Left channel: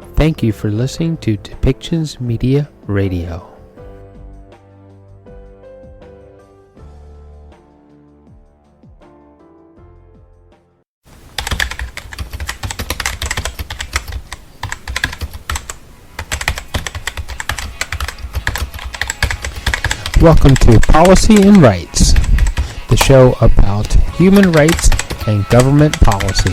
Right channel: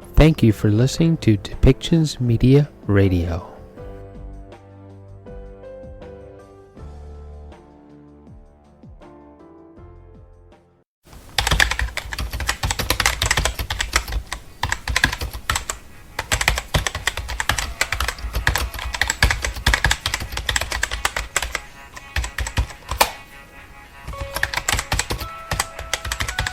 Thank you for listening to Depictions Media Radio. Welcome to Policy and Rights, the show about human rights and government policy.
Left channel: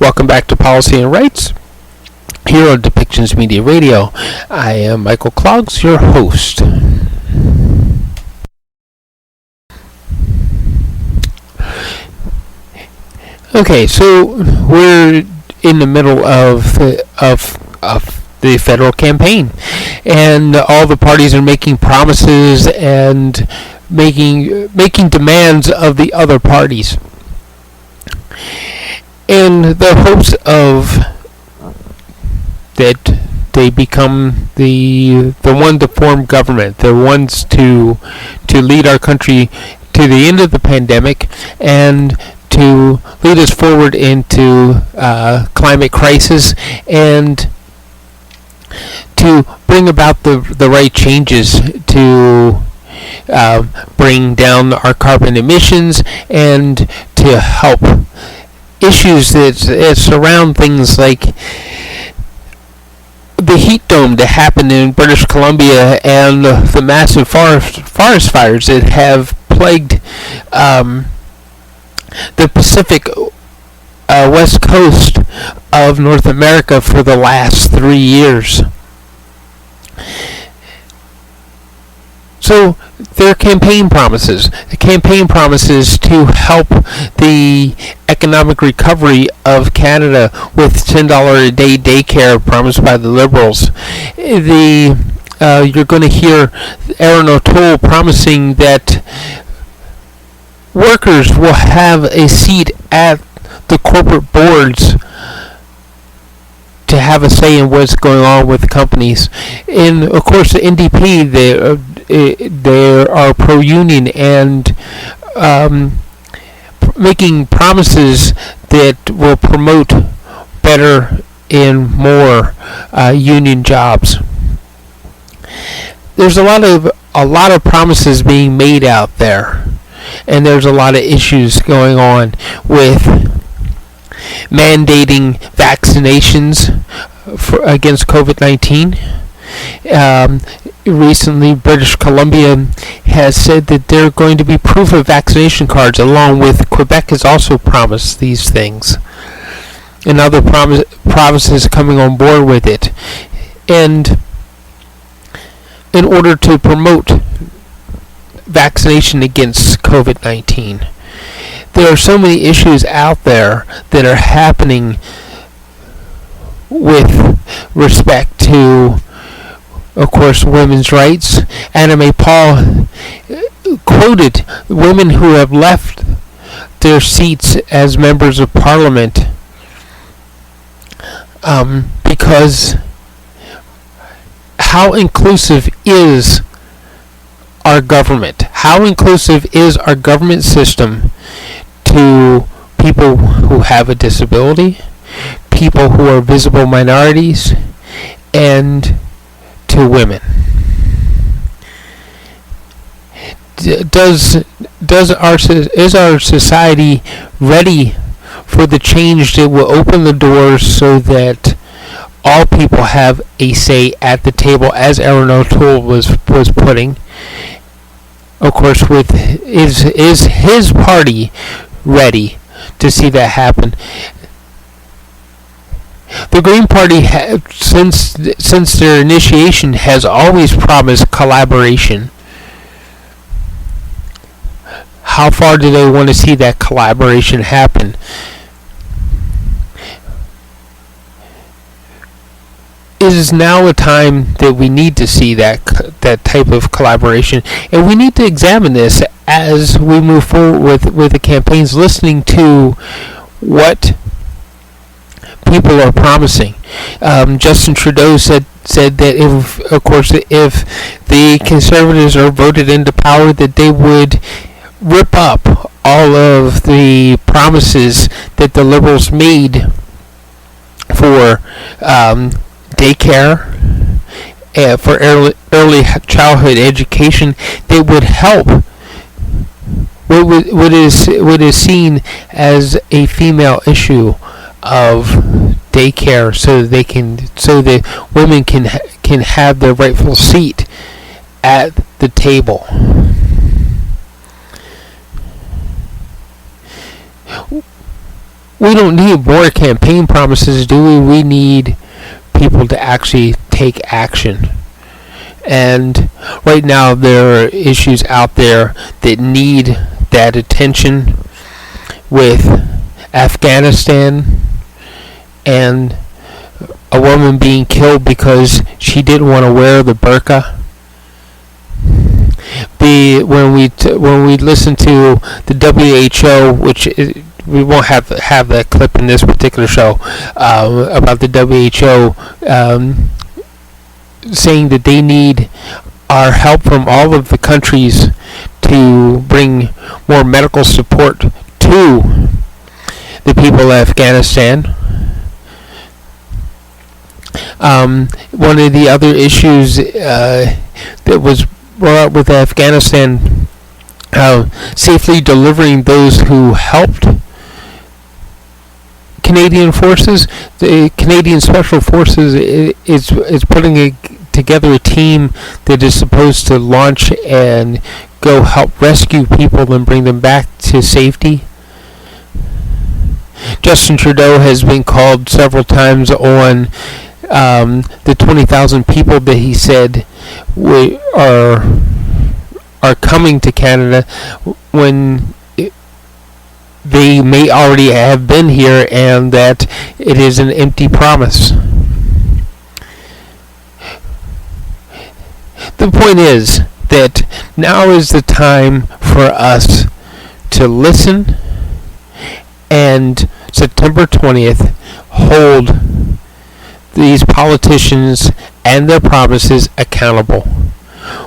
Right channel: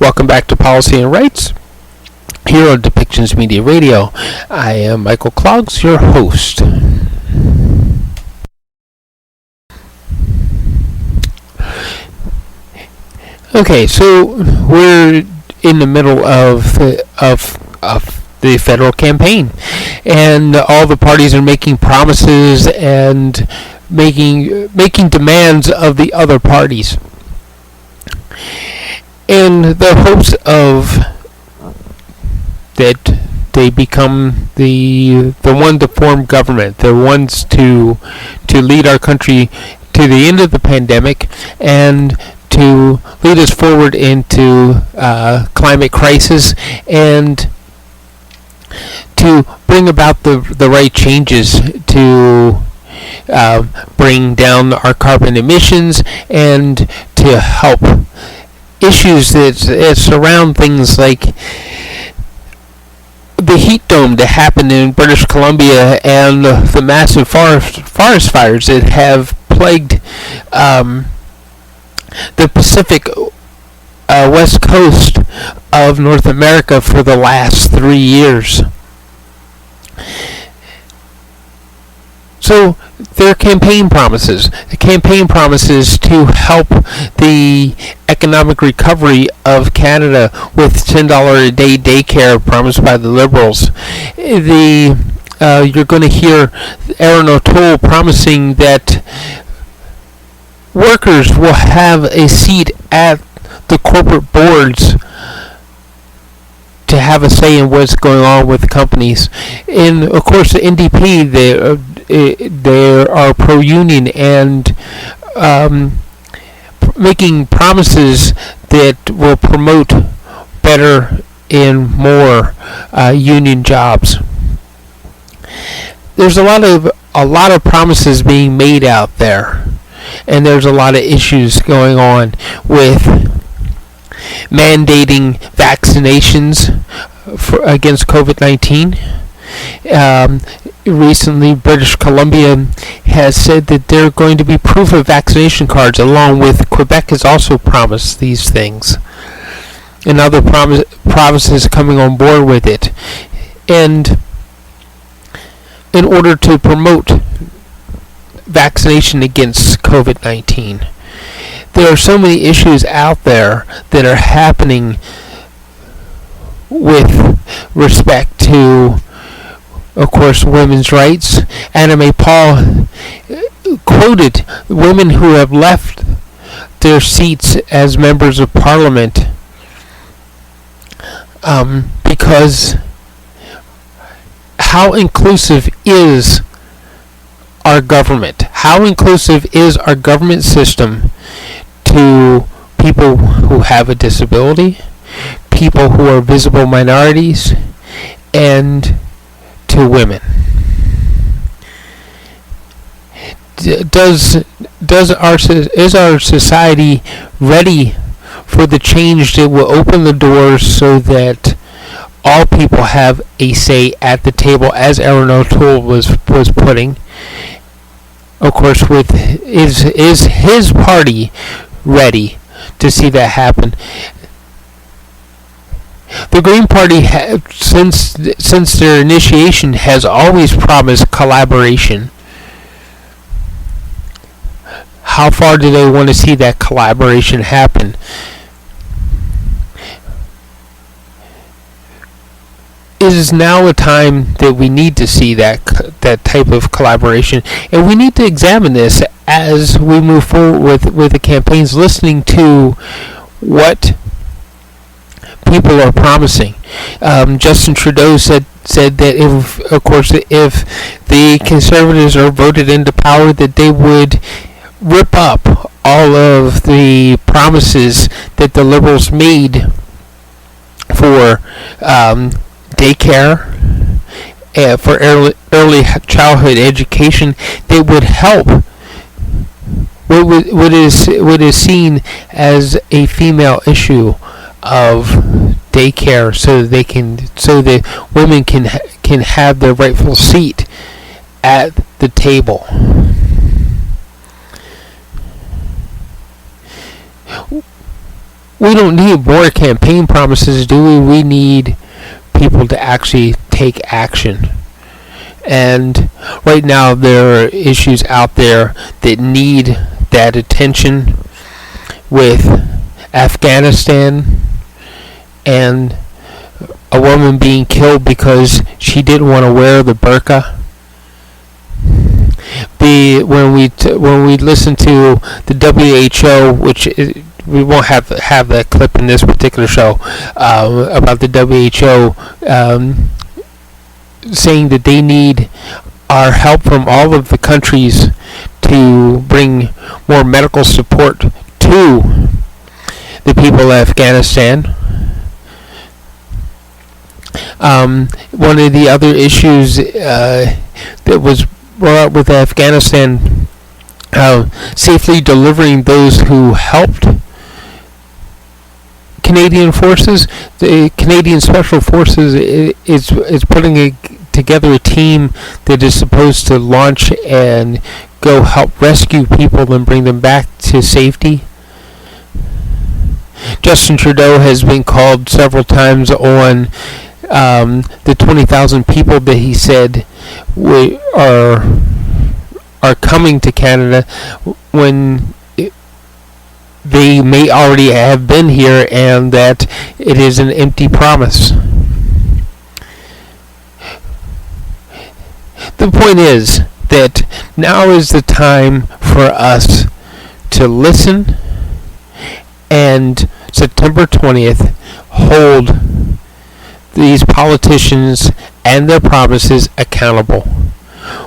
Welcome back to Policy and Rights, here on Depictions Media Radio. I am Michael Clogs, your host. Okay, so we're in the middle of the federal campaign, and all the parties are making promises and making demands of the other parties, in the hopes of that they become the one to form government, the ones to lead our country to the end of the pandemic and to lead us forward into climate crisis and to bring about the right changes to bring down our carbon emissions and to help issues that surround things like the heat dome that happened in British Columbia and the massive forest fires that have plagued the Pacific west coast of North America for the last 3 years. So their campaign promises to help the economic recovery of Canada with $10 a day daycare promised by the Liberals. You're going to hear Erin O'Toole promising that workers will have a seat at the corporate boards to have a say in what's going on with companies. And of course the NDP, they are pro-union and making promises that will promote better and more union jobs. There's a lot of promises being made out there, and there's a lot of issues going on with mandating vaccinations against COVID-19. Recently, British Columbia has said that they're going to be proof of vaccination cards, along with Quebec has also promised these things, and other provinces coming on board with it. And in order to promote vaccination against COVID-19, there are so many issues out there that are happening with respect to, of course, women's rights. Annamie Paul quoted women who have left their seats as members of Parliament because how inclusive is our government? How inclusive is our government system to people who have a disability, people who are visible minorities, and to women? Is our society ready for the change that will open the doors so that all people have a say at the table, as Erin O'Toole was putting? Of course, is his party ready to see that happen? The Green Party, since their initiation, has always promised collaboration. How far do they want to see that collaboration happen? It is now a time that we need to see that type of collaboration, and we need to examine this as we move forward with the campaigns, listening to what people are promising. Justin Trudeau said said that if the Conservatives are voted into power, that they would rip up all of the promises that the Liberals made for daycare, for early childhood education, that would help what is seen as a female issue of daycare, so that women can have their rightful seat at the table. We don't need more campaign promises, do we? We need people to actually take action. And right now there are issues out there that need that attention, with Afghanistan and a woman being killed because she didn't want to wear the burqa. When we listen to the WHO, which we won't have that clip in this particular show, about the WHO saying that they need our help from all of the countries to bring more medical support to the people of Afghanistan. One of the other issues that was brought up with Afghanistan, safely delivering those who helped Canadian forces. The Canadian Special Forces is putting together a team that is supposed to launch and go help rescue people and bring them back to safety. Justin Trudeau has been called several times on the 20,000 people that he said are coming to Canada, when they may already have been here, and that it is an empty promise. The point is that now is the time for us to listen, and September 20th hold these politicians and their promises accountable.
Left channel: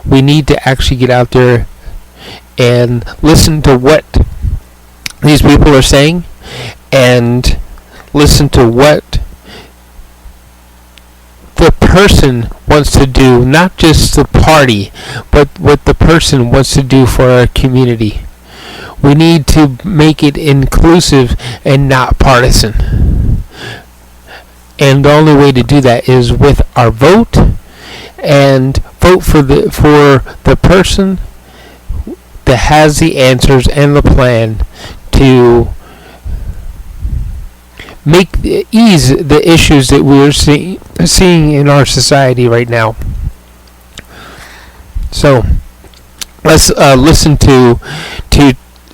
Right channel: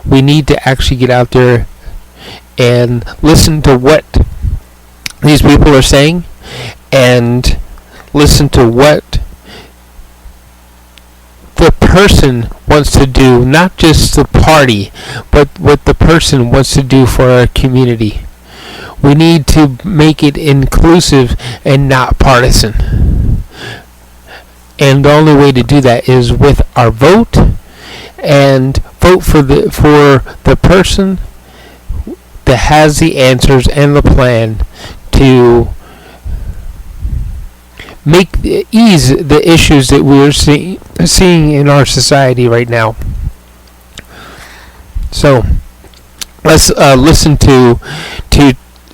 We need to actually get out there and listen to what these people are saying, and listen to what the person wants to do, not just the party, but what the person wants to do for our community. We need to make it inclusive and not partisan. And the only way to do that is with our vote, and vote for the person that has the answers and the plan to ease the issues that we're seeing in our society right now. So let's listen to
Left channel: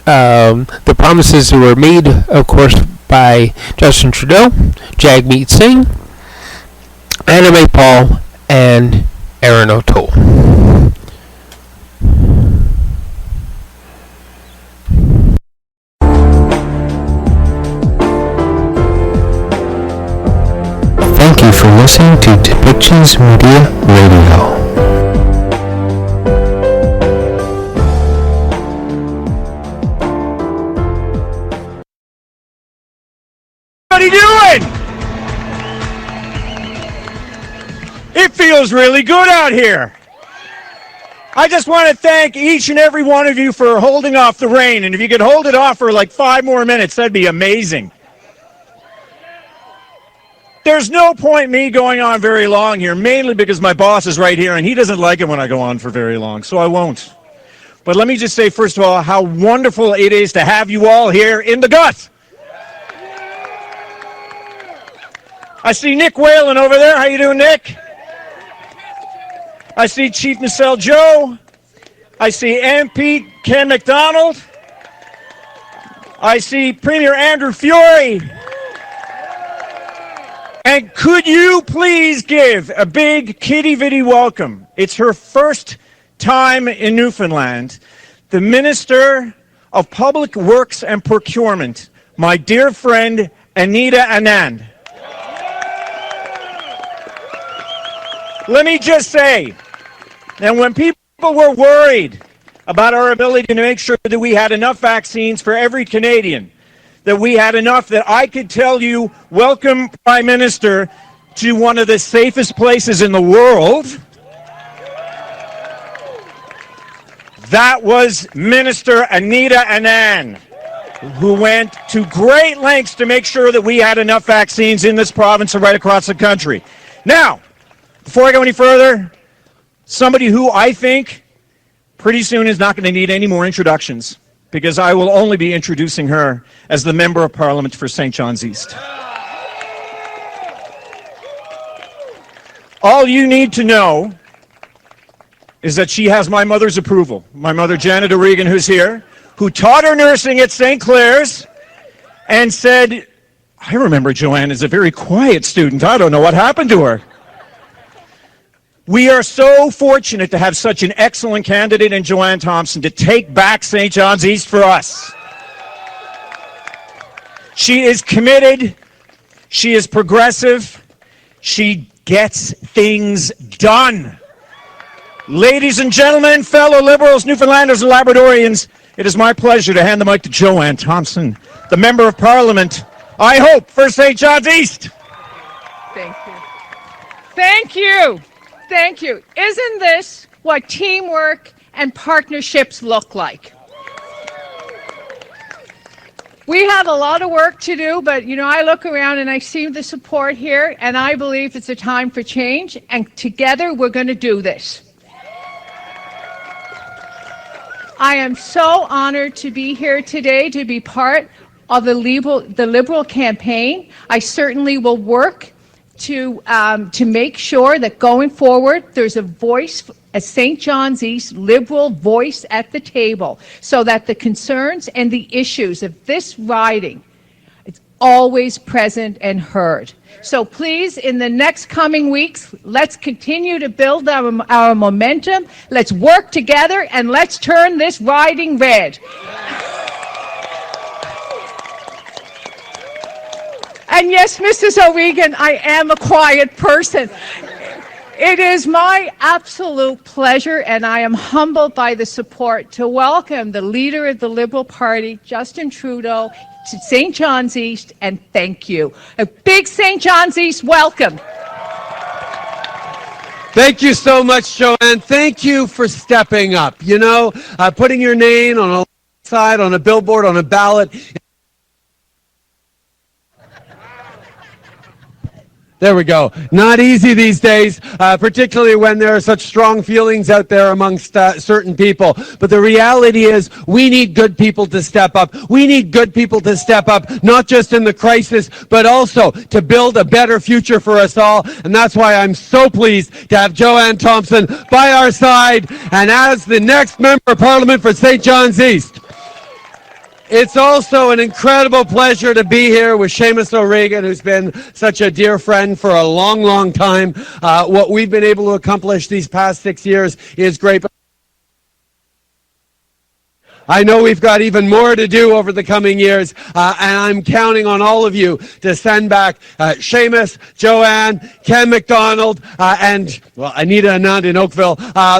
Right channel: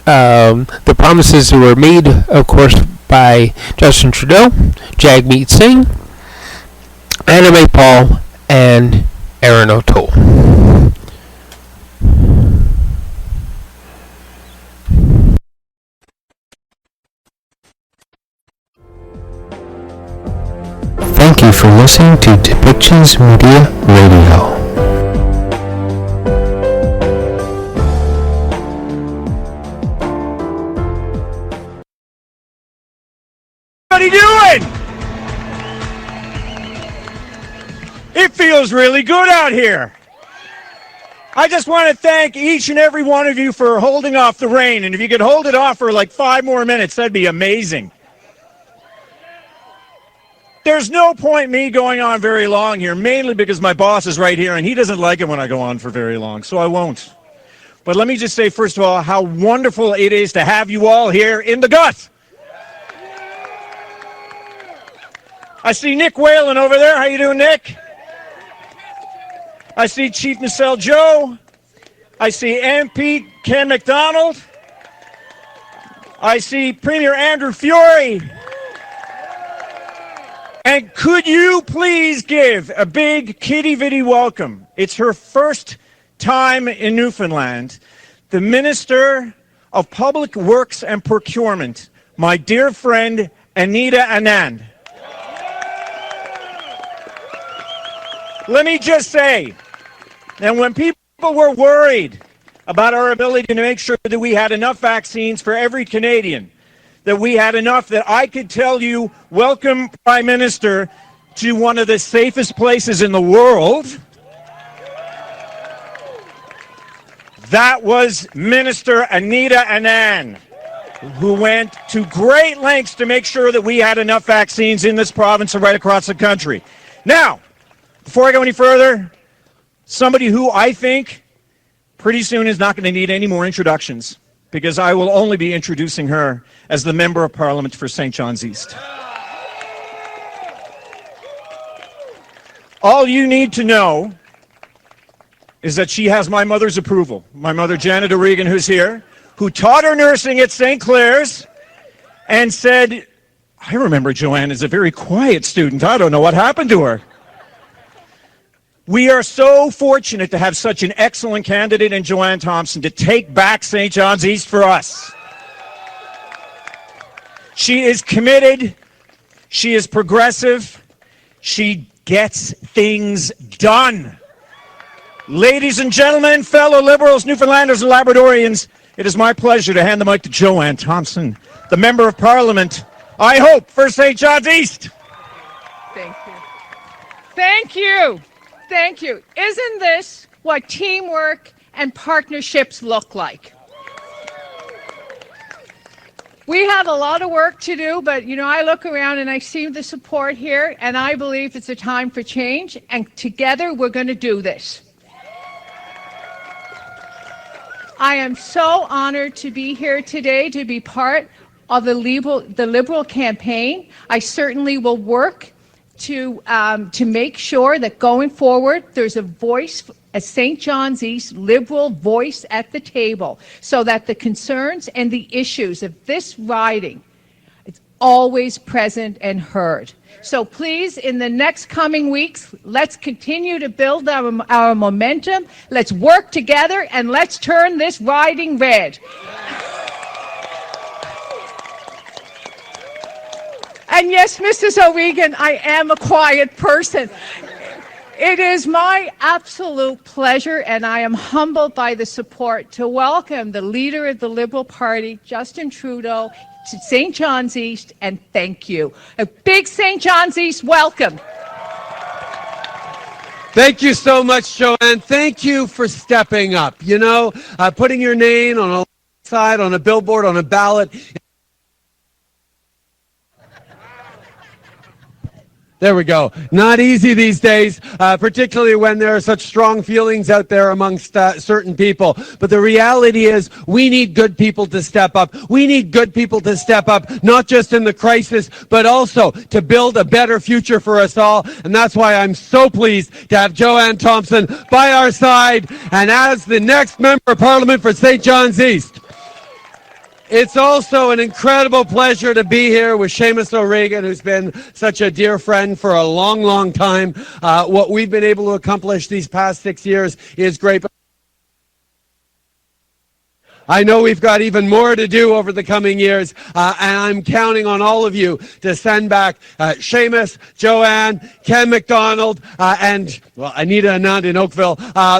the promises that were made, of course, by Justin Trudeau, Jagmeet Singh, Annamie Paul, and Erin O'Toole. Thank you for listening to Depictions Media Radio. What are you doing? It feels really good out here. I just want to thank each and every one of you for holding off the rain, and if you could hold it off for like 5 more minutes, that'd be amazing. There's no point me going on very long here, mainly because my boss is right here and he doesn't like it when I go on for very long, so I won't. But let me just say, first of all, how wonderful it is to have you all here in the gut. I see Nick Whalen over there. How you doing, Nick? I see Chief Nacelle Joe. I see MP Ken McDonald. I see Premier Andrew Fiore. And could you please give a big kitty-vitty welcome? It's her first time in Newfoundland. The Minister of Public Works and Procurement, my dear friend, Anita Anand. Let me just say, and when people were worried about our ability to make sure that we had enough vaccines for every Canadian, that we had enough that I could tell you, welcome, Prime Minister, to one of the safest places in the world. That was Minister Anita Anand, who went to great lengths to make sure that we had enough vaccines in this province and right across the country. Now, before I go any further, somebody who I think pretty soon is not going to need any more introductions, because I will only be introducing her as the Member of Parliament for St. John's East. All you need to know is that she has my mother's approval. My mother, Janet O'Regan, who's here, who taught her nursing at St. Clair's and said, I remember Joanne as a very quiet student. I don't know what happened to her. We are so fortunate to have such an excellent candidate in Joanne Thompson to take back St. John's East for us. She is committed. She is progressive. She gets things done. Ladies and gentlemen, fellow Liberals, Newfoundlanders, and Labradorians, it is my pleasure to hand the mic to Joanne Thompson, the Member of Parliament, I hope, for St. John's East. Thank you. Thank you. Thank you. Isn't this what teamwork and partnerships look like? We have a lot of work to do, but I look around and I see the support here, and I believe it's a time for change, and together we're going to do this. I am so honored to be here today, to be part of the Liberal campaign. I certainly will work to make sure that going forward there's a voice, a St. John's East Liberal voice at the table, so that the concerns and the issues of this riding is always present and heard. So please, in the next coming weeks, let's continue to build our momentum. Let's work together and let's turn this riding red. And yes, Mrs. O'Regan, I am a quiet person. It is my absolute pleasure, and I am humbled by the support, to welcome the leader of the Liberal Party, Justin Trudeau, to St. John's East, and thank you. A big St. John's East welcome. Thank you so much, Joanne. Thank you for stepping up. Putting your name on a side, on a billboard, on a ballot. There we go. Not easy these days, particularly when there are such strong feelings out there amongst certain people. But the reality is we need good people to step up. We need good people to step up, not just in the crisis, but also to build a better future for us all. And that's why I'm so pleased to have Joanne Thompson by our side and as the next Member of Parliament for St. John's East. It's also an incredible pleasure to be here with Seamus O'Regan, who's been such a dear friend for a long, long time. What we've been able to accomplish these past 6 years is great. I know we've got even more to do over the coming years, and I'm counting on all of you to send back Seamus, Joanne, Ken McDonald, and Anita Anand in Oakville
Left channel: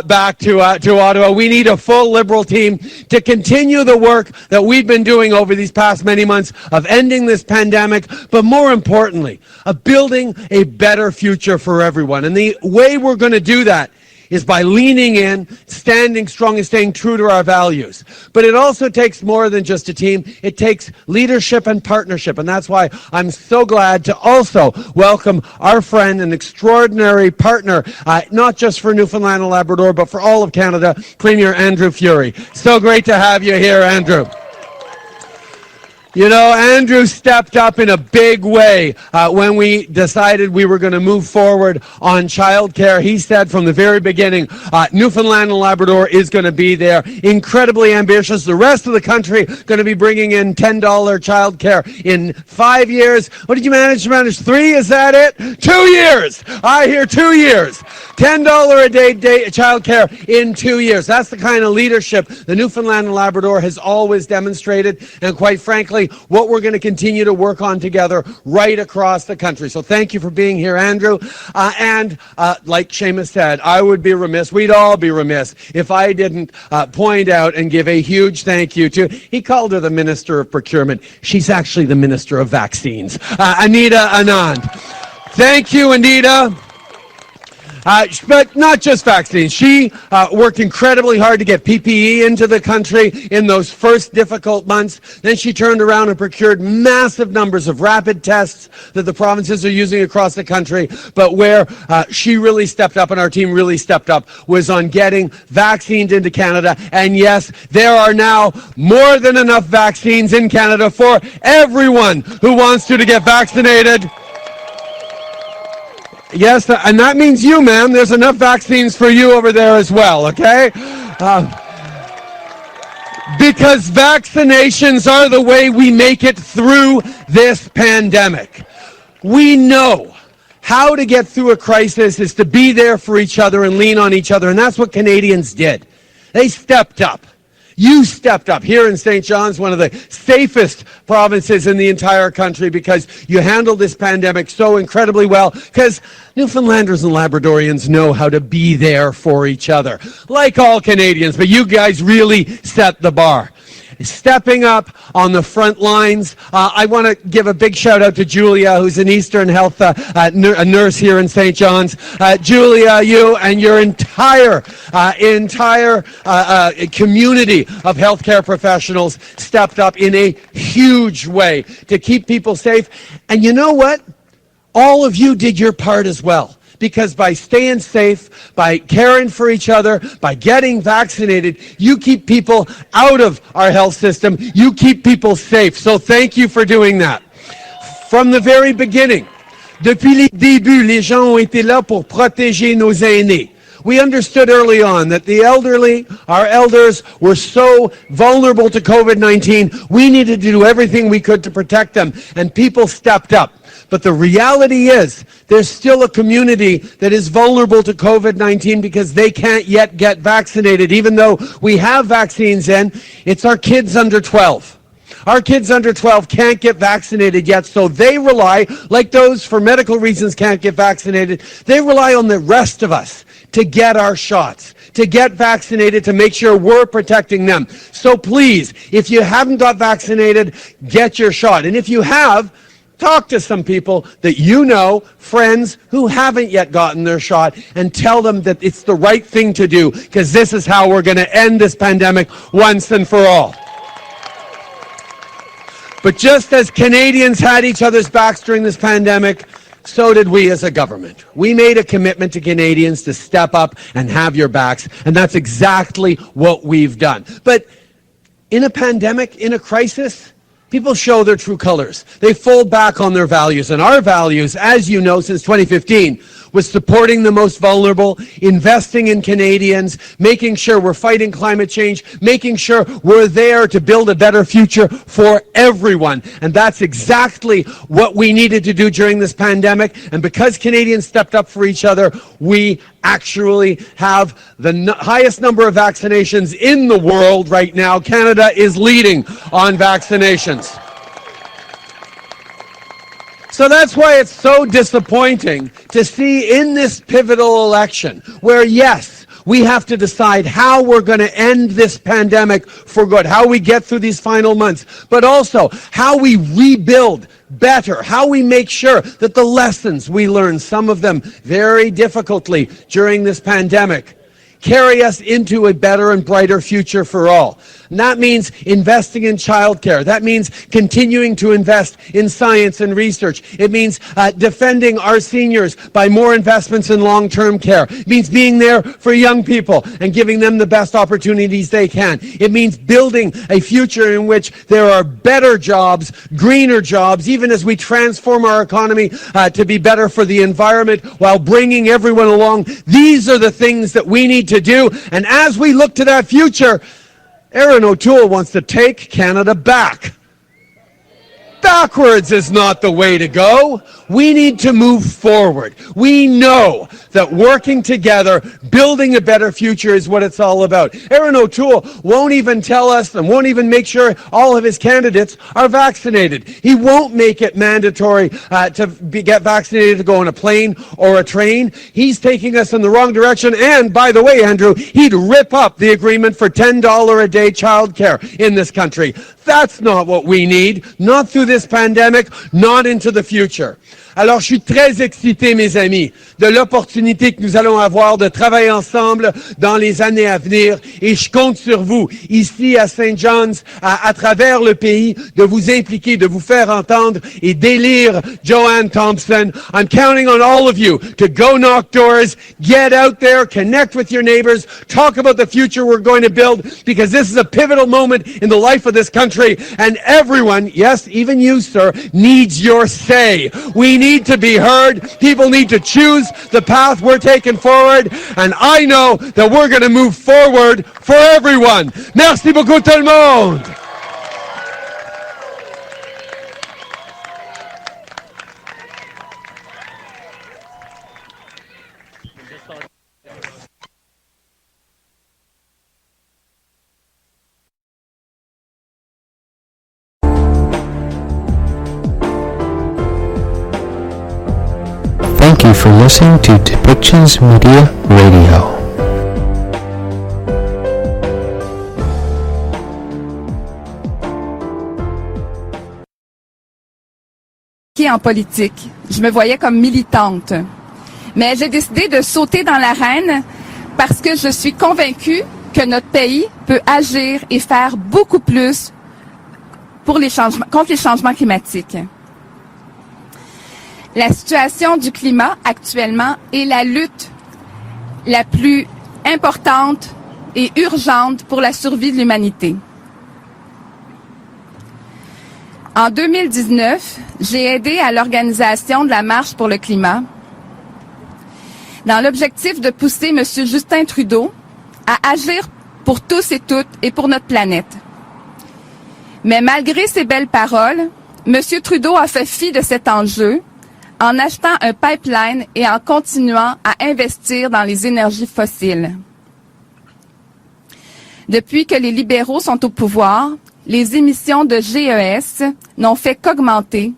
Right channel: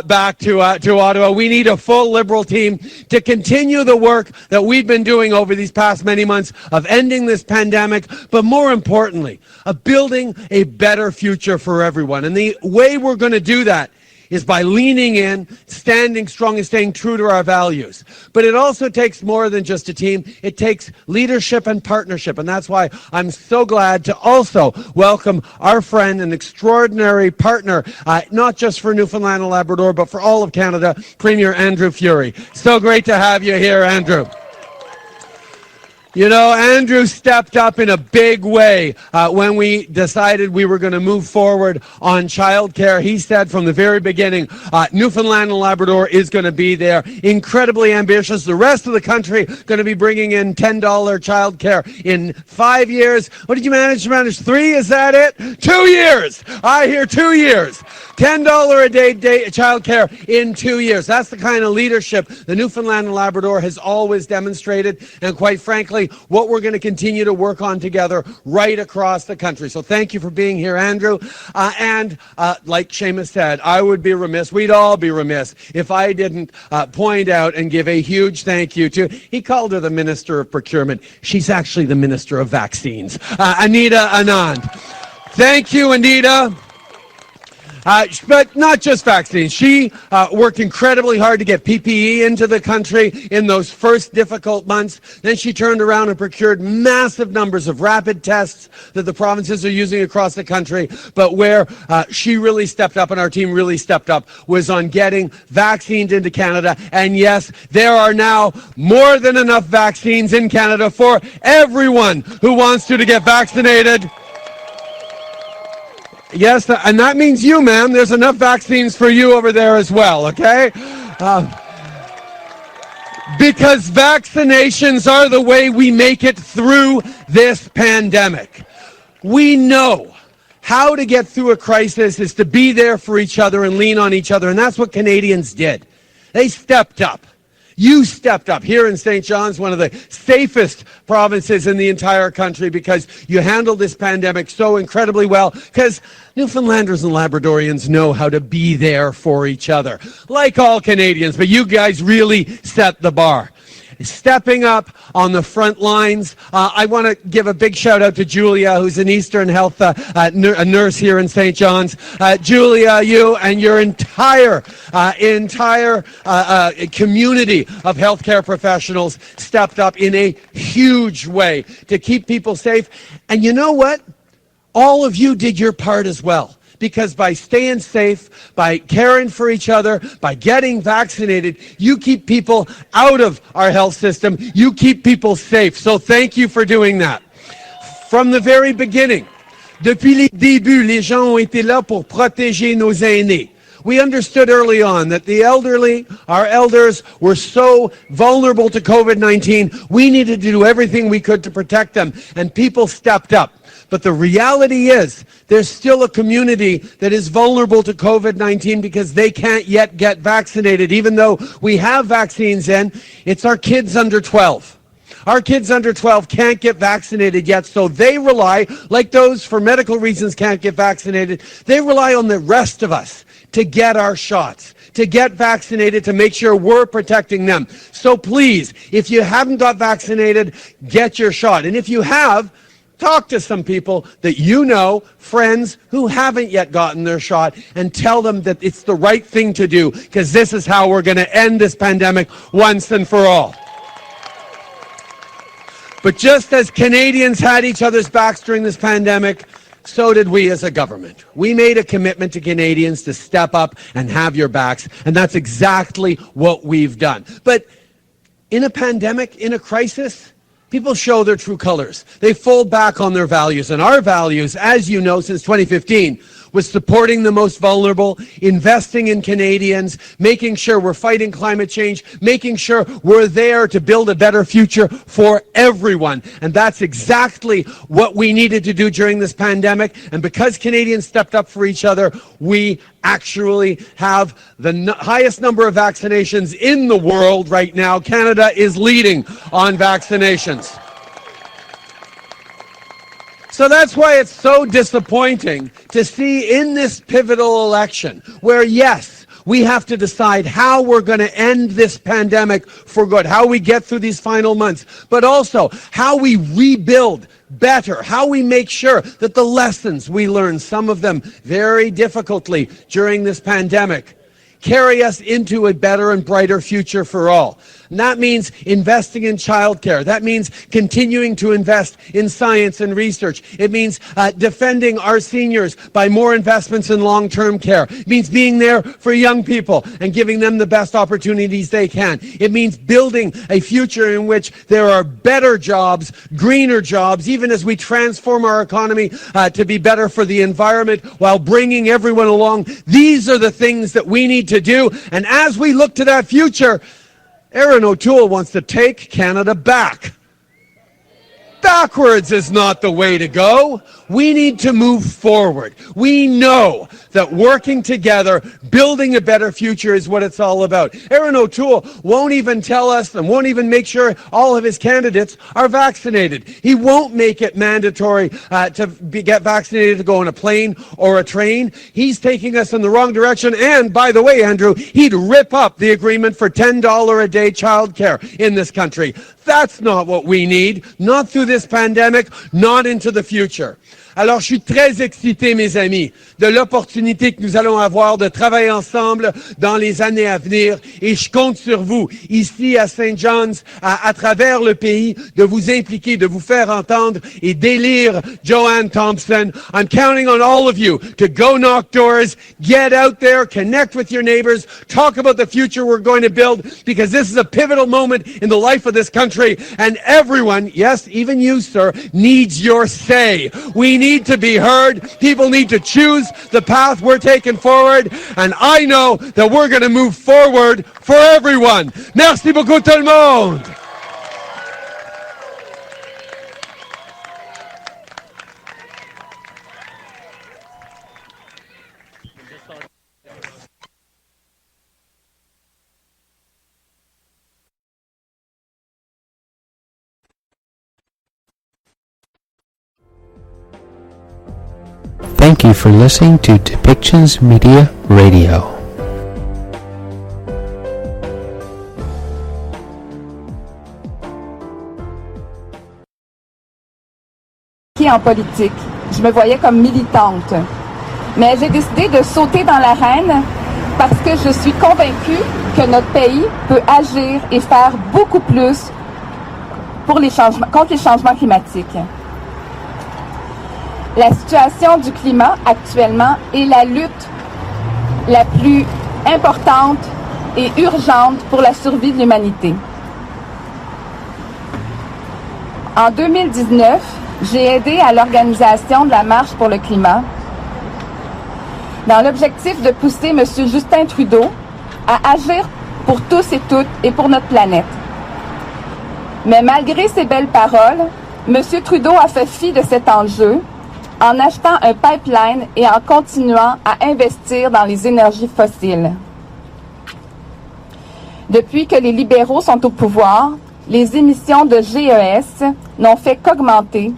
back to Ottawa. We need a full Liberal team to continue the work that we've been doing over these past many months of ending this pandemic, but more importantly, of building a better future for everyone. And the way we're going to do that is by leaning in, standing strong, and staying true to our values. But it also takes more than just a team. It takes leadership and partnership, and that's why I'm so glad to also welcome our friend and extraordinary partner, not just for Newfoundland and Labrador, but for all of Canada, Premier Andrew Furey. So great to have you here, Andrew. Andrew stepped up in a big way when we decided we were going to move forward on childcare. He said from the very beginning, Newfoundland and Labrador is going to be there. Incredibly ambitious. The rest of the country going to be bringing in $10 childcare in 5 years. What did you manage to manage? 3? Is that it? 2 years. I hear 2 years. $10 a day childcare in 2 years. That's the kind of leadership the Newfoundland and Labrador has always demonstrated. And quite frankly, exactly what we're going to continue to work on together right across the country. So thank you for being here, Andrew. And like Seamus said, I would be remiss, we'd all be remiss, if I didn't point out and give a huge thank you to, he called her the Minister of Procurement. She's actually the Minister of Vaccines, Anita Anand. Thank you, Anita. But not just vaccines. She worked incredibly hard to get PPE into the country in those first difficult months. Then she turned around and procured massive numbers of rapid tests that the provinces are using across the country. But where she really stepped up and our team really stepped up was on getting vaccines into Canada. And yes, there are now more than enough vaccines in Canada for everyone who wants to get vaccinated. Yes, and that means you, ma'am. There's enough vaccines for you over there as well, okay? Because vaccinations are the way we make it through this pandemic. We know how to get through a crisis is to be there for each other and lean on each other, and that's what Canadians did. They stepped up. You stepped up here in St. John's, one of the safest provinces in the entire country, because you handled this pandemic so incredibly well, because Newfoundlanders and Labradorians know how to be there for each other, like all Canadians, but you guys really set the bar. Stepping up on the front lines. I want to give a big shout out to Julia, who's an Eastern Health a nurse here in St. John's. Julia, you and your entire community of healthcare professionals stepped up in a huge way to keep people safe. And you know what? All of you did your part as well. Because by staying safe, by caring for each other, by getting vaccinated, you keep people out of our health system. You keep people safe. So thank you for doing that. From the very beginning, depuis le début, les gens ont été là pour protéger nos aînés. We understood early on that the elderly, our elders, were so vulnerable to COVID-19, we needed to do everything we could to protect them, and people stepped up. But the reality is, there's still a community that is vulnerable to COVID-19 because they can't yet get vaccinated. Even though we have vaccines in, it's our kids under 12. Our kids under 12 can't get vaccinated yet, so they rely, like those for medical reasons can't get vaccinated, they rely on the rest of us to get our shots, to get vaccinated, to make sure we're protecting them. So please, if you haven't got vaccinated, get your shot. And if you have, talk to some people that you know, friends who haven't yet gotten their shot, and tell them that it's the right thing to do, because this is how we're going to end this pandemic once and for all. But just as Canadians had each other's backs during this pandemic, so did we as a government. We made a commitment to Canadians to step up and have your backs, and that's exactly what we've done. But in a pandemic, in a crisis, people show their true colors. They fold back on their values. And our values, as you know, since 2015, was supporting the most vulnerable, investing in Canadians, making sure we're fighting climate change, making sure we're there to build a better future for everyone. And that's exactly what we needed to do during this pandemic. And because Canadians stepped up for each other, we actually have the highest number of vaccinations in the world right now. Canada is leading on vaccinations. So that's why it's so disappointing to see in this pivotal election where, yes, we have to decide how we're going to end this pandemic for good, how we get through these final months, but also how we rebuild better, how we make sure that the lessons we learned, some of them very difficultly during this pandemic, carry us into a better and brighter future for all. And that means investing in childcare. That means continuing to invest in science and research. It means defending our seniors by more investments in long-term care. It means being there for young people and giving them the best opportunities they can. It means building a future in which there are better jobs, greener jobs, even as we transform our economy to be better for the environment while bringing everyone along. These are the things that we need to do. And as we look to that future, Erin O'Toole wants to take Canada back. Backwards is not the way to go. We need to move forward. We know that working together, building a better future is what it's all about. Erin O'Toole won't even tell us and won't even make sure all of his candidates are vaccinated. He won't make it mandatory get vaccinated to go on a plane or a train. He's taking us in the wrong direction. And by the way, Andrew, he'd rip up the agreement for $10 a day childcare in this country. That's not what we need. Not through this pandemic, not into the future. Alors, je suis très excité, mes amis, de l'opportunité que nous allons avoir de travailler ensemble dans les années à venir. Et je compte sur vous, ici à St. John's, à travers le pays, de vous impliquer, de vous faire entendre et d'élire Joanne Thompson. I'm counting on all of you to go knock doors, get out there, connect with your neighbors, talk about the future we're going to build, because this is a pivotal moment in the life of this country. And everyone, yes, even you, sir, needs your say. We need to be heard. People need to choose the path we're taking forward. And I know that we're going to move forward for everyone. Merci beaucoup tout le monde. Thank you for listening to Depictions Media Radio. En politique, je me voyais comme militante. Mais j'ai décidé de sauter dans l'arène parce que je suis convaincue que notre pays peut agir et faire beaucoup plus pour contre les changements climatiques. La situation du climat actuellement est la lutte la plus importante et urgente pour la survie de l'humanité. En 2019, j'ai aidé à l'organisation de la Marche pour le climat dans l'objectif de pousser M. Justin Trudeau à agir pour tous et toutes et pour notre planète. Mais malgré ces belles paroles, M. Trudeau a fait fi de cet enjeu en achetant un pipeline et en continuant à investir dans les énergies fossiles. Depuis que les libéraux sont au pouvoir, les émissions de GES n'ont fait qu'augmenter.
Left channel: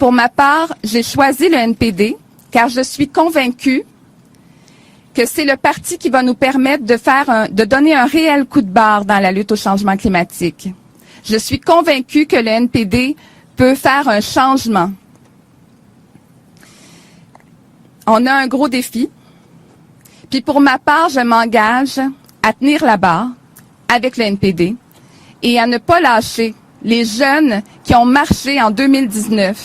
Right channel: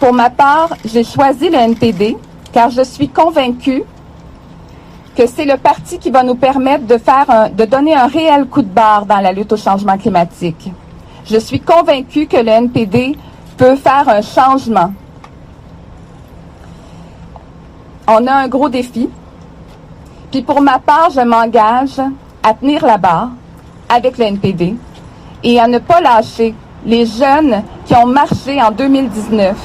Pour ma part, j'ai choisi le NPD car je suis convaincue que c'est le parti qui va nous permettre de donner un réel coup de barre dans la lutte au changement climatique. Je suis convaincue que le NPD peut faire un changement. On a un gros défi. Puis pour ma part, je m'engage à tenir la barre avec le NPD et à ne pas lâcher les jeunes qui ont marché en 2019.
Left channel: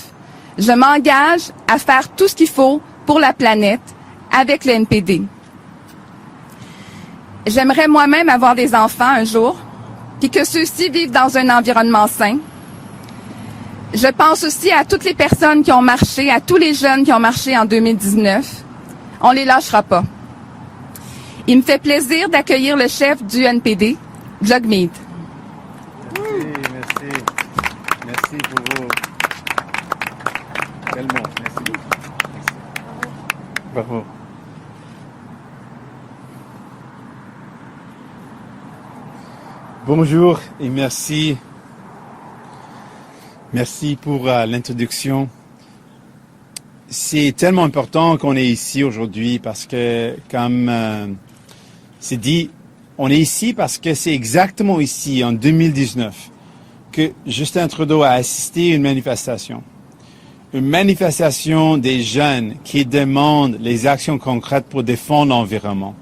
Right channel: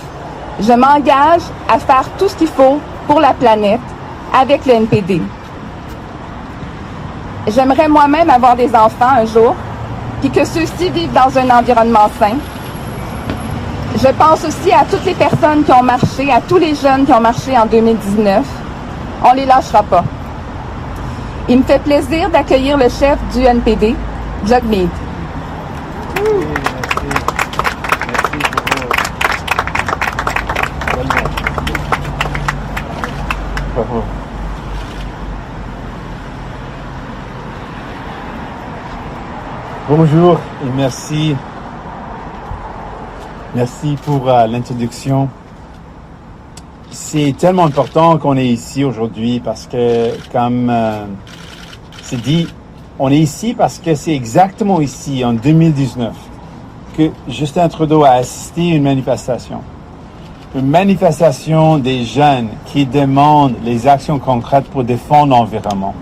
Je m'engage à faire tout ce qu'il faut pour la planète avec le NPD. J'aimerais moi-même avoir des enfants un jour, puis que ceux-ci vivent dans un environnement sain. Je pense aussi à toutes les personnes qui ont marché, à tous les jeunes qui ont marché en 2019. On ne les lâchera pas. Il me fait plaisir d'accueillir le chef du NPD, Jagmeet. Bonjour et merci. Merci pour l'introduction. C'est tellement important qu'on est ici aujourd'hui parce que, comme c'est dit, on est ici parce que c'est exactement ici, en 2019, que Justin Trudeau a assisté à une manifestation. Une manifestation des jeunes qui demandent les actions concrètes pour défendre l'environnement.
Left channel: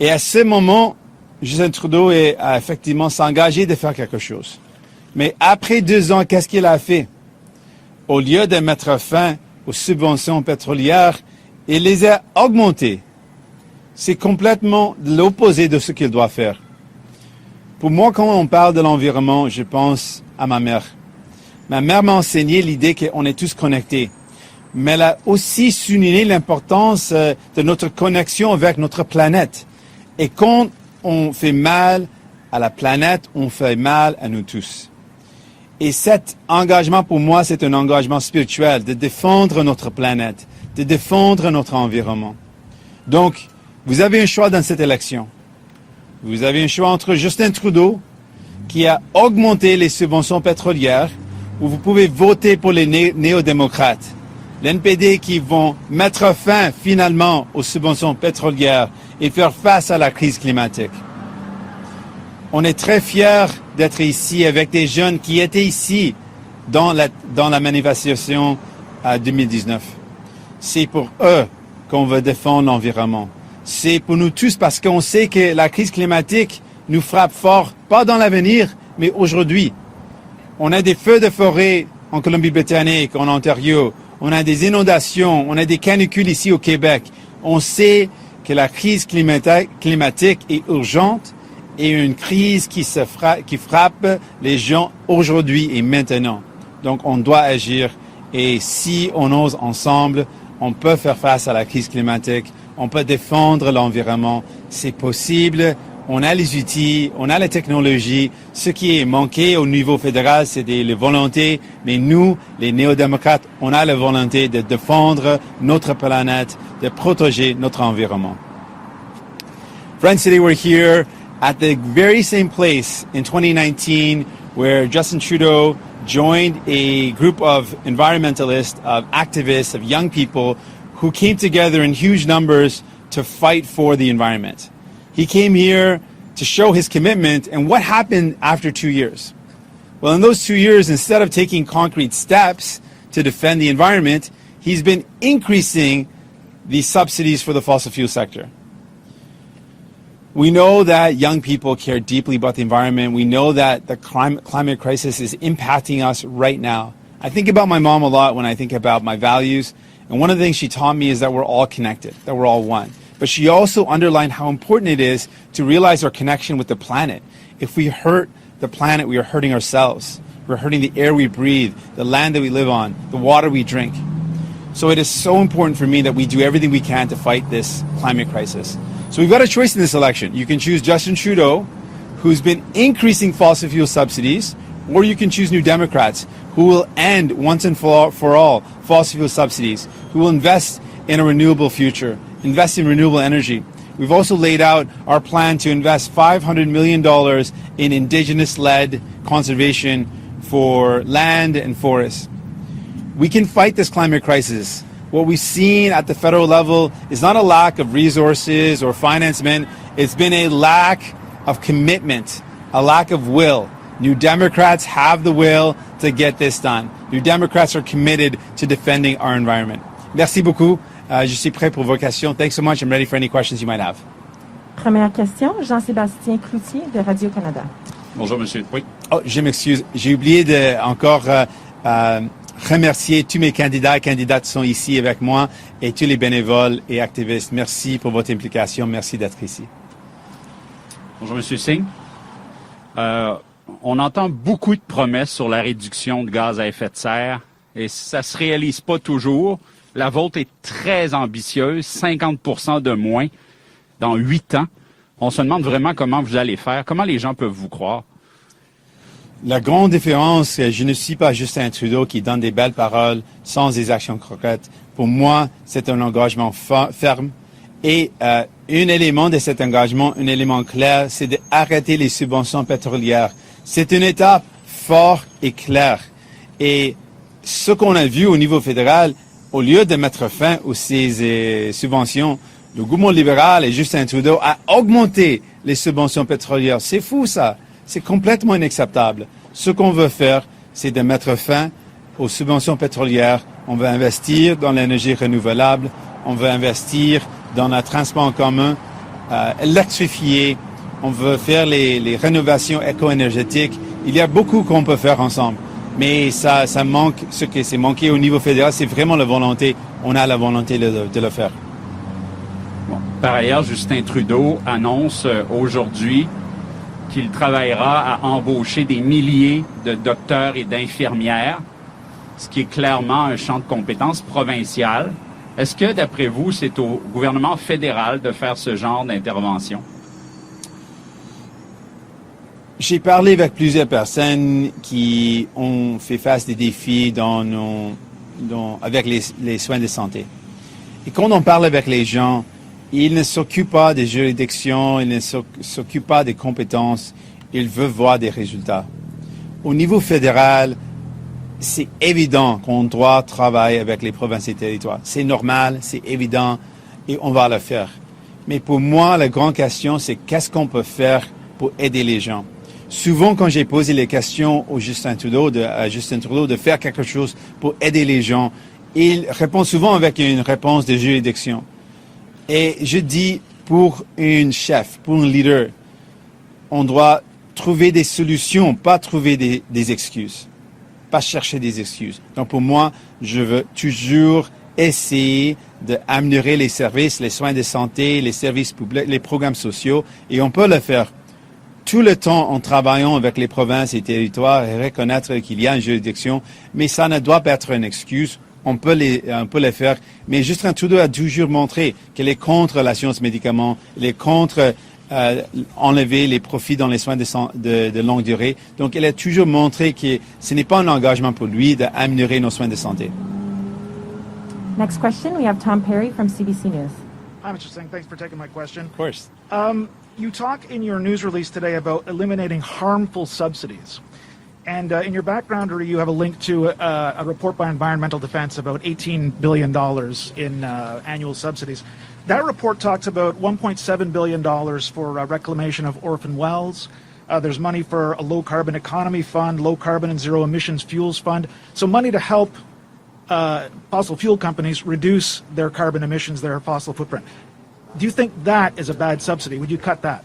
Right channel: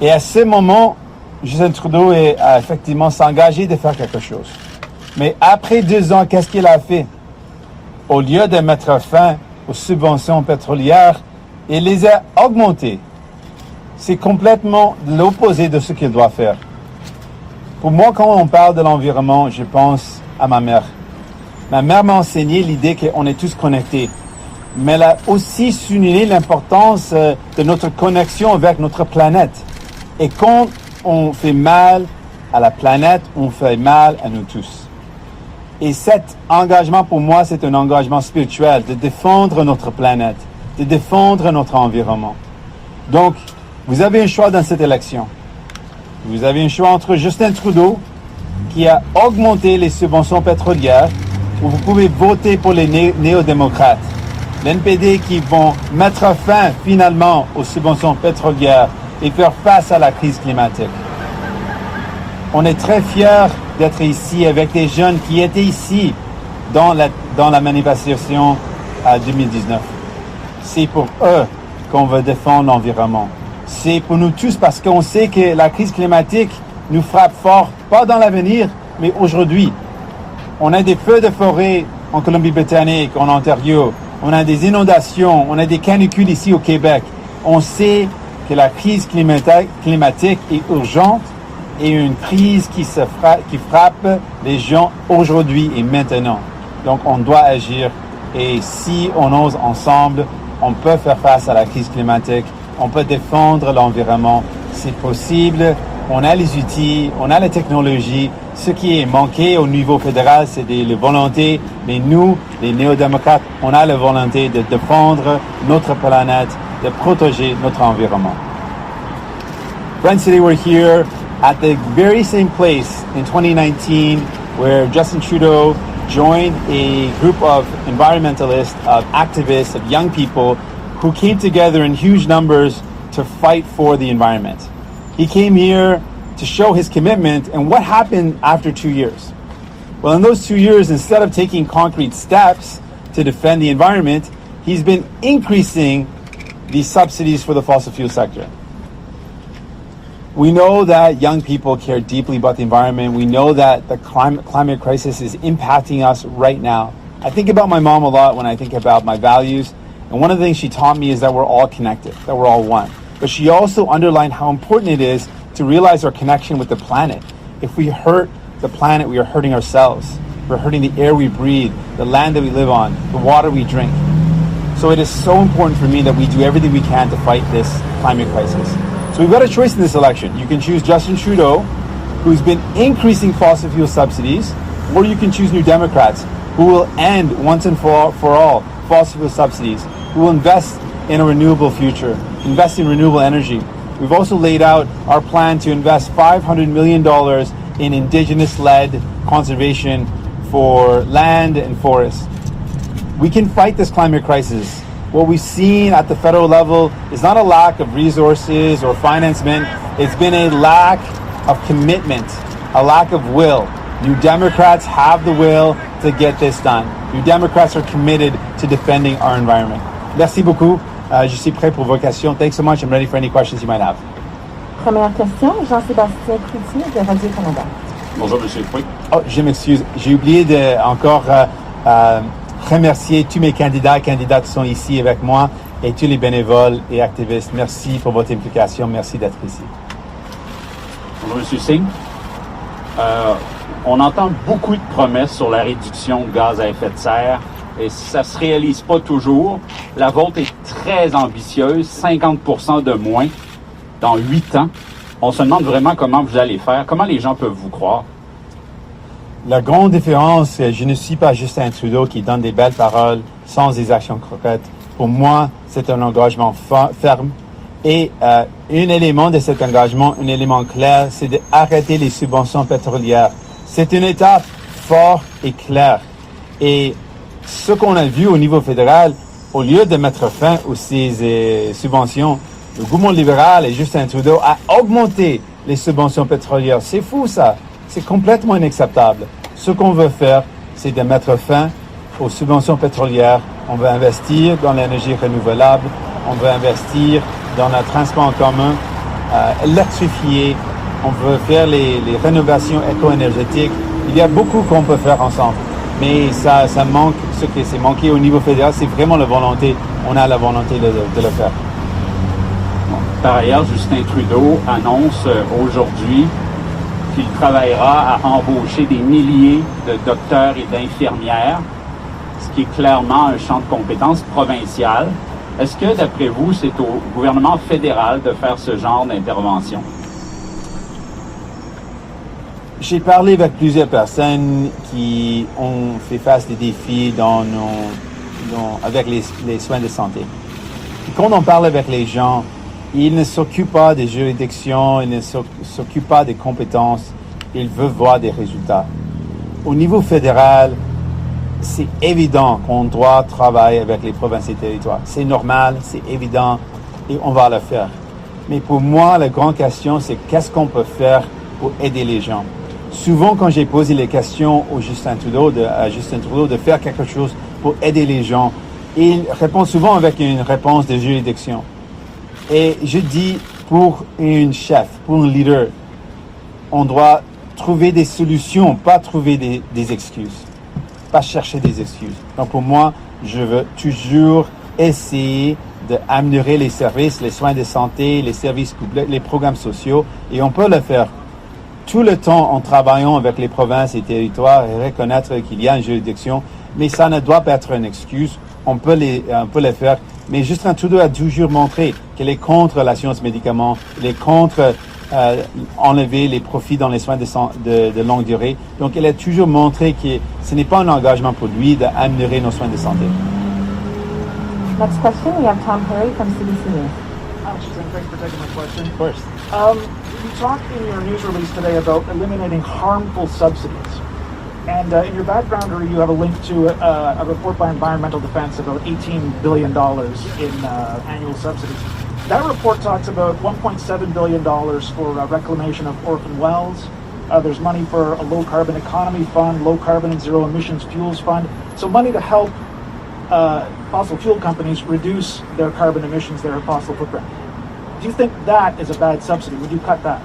Et à ce moment, Justin Trudeau a effectivement s'engagé de faire quelque chose. Mais après 2 ans, qu'est-ce qu'il a fait? Au lieu de mettre fin aux subventions pétrolières, il les a augmentées. C'est complètement l'opposé de ce qu'il doit faire. Pour moi, quand on parle de l'environnement, je pense à ma mère. Ma mère m'a enseigné l'idée qu'on est tous connectés. Mais elle a aussi souligné l'importance de notre connexion avec notre planète. Et quand on fait mal à la planète, on fait mal à nous tous. Et cet engagement, pour moi, c'est un engagement spirituel, de défendre notre planète, de défendre notre environnement. Donc, vous avez un choix dans cette élection. Vous avez un choix entre Justin Trudeau, qui a augmenté les subventions pétrolières, ou vous pouvez voter pour les néo-démocrates, l'NPD, qui vont mettre fin finalement aux subventions pétrolières et faire face à la crise climatique. On est très fiers d'être ici avec des jeunes qui étaient ici dans la manifestation à 2019. C'est pour eux qu'on veut défendre l'environnement. C'est pour nous tous parce qu'on sait que la crise climatique nous frappe fort, pas dans l'avenir, mais aujourd'hui. On a des feux de forêt en Colombie-Britannique, en Ontario. On a des inondations, on a des canicules ici au Québec. On sait que la crise climatique est urgente et une crise qui frappe les gens aujourd'hui et maintenant. Donc on doit agir et si on ose ensemble, on peut faire face à la crise climatique, on peut défendre l'environnement, c'est possible, on a les outils, on a la technologie. Ce qui est manqué au niveau fédéral, c'est la volonté, mais nous, les néo-démocrates, on a la volonté de défendre notre planète, de protéger notre environnement. Friends, today we're here at the very same place in 2019 where Justin Trudeau joined a group of environmentalists, of activists, of young people who came together in huge numbers to fight for the environment. He came here to show his commitment, and what happened after 2 years? Well, in those 2 years, instead of taking concrete steps to defend the environment, he's been increasing the subsidies for the fossil fuel sector. We know that young people care deeply about the environment. We know that the climate crisis is impacting us right now. I think about my mom a lot when I think about my values, and one of the things she taught me is that we're all connected, that we're all one. But she also underlined how important it is to realize our connection with the planet. If we hurt the planet, we are hurting ourselves. We're hurting the air we breathe, the land that we live on, the water we drink. So it is so important for me that we do everything we can to fight this climate crisis. So we've got a choice in this election. You can choose Justin Trudeau, who's been increasing fossil fuel subsidies, or you can choose New Democrats, who will end once and for all fossil fuel subsidies, who will invest in a renewable future, invest in renewable energy. We've also laid out our plan to invest $500 million in Indigenous-led conservation for land and forests. We can fight this climate crisis. What we've seen at the federal level is not a lack of resources or financement. It's been a lack of commitment, a lack of will. New Democrats have the will to get this done. New Democrats are committed to defending our environment. Merci beaucoup. Je suis prêt pour vos questions. Thanks so much. I'm ready for any questions you might have. Première question, Jean-Sébastien Cloutier de Radio-Canada. Bonjour, monsieur. Oui. Oh, je m'excuse. J'ai oublié de encore remercier tous mes candidats et candidates qui sont ici avec moi et tous les bénévoles et activistes. Merci pour votre implication. Merci d'être ici. Bonjour, monsieur Singh. On entend beaucoup de promesses sur la réduction de gaz à effet de serre et ça ne se réalise pas toujours. La vôtre est très ambitieuse, 50% de moins dans 8 ans. On se demande vraiment comment vous allez faire, comment les gens peuvent vous croire. La grande différence, je ne suis pas Justin Trudeau qui donne des belles paroles sans des actions concrètes. Pour moi, c'est un engagement ferme. Et un élément de cet engagement, un élément clair, c'est d'arrêter les subventions pétrolières. C'est une étape forte et claire. Et ce qu'on a vu au niveau fédéral, au lieu de mettre fin aux ces subventions, le gouvernement libéral et Justin Trudeau a augmenté les subventions pétrolières. C'est fou ça. C'est complètement inacceptable. Ce qu'on veut faire, c'est de mettre fin aux subventions pétrolières. On veut investir dans l'énergie renouvelable. On veut investir dans le transport en commun, électrifié. On veut faire les rénovations éco-énergétiques. Il y a beaucoup qu'on peut faire ensemble. Mais ça manque, ce qui s'est manqué au niveau fédéral, c'est vraiment la volonté. On a la volonté de le faire. Par ailleurs, Justin Trudeau annonce aujourd'hui qu'il travaillera à embaucher des milliers de docteurs et d'infirmières, ce qui est clairement un champ de compétences provincial. Est-ce que, d'après vous, c'est au gouvernement fédéral de faire ce genre d'intervention? J'ai parlé avec plusieurs personnes qui ont fait face des défis avec les soins de santé. Et quand on parle avec les gens, ils ne s'occupent pas des juridictions, ils ne s'occupent pas des compétences, ils veulent voir des résultats. Au niveau fédéral, c'est évident qu'on doit travailler avec les provinces et territoires. C'est normal, c'est évident et on va le faire. Mais pour moi, la grande question, c'est qu'est-ce qu'on peut faire pour aider les gens. Souvent, quand j'ai posé les questions à Justin Trudeau de faire quelque chose pour aider les gens, il répond souvent avec une réponse de juridiction. Et je dis, pour une chef, pour un leader, on doit trouver des solutions, pas trouver des excuses, pas chercher des excuses. Donc pour moi, je veux toujours essayer d'améliorer les services, les soins de santé, les services publics, les programmes sociaux, et on peut le faire tout le temps en travaillant avec les provinces et territoires et reconnaître qu'il y a une juridiction, mais ça ne doit pas être une excuse. On peut le faire, mais Justin Trudeau a toujours montré qu'il est contre la science médicaments, il est contre enlever les profits dans les soins de longue durée. Donc il a toujours montré que ce n'est pas un engagement pour lui d'améliorer nos soins de santé. Next question, we have Tom Perry from CBC News. Hi, Mr. Singh. Thanks for taking my question. Of course. You talk in your news release today about eliminating harmful subsidies. And in your backgrounder, you have a link to a report by Environmental Defense about $18 billion in annual subsidies. That report talks about $1.7 billion for reclamation of orphan wells. There's money for a low-carbon economy fund, low-carbon and zero-emissions fuels fund. So money to help fossil fuel companies reduce their carbon emissions, their fossil footprint. Do you think that is a bad subsidy? Would you cut that?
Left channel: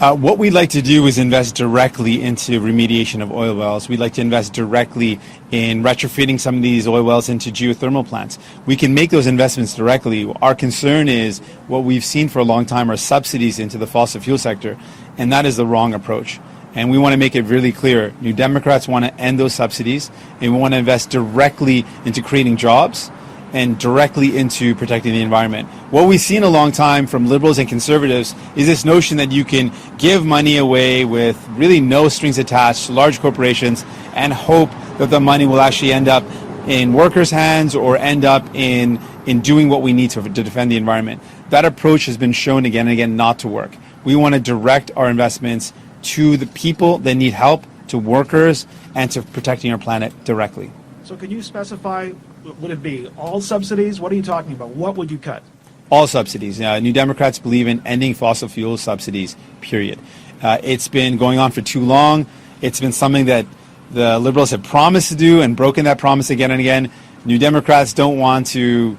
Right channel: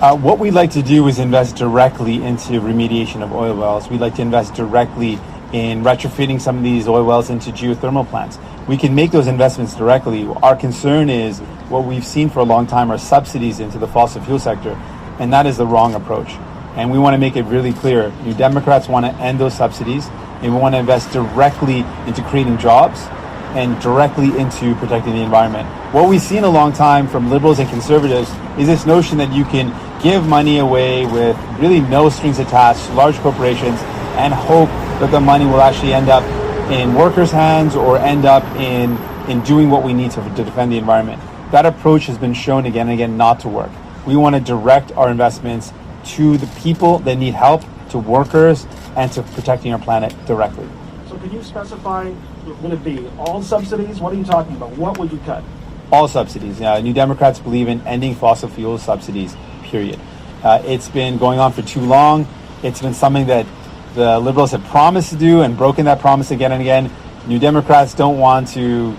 What we'd like to do is invest directly into remediation of oil wells. We'd like to invest directly in retrofitting some of these oil wells into geothermal plants. We can make those investments directly. Our concern is what we've seen for a long time are subsidies into the fossil fuel sector, and that is the wrong approach. And we want to make it really clear. New Democrats want to end those subsidies, and we want to invest directly into creating jobs and directly into protecting the environment. What we've seen a long time from Liberals and Conservatives is this notion that you can give money away with really no strings attached to large corporations and hope that the money will actually end up in workers' hands or end up in doing what we need to defend the environment. That approach has been shown again and again not to work. We want to direct our investments to the people that need help, to workers, and to protecting our planet directly. So can you specify, would it be all subsidies? What are you talking about? What would you cut? All subsidies. New Democrats believe in ending fossil fuel subsidies, period. It's been going on for too long. It's been something that the Liberals have promised to do and broken that promise again and again. New Democrats don't want to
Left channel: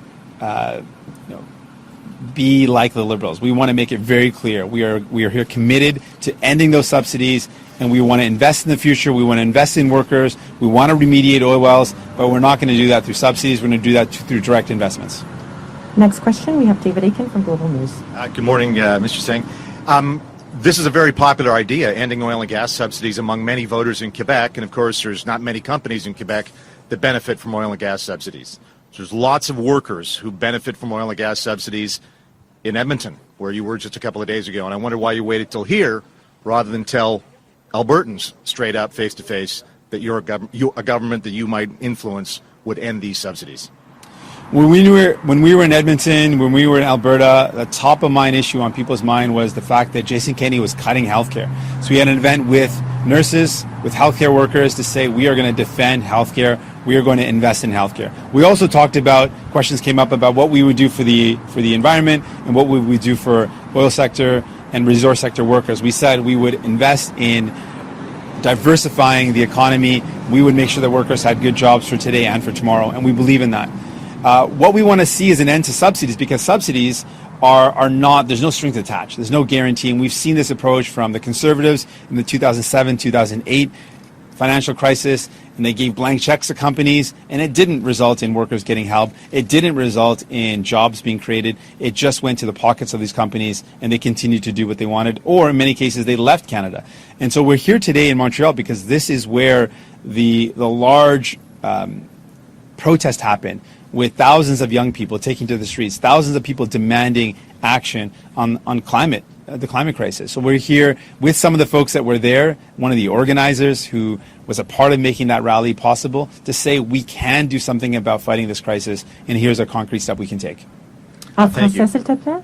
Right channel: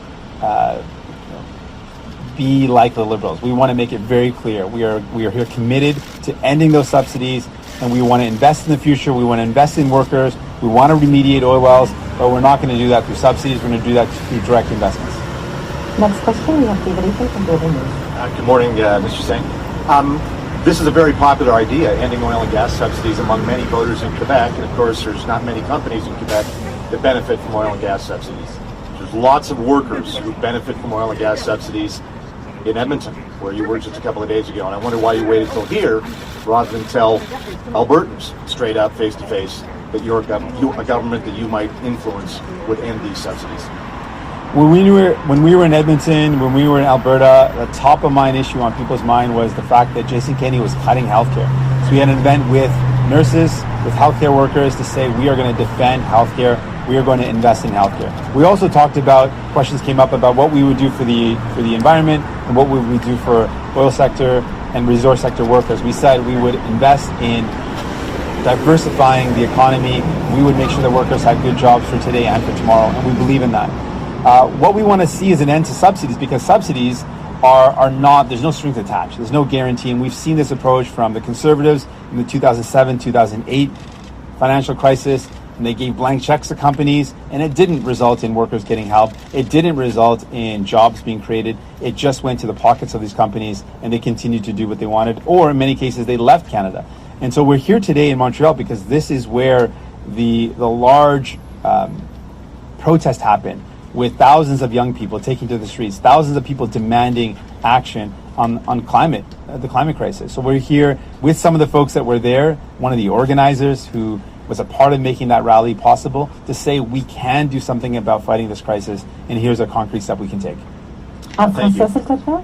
be like the Liberals. We want to make it very clear. We are here committed to ending those subsidies, and we want to invest in the future. We want to invest in workers. We want to remediate oil wells, but we're not going to do that through subsidies. We're going to do that through direct investments. Next question, we have David Aiken from Global News. Good morning, Mr. Singh. This is a very popular idea, ending oil and gas subsidies among many voters in Quebec, and of course there's not many companies in Quebec that benefit from oil and gas subsidies. There's lots of workers who benefit from oil and gas subsidies in Edmonton, where you were just a couple of days ago, and I wonder why you waited till here rather than tell Albertans straight out face to face that a government that you might influence would end these subsidies. When we were in Edmonton, when we were in Alberta, the top of mind issue on people's mind was the fact that Jason Kenney was cutting healthcare. So we had an event with nurses, with healthcare workers to say we are going to defend healthcare, we are going to invest in healthcare. We also talked about, questions came up about what we would do for the environment and what would we do for oil sector and resource sector workers. We said we would invest in diversifying the economy. We would make sure that workers had good jobs for today and for tomorrow, and we believe in that. What we want to see is an end to subsidies, because subsidies are not, there's no strings attached. There's no guarantee. And we've seen this approach from the Conservatives in the 2007, 2008 financial crisis, and they gave blank checks to companies, and it didn't result in workers getting help. It didn't result in jobs being created. It just went to the pockets of these companies, and they continued to do what they wanted, or in many cases, they left Canada. And so we're here today in Montreal because this is where the large protest happened, with thousands of young people taking to the streets, thousands of people demanding action on climate, the climate crisis. So we're here with some of the folks that were there, one of the organizers who was a part of making that rally possible, to say we can do something about fighting this crisis, and here's a concrete step we can take. En français, s'il te plaît?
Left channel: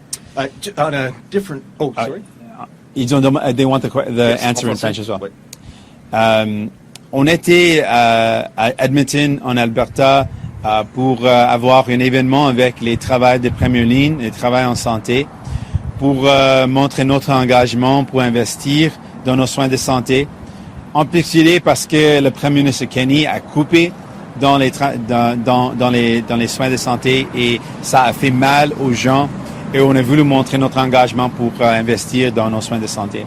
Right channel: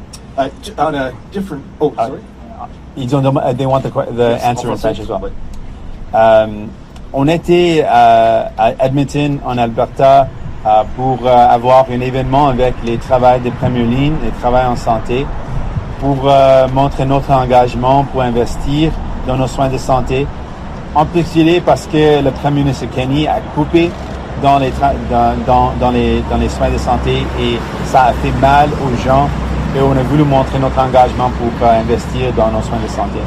On a different... Oh, sorry. They want the answer in French as well. On était à Edmonton, en Alberta, pour avoir un événement avec les travailleurs de première ligne, les travailleurs en santé, pour montrer notre engagement pour investir dans nos soins de santé. En particulier parce que le Premier ministre Kenny a coupé dans les soins de santé et ça a fait mal aux gens, et on a voulu montrer notre engagement pour investir dans nos soins de santé.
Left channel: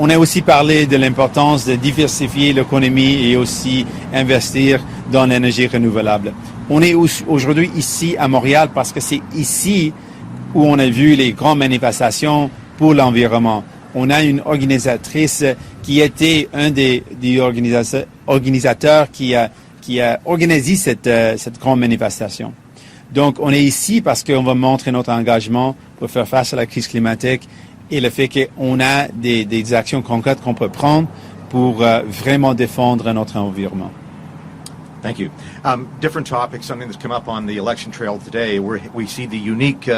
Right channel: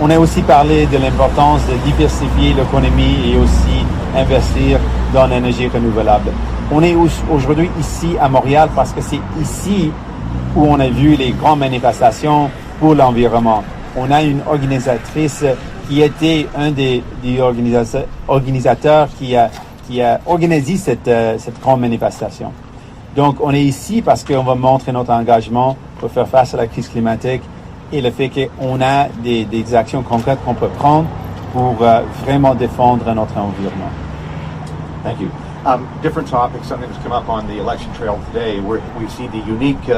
On a aussi parlé de l'importance de diversifier l'économie et aussi investir dans l'énergie renouvelable. On est aujourd'hui ici à Montréal parce que c'est ici où on a vu les grandes manifestations pour l'environnement. On a une organisatrice qui était un des organisateurs qui a organisé cette grande manifestation. Donc on est ici parce qu'on va montrer notre engagement pour faire face à la crise climatique et le fait qu'on a des actions concrètes qu'on peut prendre pour vraiment défendre notre environnement. Thank you. Different topic, something that's come up on the election trail today, where we see the unique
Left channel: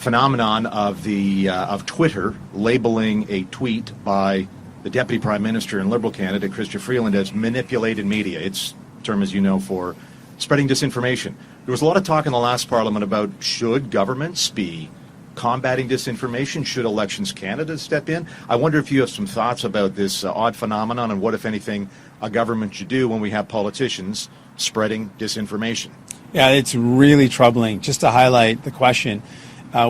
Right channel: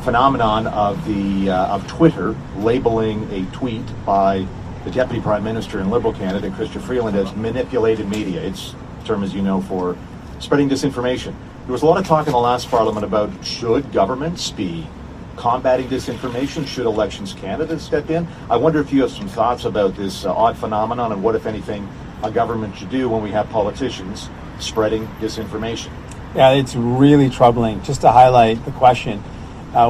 phenomenon of Twitter labeling a tweet by the Deputy Prime Minister and Liberal candidate Chrystia Freeland as manipulated media. It's a term, as you know, for spreading disinformation. There was a lot of talk in the last Parliament about should governments be combating disinformation, should elections candidates step in. I wonder if you have some thoughts about this odd phenomenon and what, if anything, a government should do when we have politicians spreading disinformation. Yeah, it's really troubling. Just to highlight the question,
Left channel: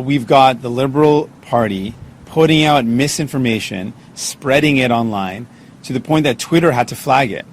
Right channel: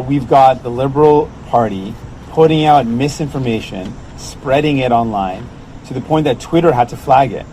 we've got the Liberal Party putting out misinformation, spreading it online, to the point that Twitter had to flag it.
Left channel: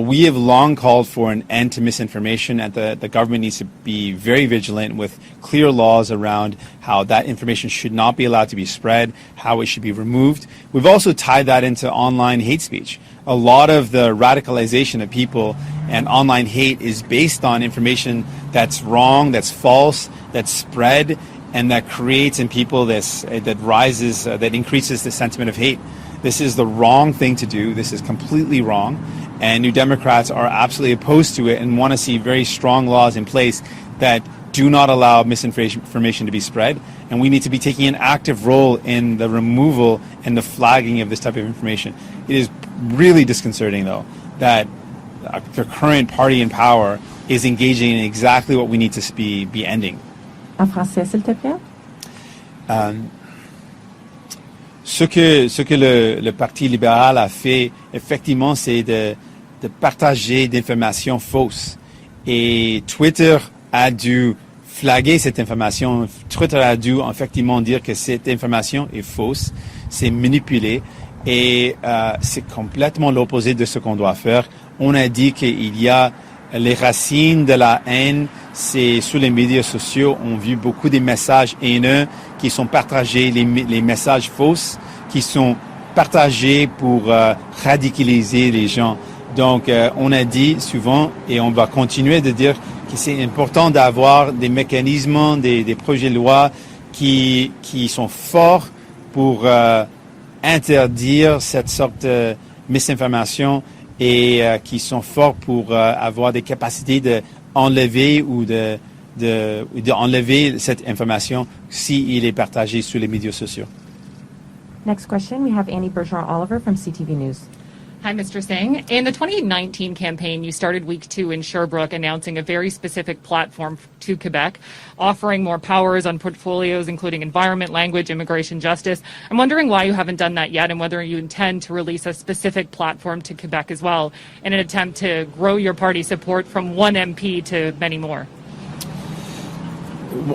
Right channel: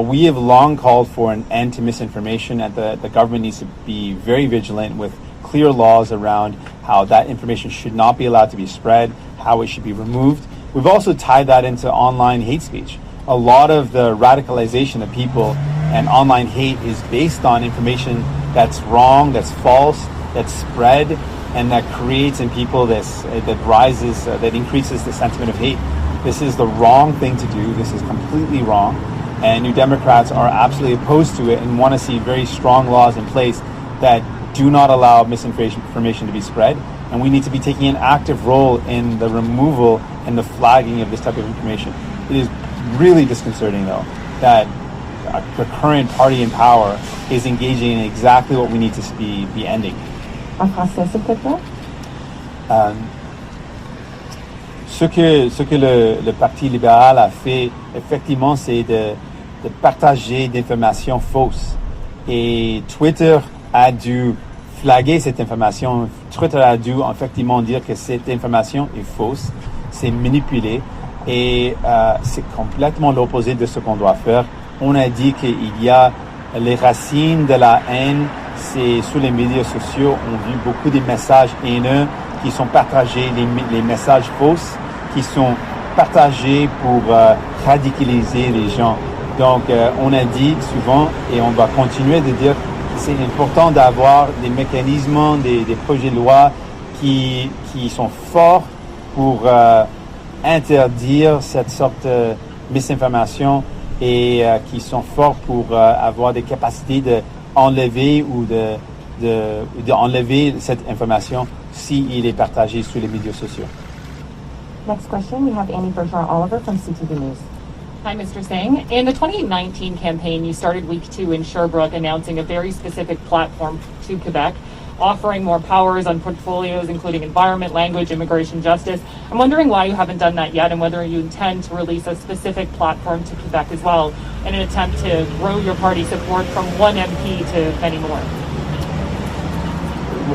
We have long called for an end to misinformation, and the government needs to be very vigilant with clear laws around how that information should not be allowed to be spread, how it should be removed. We've also tied that into online hate speech. A lot of the radicalization of people and online hate is based on information that's wrong, that's false, that's spread, and that creates in people this, that increases the sentiment of hate. This is the wrong thing to do. This is completely wrong. And New Democrats are absolutely opposed to it and want to see very strong laws in place that do not allow misinformation to be spread. And we need to be taking an active role in the removal and the flagging of this type of information. It is really disconcerting, though, that the current party in power is engaging in exactly what we need to be ending. En français, s'il te plaît. Ce que le Parti libéral a fait, effectivement, c'est de partager des informations fausses. Et Twitter a dû flaguer cette information. Twitter a dû effectivement dire que cette information est fausse, c'est manipulé, et c'est complètement l'opposé de ce qu'on doit faire. On a dit qu'il y a les racines de la haine, c'est sur les médias sociaux. On a vu beaucoup de messages haineux qui sont partagés, les messages fausses qui sont partagés pour radicaliser les gens. Donc, on a dit souvent, et on va continuer de dire, que c'est important d'avoir des mécanismes, des projets de loi qui sont forts pour interdire cette sorte de misinformation et qui sont forts pour avoir des capacités d'enlever ou d'enlever cette information s'il est partagé sur les médias sociaux. Next question, we have Annie Bergeron-Oliver from CTV News. Hi, Mr. Singh. In the 2019 campaign, you started week 2 in Sherbrooke announcing a very specific platform to Quebec, offering more powers on portfolios including environment, language, immigration, justice. I'm wondering why you haven't done that yet and whether you intend to release a specific platform to Quebec as well in an attempt to grow your party support from one MP to many more.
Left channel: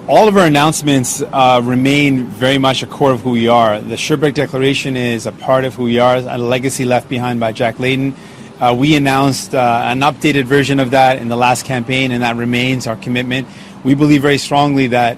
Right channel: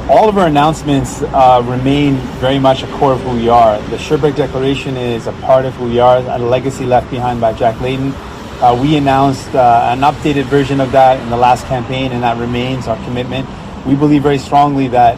All of our announcements remain very much a core of who we are. The Sherbrooke Declaration is a part of who we are, a legacy left behind by Jack Layton. We announced an updated version of that in the last campaign, and that remains our commitment. We believe very strongly that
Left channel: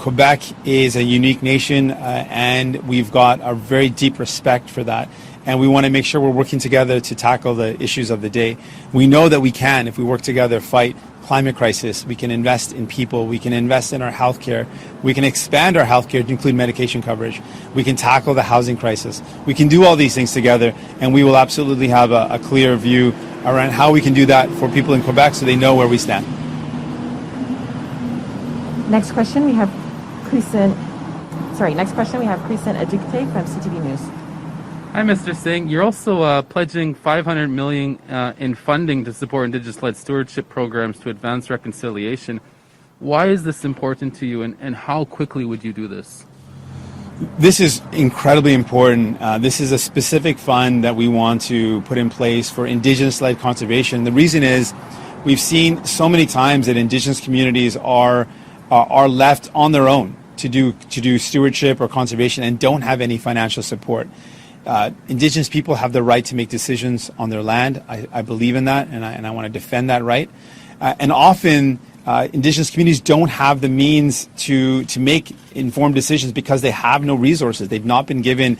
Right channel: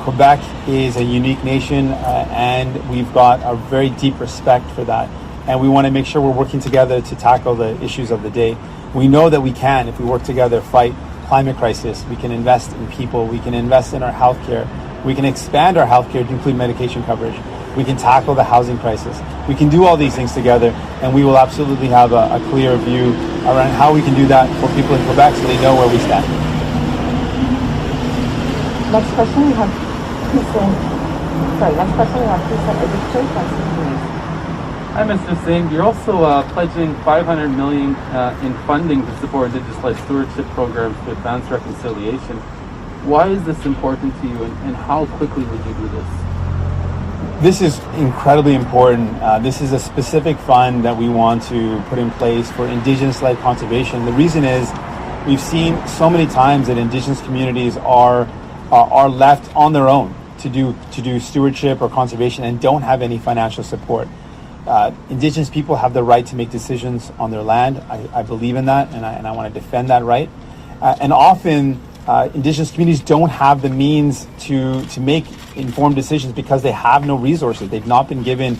Quebec is a unique nation, and we've got a very deep respect for that. And we want to make sure we're working together to tackle the issues of the day. We know that we can, if we work together, fight climate crisis. We can invest in people. We can invest in our healthcare. We can expand our healthcare to include medication coverage. We can tackle the housing crisis. We can do all these things together, and we will absolutely have a clear view around how we can do that for people in Quebec so they know where we stand. Next question we have Precinct Adjective from City News. Hi, Mr. Singh. You're also pledging $500 million in funding to support Indigenous-led stewardship programs to advance reconciliation. Why is this important to you, and how quickly would you do this? This is incredibly important. This is a specific fund that we want to put in place for Indigenous-led conservation. The reason is we've seen so many times that Indigenous communities are left on their own to do stewardship or conservation and don't have any financial support. Indigenous people have the right to make decisions on their land. I believe in that, and I want to defend that right. And often, Indigenous communities don't have the means to make informed decisions because they have no resources. They've not been given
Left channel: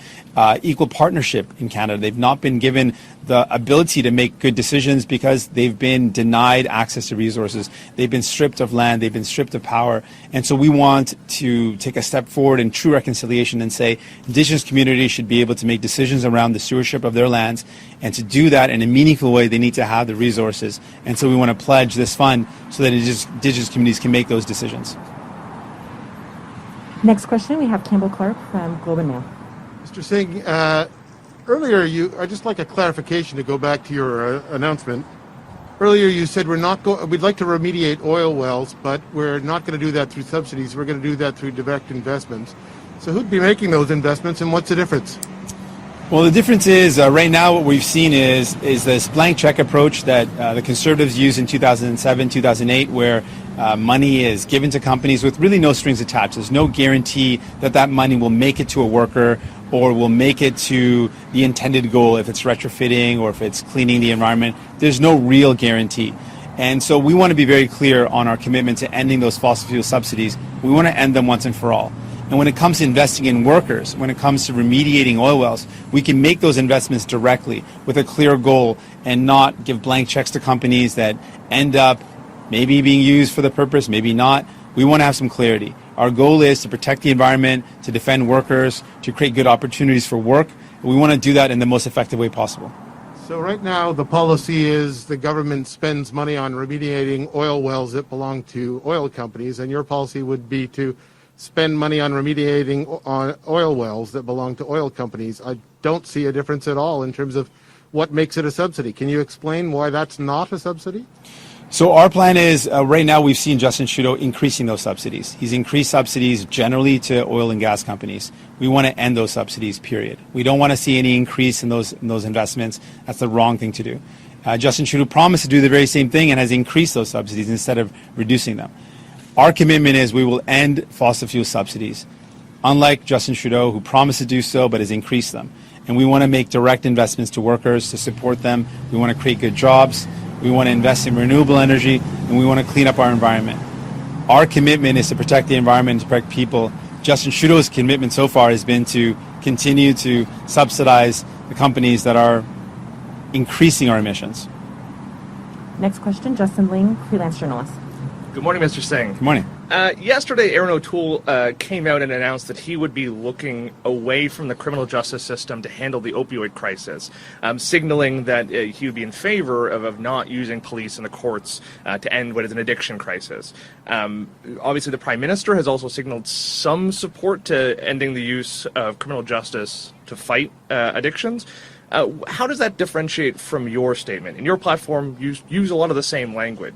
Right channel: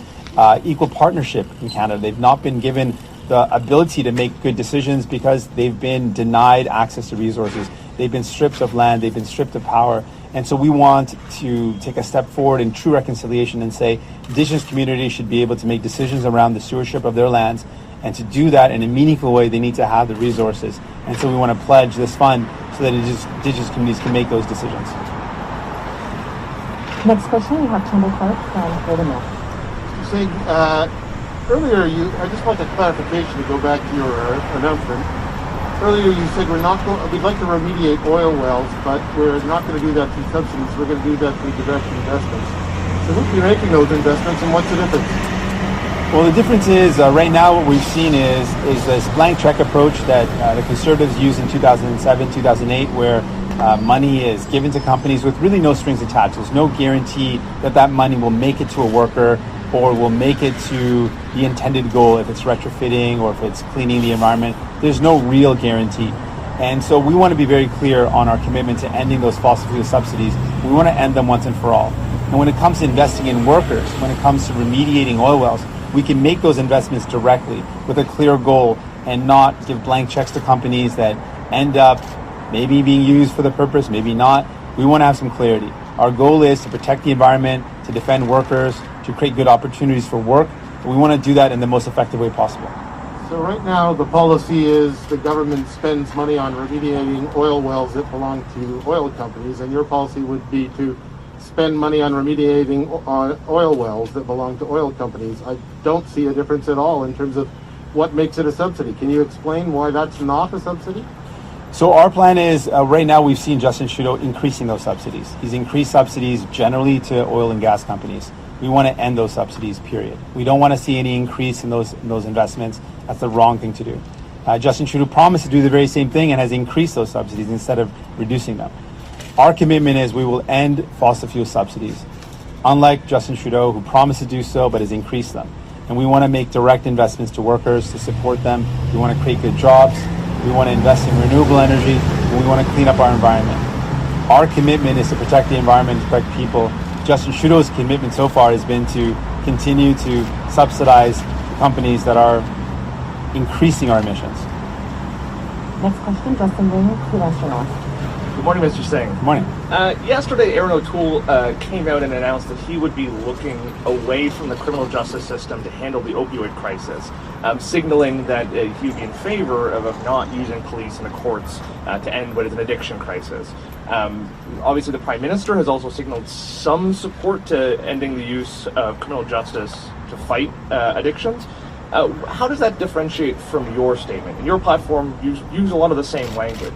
equal partnership in Canada. They've not been given the ability to make good decisions because they've been denied access to resources. They've been stripped of land. They've been stripped of power. And so we want to take a step forward in true reconciliation and say Indigenous communities should be able to make decisions around the stewardship of their lands. And to do that in a meaningful way, they need to have the resources. And so we want to pledge this fund so that Indigenous communities can make those decisions. Next question we have Kendall Clark from Leader Mail. Mr. Singh, earlier I'd just like a clarification to go back to your announcement. Earlier you said we'd like to remediate oil wells, but we're not going to do that through subsidies. We're going to do that through direct investments. So who'd be making those investments, and what's the difference? Well, the difference is right now what we've seen is this blank check approach that the Conservatives used in 2007, 2008, where money is given to companies with really no strings attached. There's no guarantee that that money will make it to a worker or will make it to the intended goal if it's retrofitting or if it's cleaning the environment. There's no real guarantee. And so we want to be very clear on our commitment to ending those fossil fuel subsidies. We want to end them once and for all. And when it comes to investing in workers, when it comes to remediating oil wells, we can make those investments directly with a clear goal and not give blank checks to companies that end up maybe being used for the purpose, maybe not. We want to have some clarity. Our goal is to protect the environment, to defend workers, to create good opportunities for work. And we want to do that in the most effective way possible. So right now the policy is the government spends money on remediating oil wells that belong to oil companies, and your policy would be to spend money on remediating oil wells that belong to oil companies. I don't see a difference at all in terms of what makes it a subsidy. Can you explain why that's not a subsidy? So our plan is, right now we've seen Justin Trudeau increasing those subsidies. He's increased subsidies generally to oil and gas companies. We want to end those subsidies, period. We don't want to see any increase in those investments. That's the wrong thing to do. Justin Trudeau promised to do the very same thing and has increased those subsidies instead of reducing them. Our commitment is we will end fossil fuel subsidies, unlike Justin Trudeau, who promised to do so but has increased them. And we want to make direct investments to workers to support them. We want to create good jobs. We want to invest in renewable energy, and we want to clean up our environment. Our commitment is to protect the environment, to protect people. Justin Trudeau's commitment so far has been to continue to subsidize the companies that are increasing our emissions. Next question, Justin Ling, freelance journalist. Good morning, Mr. Singh. Good morning. Yesterday, Erin O'Toole came out and announced that he would be looking away from the criminal justice system to handle the opioid crisis, signaling that he would be in favor of not using police and the courts to end what is an addiction crisis. Obviously, the Prime Minister has also signaled some support to ending the use of criminal justice to fight addictions. How does that differentiate from your statement? In your platform, you use a lot of the same language.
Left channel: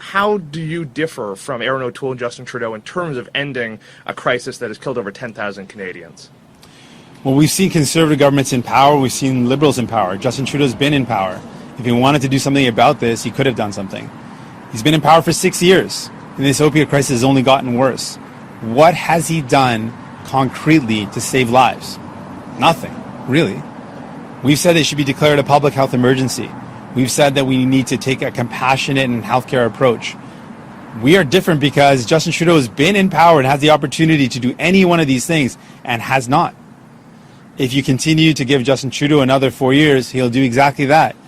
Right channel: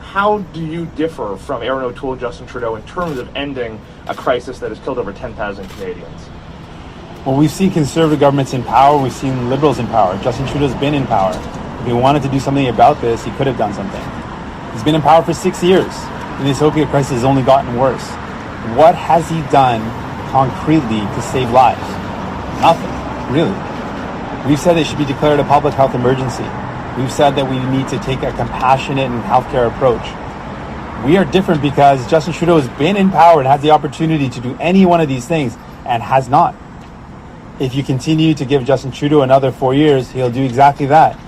How do you differ from Erin O'Toole and Justin Trudeau in terms of ending a crisis that has killed over 10,000 Canadians? Well, we've seen Conservative governments in power. We've seen Liberals in power. Justin Trudeau's been in power. If he wanted to do something about this, he could have done something. He's been in power for 6 years. This opioid crisis has only gotten worse. What has he done concretely to save lives? Nothing, really. We've said it should be declared a public health emergency. We've said that we need to take a compassionate and healthcare approach. We are different because Justin Trudeau has been in power and has the opportunity to do any one of these things and has not. If you continue to give Justin Trudeau another 4 years, he'll do exactly that.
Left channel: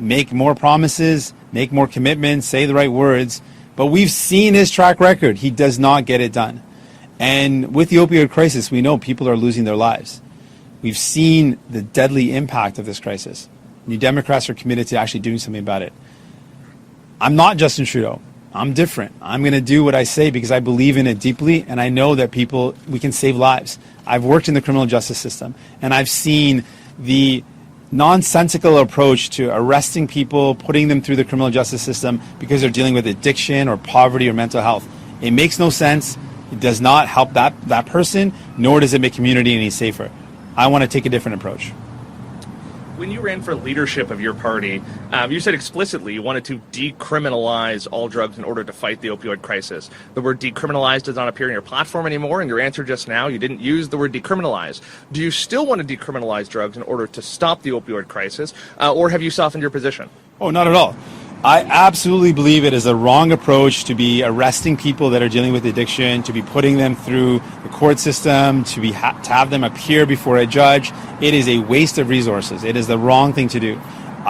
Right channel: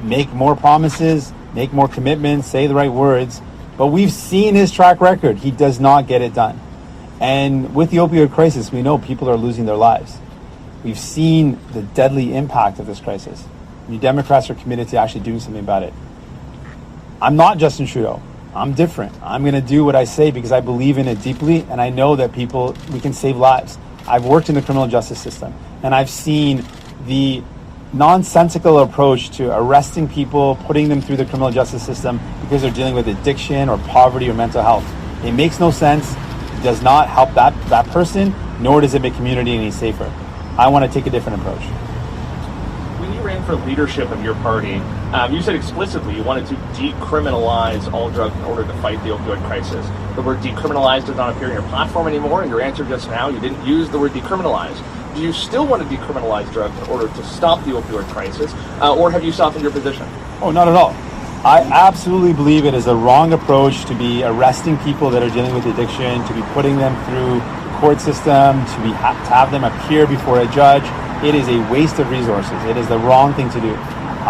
Make more promises, make more commitments, say the right words. But we've seen his track record. He does not get it done. And with the opioid crisis, we know people are losing their lives. We've seen the deadly impact of this crisis. New Democrats are committed to actually doing something about it. I'm not Justin Trudeau. I'm different. I'm going to do what I say because I believe in it deeply, and I know that we can save lives. I've worked in the criminal justice system, and I've seen the nonsensical approach to arresting people, putting them through the criminal justice system because they're dealing with addiction or poverty or mental health. It makes no sense. It does not help that person, nor does it make community any safer. I want to take a different approach. When you ran for leadership of your party, you said explicitly you wanted to decriminalize all drugs in order to fight the opioid crisis. The word decriminalize does not appear in your platform anymore. In your answer just now, you didn't use the word decriminalize. Do you still want to decriminalize drugs in order to stop the opioid crisis, or have you softened your position? Oh, not at all. I absolutely believe it is a wrong approach to be arresting people that are dealing with addiction, to be putting them through the court system, to have them appear before a judge. It is a waste of resources. It is the wrong thing to do.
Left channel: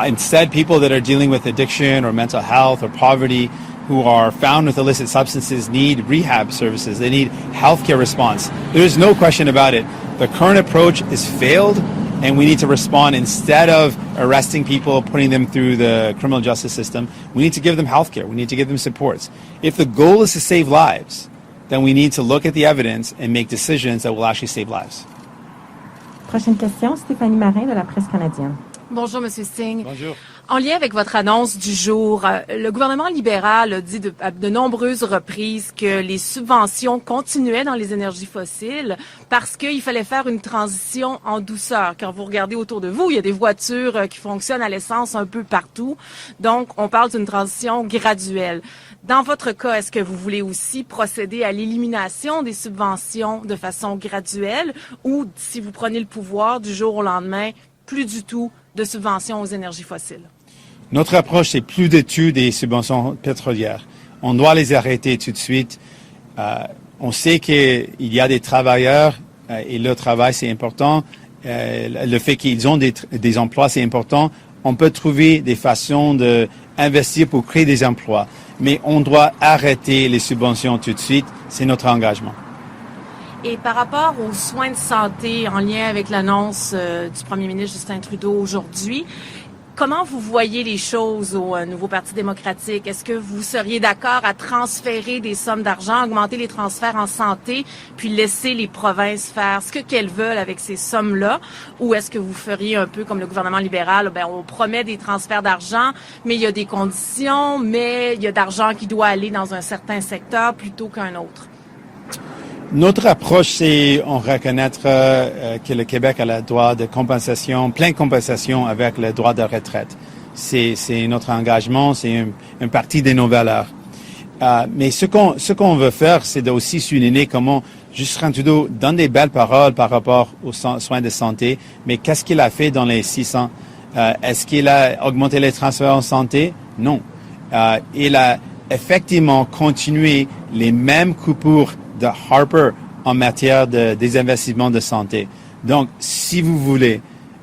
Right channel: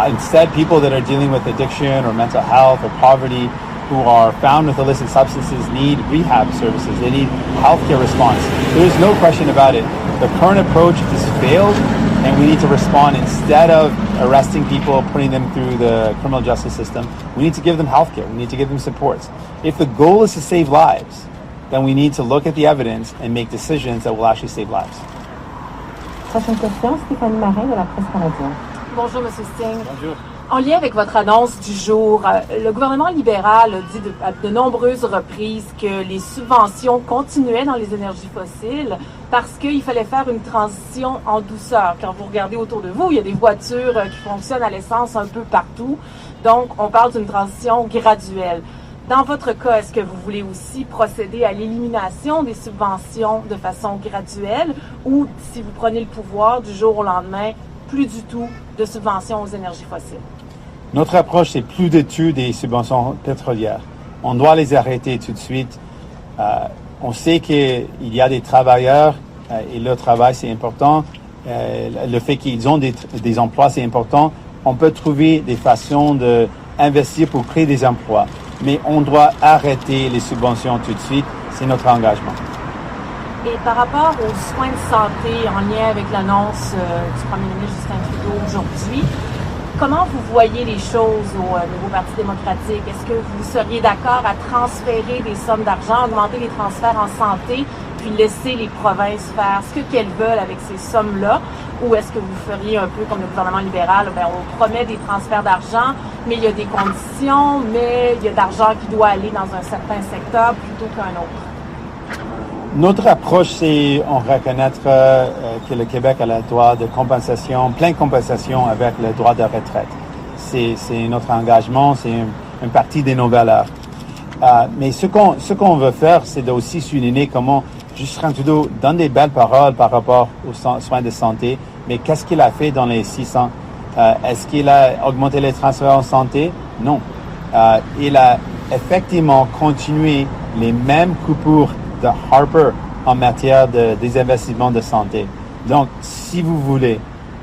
Instead, people that are dealing with addiction or mental health or poverty, who are found with illicit substances, need rehab services. They need healthcare response. There's no question about it. The current approach has failed, and we need to respond. Instead of arresting people, putting them through the criminal justice system, we need to give them healthcare. We need to give them supports. If the goal is to save lives, then we need to look at the evidence and make decisions that will actually save lives. Prochaine question, Stéphanie Marin de la Presse canadienne. Bonjour, M. Singh. Bonjour. En lien avec votre annonce du jour, le gouvernement libéral a dit à de nombreuses reprises que les subventions continuaient dans les énergies fossiles parce qu'il fallait faire une transition en douceur. Quand vous regardez autour de vous, il y a des voitures qui fonctionnent à l'essence un peu partout. Donc, on parle d'une transition graduelle. Dans votre cas, est-ce que vous voulez aussi procéder à l'élimination des subventions de façon graduelle ou, si vous prenez le pouvoir du jour au lendemain, plus du tout de subventions aux énergies fossiles? Notre approche, c'est plus d'études des subventions pétrolières. On doit les arrêter tout de suite. On sait qu'il y a des travailleurs et leur travail, c'est important. Le fait qu'ils ont des emplois, c'est important. On peut trouver des façons d'investir pour créer des emplois. Mais on doit arrêter les subventions tout de suite. C'est notre engagement. Et par rapport aux soins de santé en lien avec l'annonce du premier ministre Justin Trudeau aujourd'hui, comment vous voyez les choses au nouveau Parti démocratique? Est-ce que vous seriez d'accord à transférer des sommes d'argent, augmenter les transferts en santé, puis laisser les provinces faire ce qu'elles veulent avec ces sommes-là? Ou est-ce que vous feriez un peu comme le gouvernement libéral, on promet des transferts d'argent, mais il y a des conditions, mais il y a d'argent qui doit aller dans un certain secteur plutôt qu'un autre? Notre approche, c'est on reconnaître que le Québec a le droit de compensation, plein de compensation avec le droit de retraite. C'est notre engagement, c'est une partie de nos valeurs. Mais ce qu'on veut faire, c'est de aussi souligner comment Justin Trudeau donne des belles paroles par rapport aux soins de santé, mais qu'est-ce qu'il a fait dans les 6 ans? Est-ce qu'il a augmenté les transferts en santé? Non. Il a effectivement continué les mêmes coupures de Harper en matière des investissements de santé. Donc, si vous voulez,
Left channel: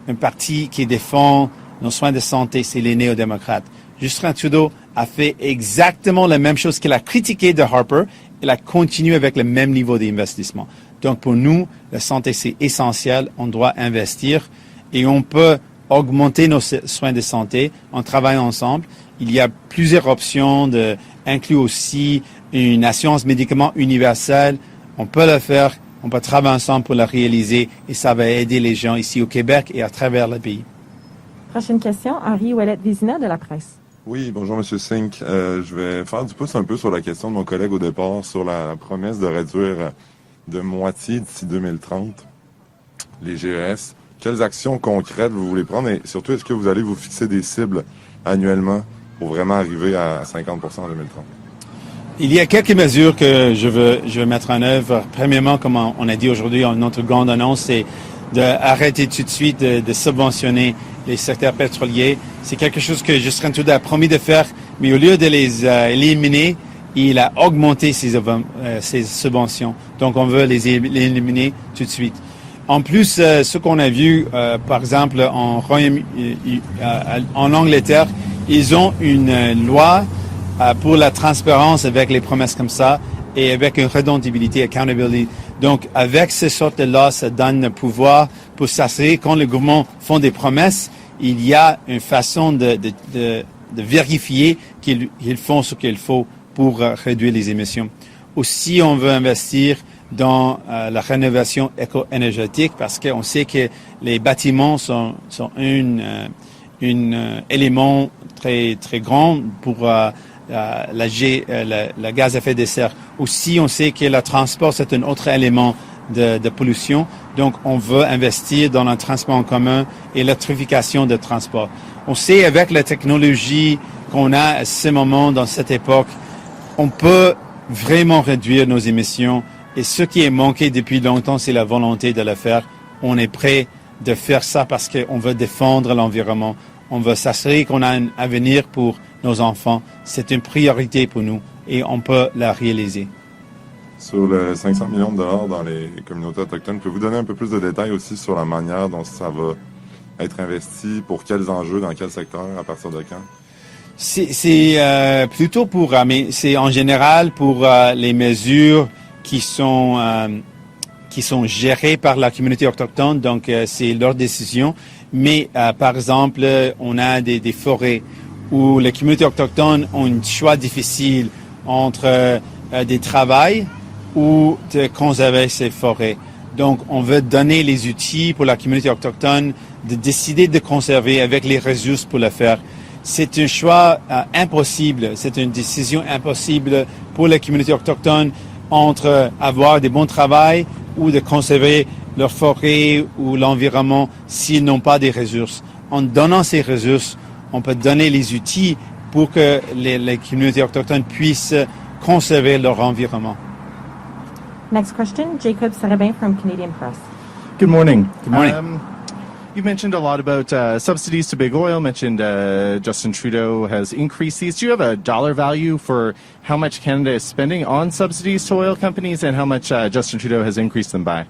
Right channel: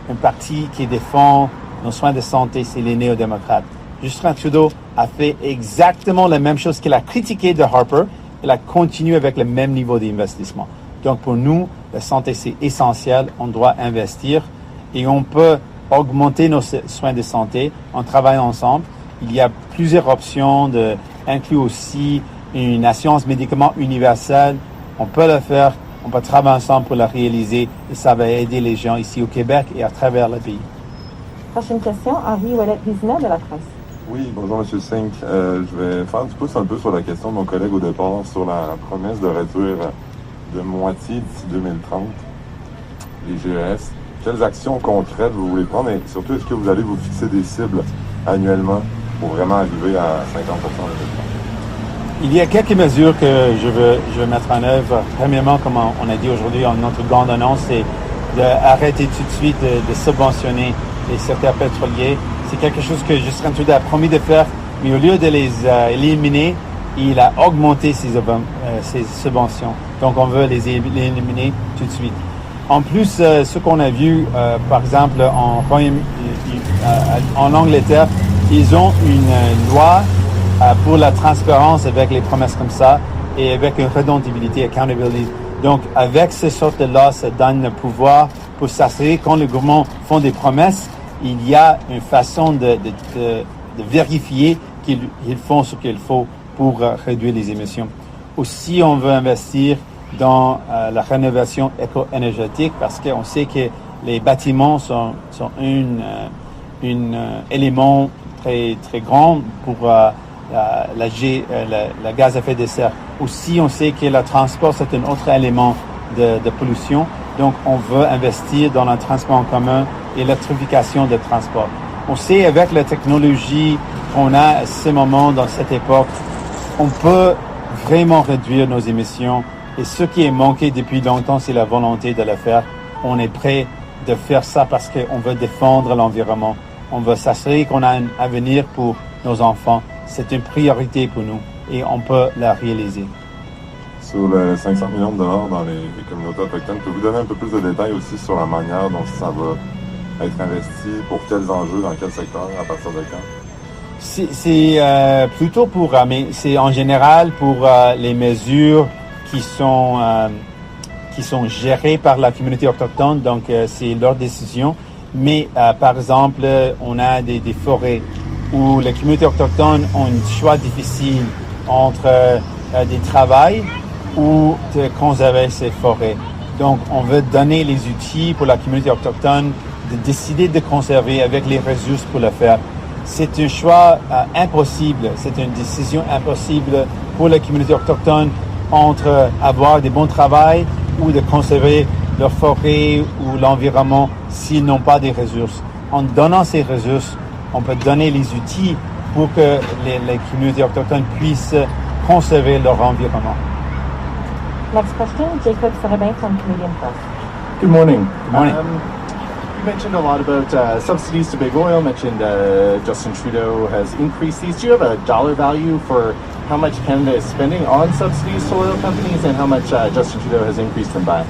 un parti qui défend nos soins de santé, c'est les néo-démocrates. Justin Trudeau a fait exactement la même chose qu'il a critiqué de Harper. Il a continué avec le même niveau d'investissement. Donc, pour nous, la santé, c'est essentiel. On doit investir et on peut augmenter nos soins de santé en travaillant ensemble. Il y a plusieurs options, inclus aussi une assurance médicaments universelle. On peut le faire, on peut travailler ensemble pour le réaliser et ça va aider les gens ici au Québec et à travers le pays. Prochaine question, Henri Ouellet-Vézina de la Presse. Oui, bonjour M. Singh. Je vais faire du pouce un peu sur la question de mon collègue au départ sur la promesse de réduire de moitié d'ici 2030 les GES. Quelles actions concrètes vous voulez prendre et surtout, est-ce que vous allez vous fixer des cibles annuellement pour vraiment arriver à 50% en 2030? Il y a quelques mesures que je veux mettre en œuvre. Premièrement, comme on a dit aujourd'hui, notre grande annonce, c'est d'arrêter tout de suite de subventionner les secteurs pétroliers. C'est quelque chose que Justin Trudeau a promis de faire, mais au lieu de les éliminer, il a augmenté ses subventions. Donc, on veut les éliminer tout de suite. En plus, ce qu'on a vu, par exemple, en Angleterre, Ils ont une loi pour la transparence avec les promesses comme ça et avec une redondabilité, accountability. Donc, avec ces sortes de lois, ça donne le pouvoir pour s'assurer quand le gouvernement font des promesses, il y a une façon de vérifier qu'ils font ce qu'il faut pour réduire les émissions. Aussi, on veut investir dans la rénovation éco-énergétique parce qu'on sait que les bâtiments sont un élément très, très grand pour la gaz à effet de serre. Aussi, on sait que le transport, c'est un autre élément de pollution. Donc, on veut investir dans le transport en commun et l'électrification de transport. On sait avec la technologie qu'on a à ce moment, dans cette époque, on peut vraiment réduire nos émissions. Et ce qui est manqué depuis longtemps, c'est la volonté de le faire. On est prêt de faire ça parce qu'on veut défendre l'environnement. On veut s'assurer qu'on a un avenir pour nos enfants. C'est une priorité pour nous et on peut la réaliser. Sur les 500 millions de dollars dans les communautés autochtones, pouvez-vous donner un peu plus de détails aussi sur la manière dont ça va être investi, pour quels enjeux, dans quel secteur, à partir de quand? C'est plutôt pour, mais c'est en général pour les mesures qui sont gérées par la communauté autochtone, donc c'est leur décision. Mais par exemple, on a des forêts où les communautés autochtones ont un choix difficile entre des travails ou de conserver ces forêts. Donc, on veut donner les outils pour la communauté autochtone de décider de conserver avec les ressources pour le faire. C'est un choix impossible, c'est une décision impossible pour les communautés autochtones entre avoir des bons travails ou de conserver leur forêt ou l'environnement s'ils n'ont pas des ressources. En donnant ces ressources, on peut donner les outils pour que les communautés autochtones puissent conserver leur environnement. Next question, Jacob Serabin from Canadian Press. Good morning. Good morning. You mentioned a lot about subsidies to big oil, mentioned Justin Trudeau has increased these. Do you have a dollar value for how much Canada is spending on subsidies to oil companies and how much Justin Trudeau has increased them by?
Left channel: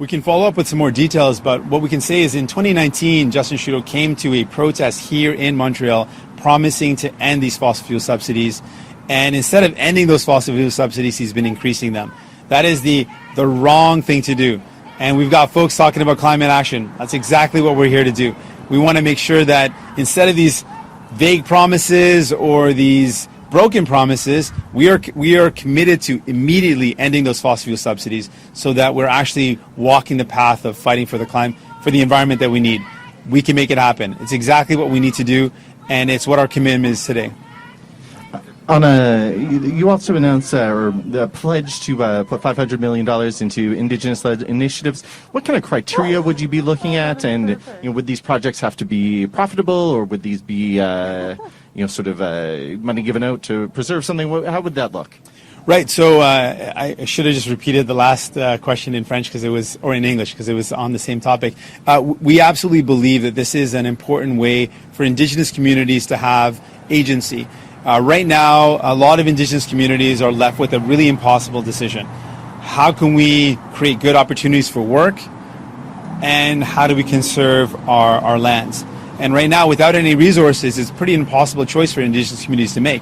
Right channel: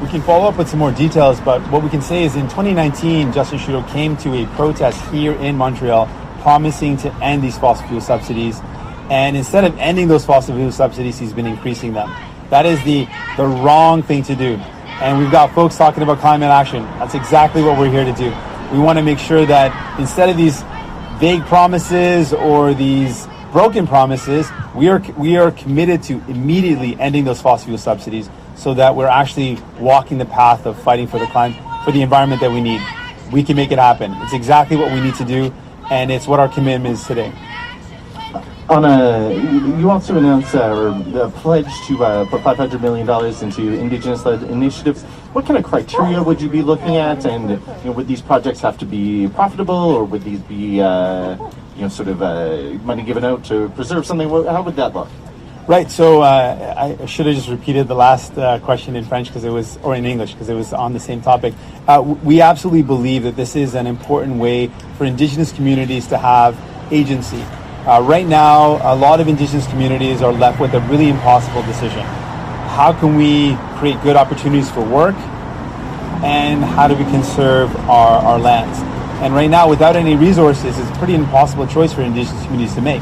We can follow up with some more details, but what we can say is in 2019, Justin Trudeau came to a protest here in Montreal promising to end these fossil fuel subsidies. And instead of ending those fossil fuel subsidies, he's been increasing them. That is the wrong thing to do. And we've got folks talking about climate action. That's exactly what we're here to do. We want to make sure that instead of these vague promises or these broken promises, we are committed to immediately ending those fossil fuel subsidies so that we're actually walking the path of fighting for the environment that we need. We can make it happen. It's exactly what we need to do, and it's what our commitment is today. You also announced a pledge to put $500 million into Indigenous-led initiatives. What kind of criteria would you be looking at? And would these projects have to be profitable, or would these be money given out to preserve something? How would that look? Right. So I should have just repeated the last question in French or in English because it was on the same topic. We absolutely believe that this is an important way for Indigenous communities to have agency. Right now, a lot of Indigenous communities are left with a really impossible decision. How can we create good opportunities for work, and how do we conserve our lands? And right now, without any resources, it's a pretty impossible choice for Indigenous communities to make.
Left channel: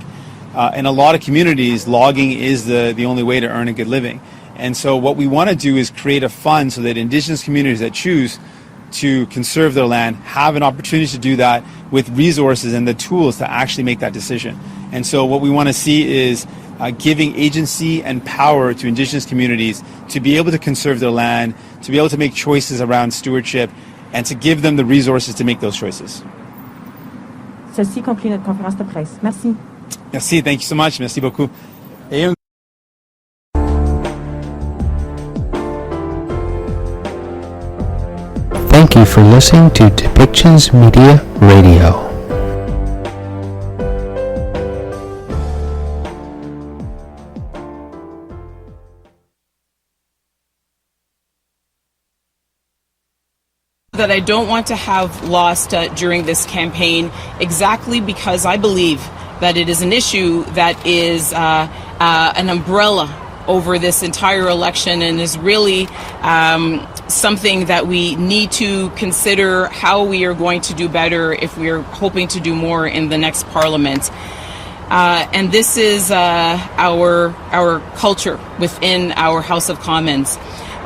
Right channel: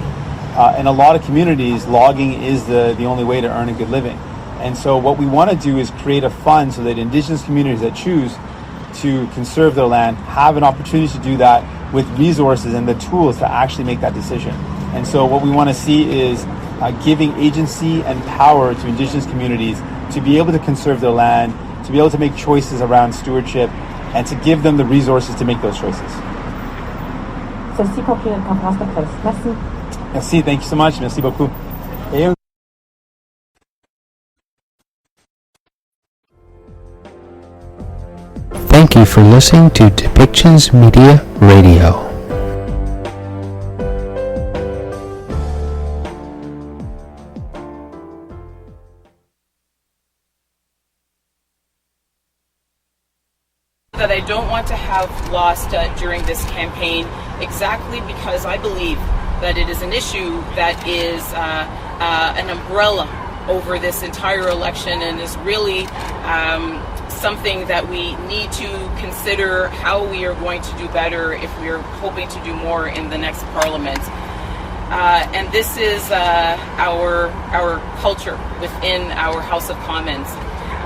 In a lot of communities, logging is the only way to earn a good living. And so what we want to do is create a fund so that Indigenous communities that choose to conserve their land have an opportunity to do that with resources and the tools to actually make that decision. And so what we want to see is giving agency and power to Indigenous communities to be able to conserve their land, to be able to make choices around stewardship, and to give them the resources to make those choices. Ceci conclut notre conférence de presse. Merci. Merci, thank you so much. Merci beaucoup. Thank you for listening to Depictions Media Radio. That I don't want to have lost during this campaign, exactly because I believe that it is an issue that is an umbrella over this entire election and is really something that we need to consider how we are going to do better if we are hoping to do more in the next Parliament. And this is our culture within our House of Commons.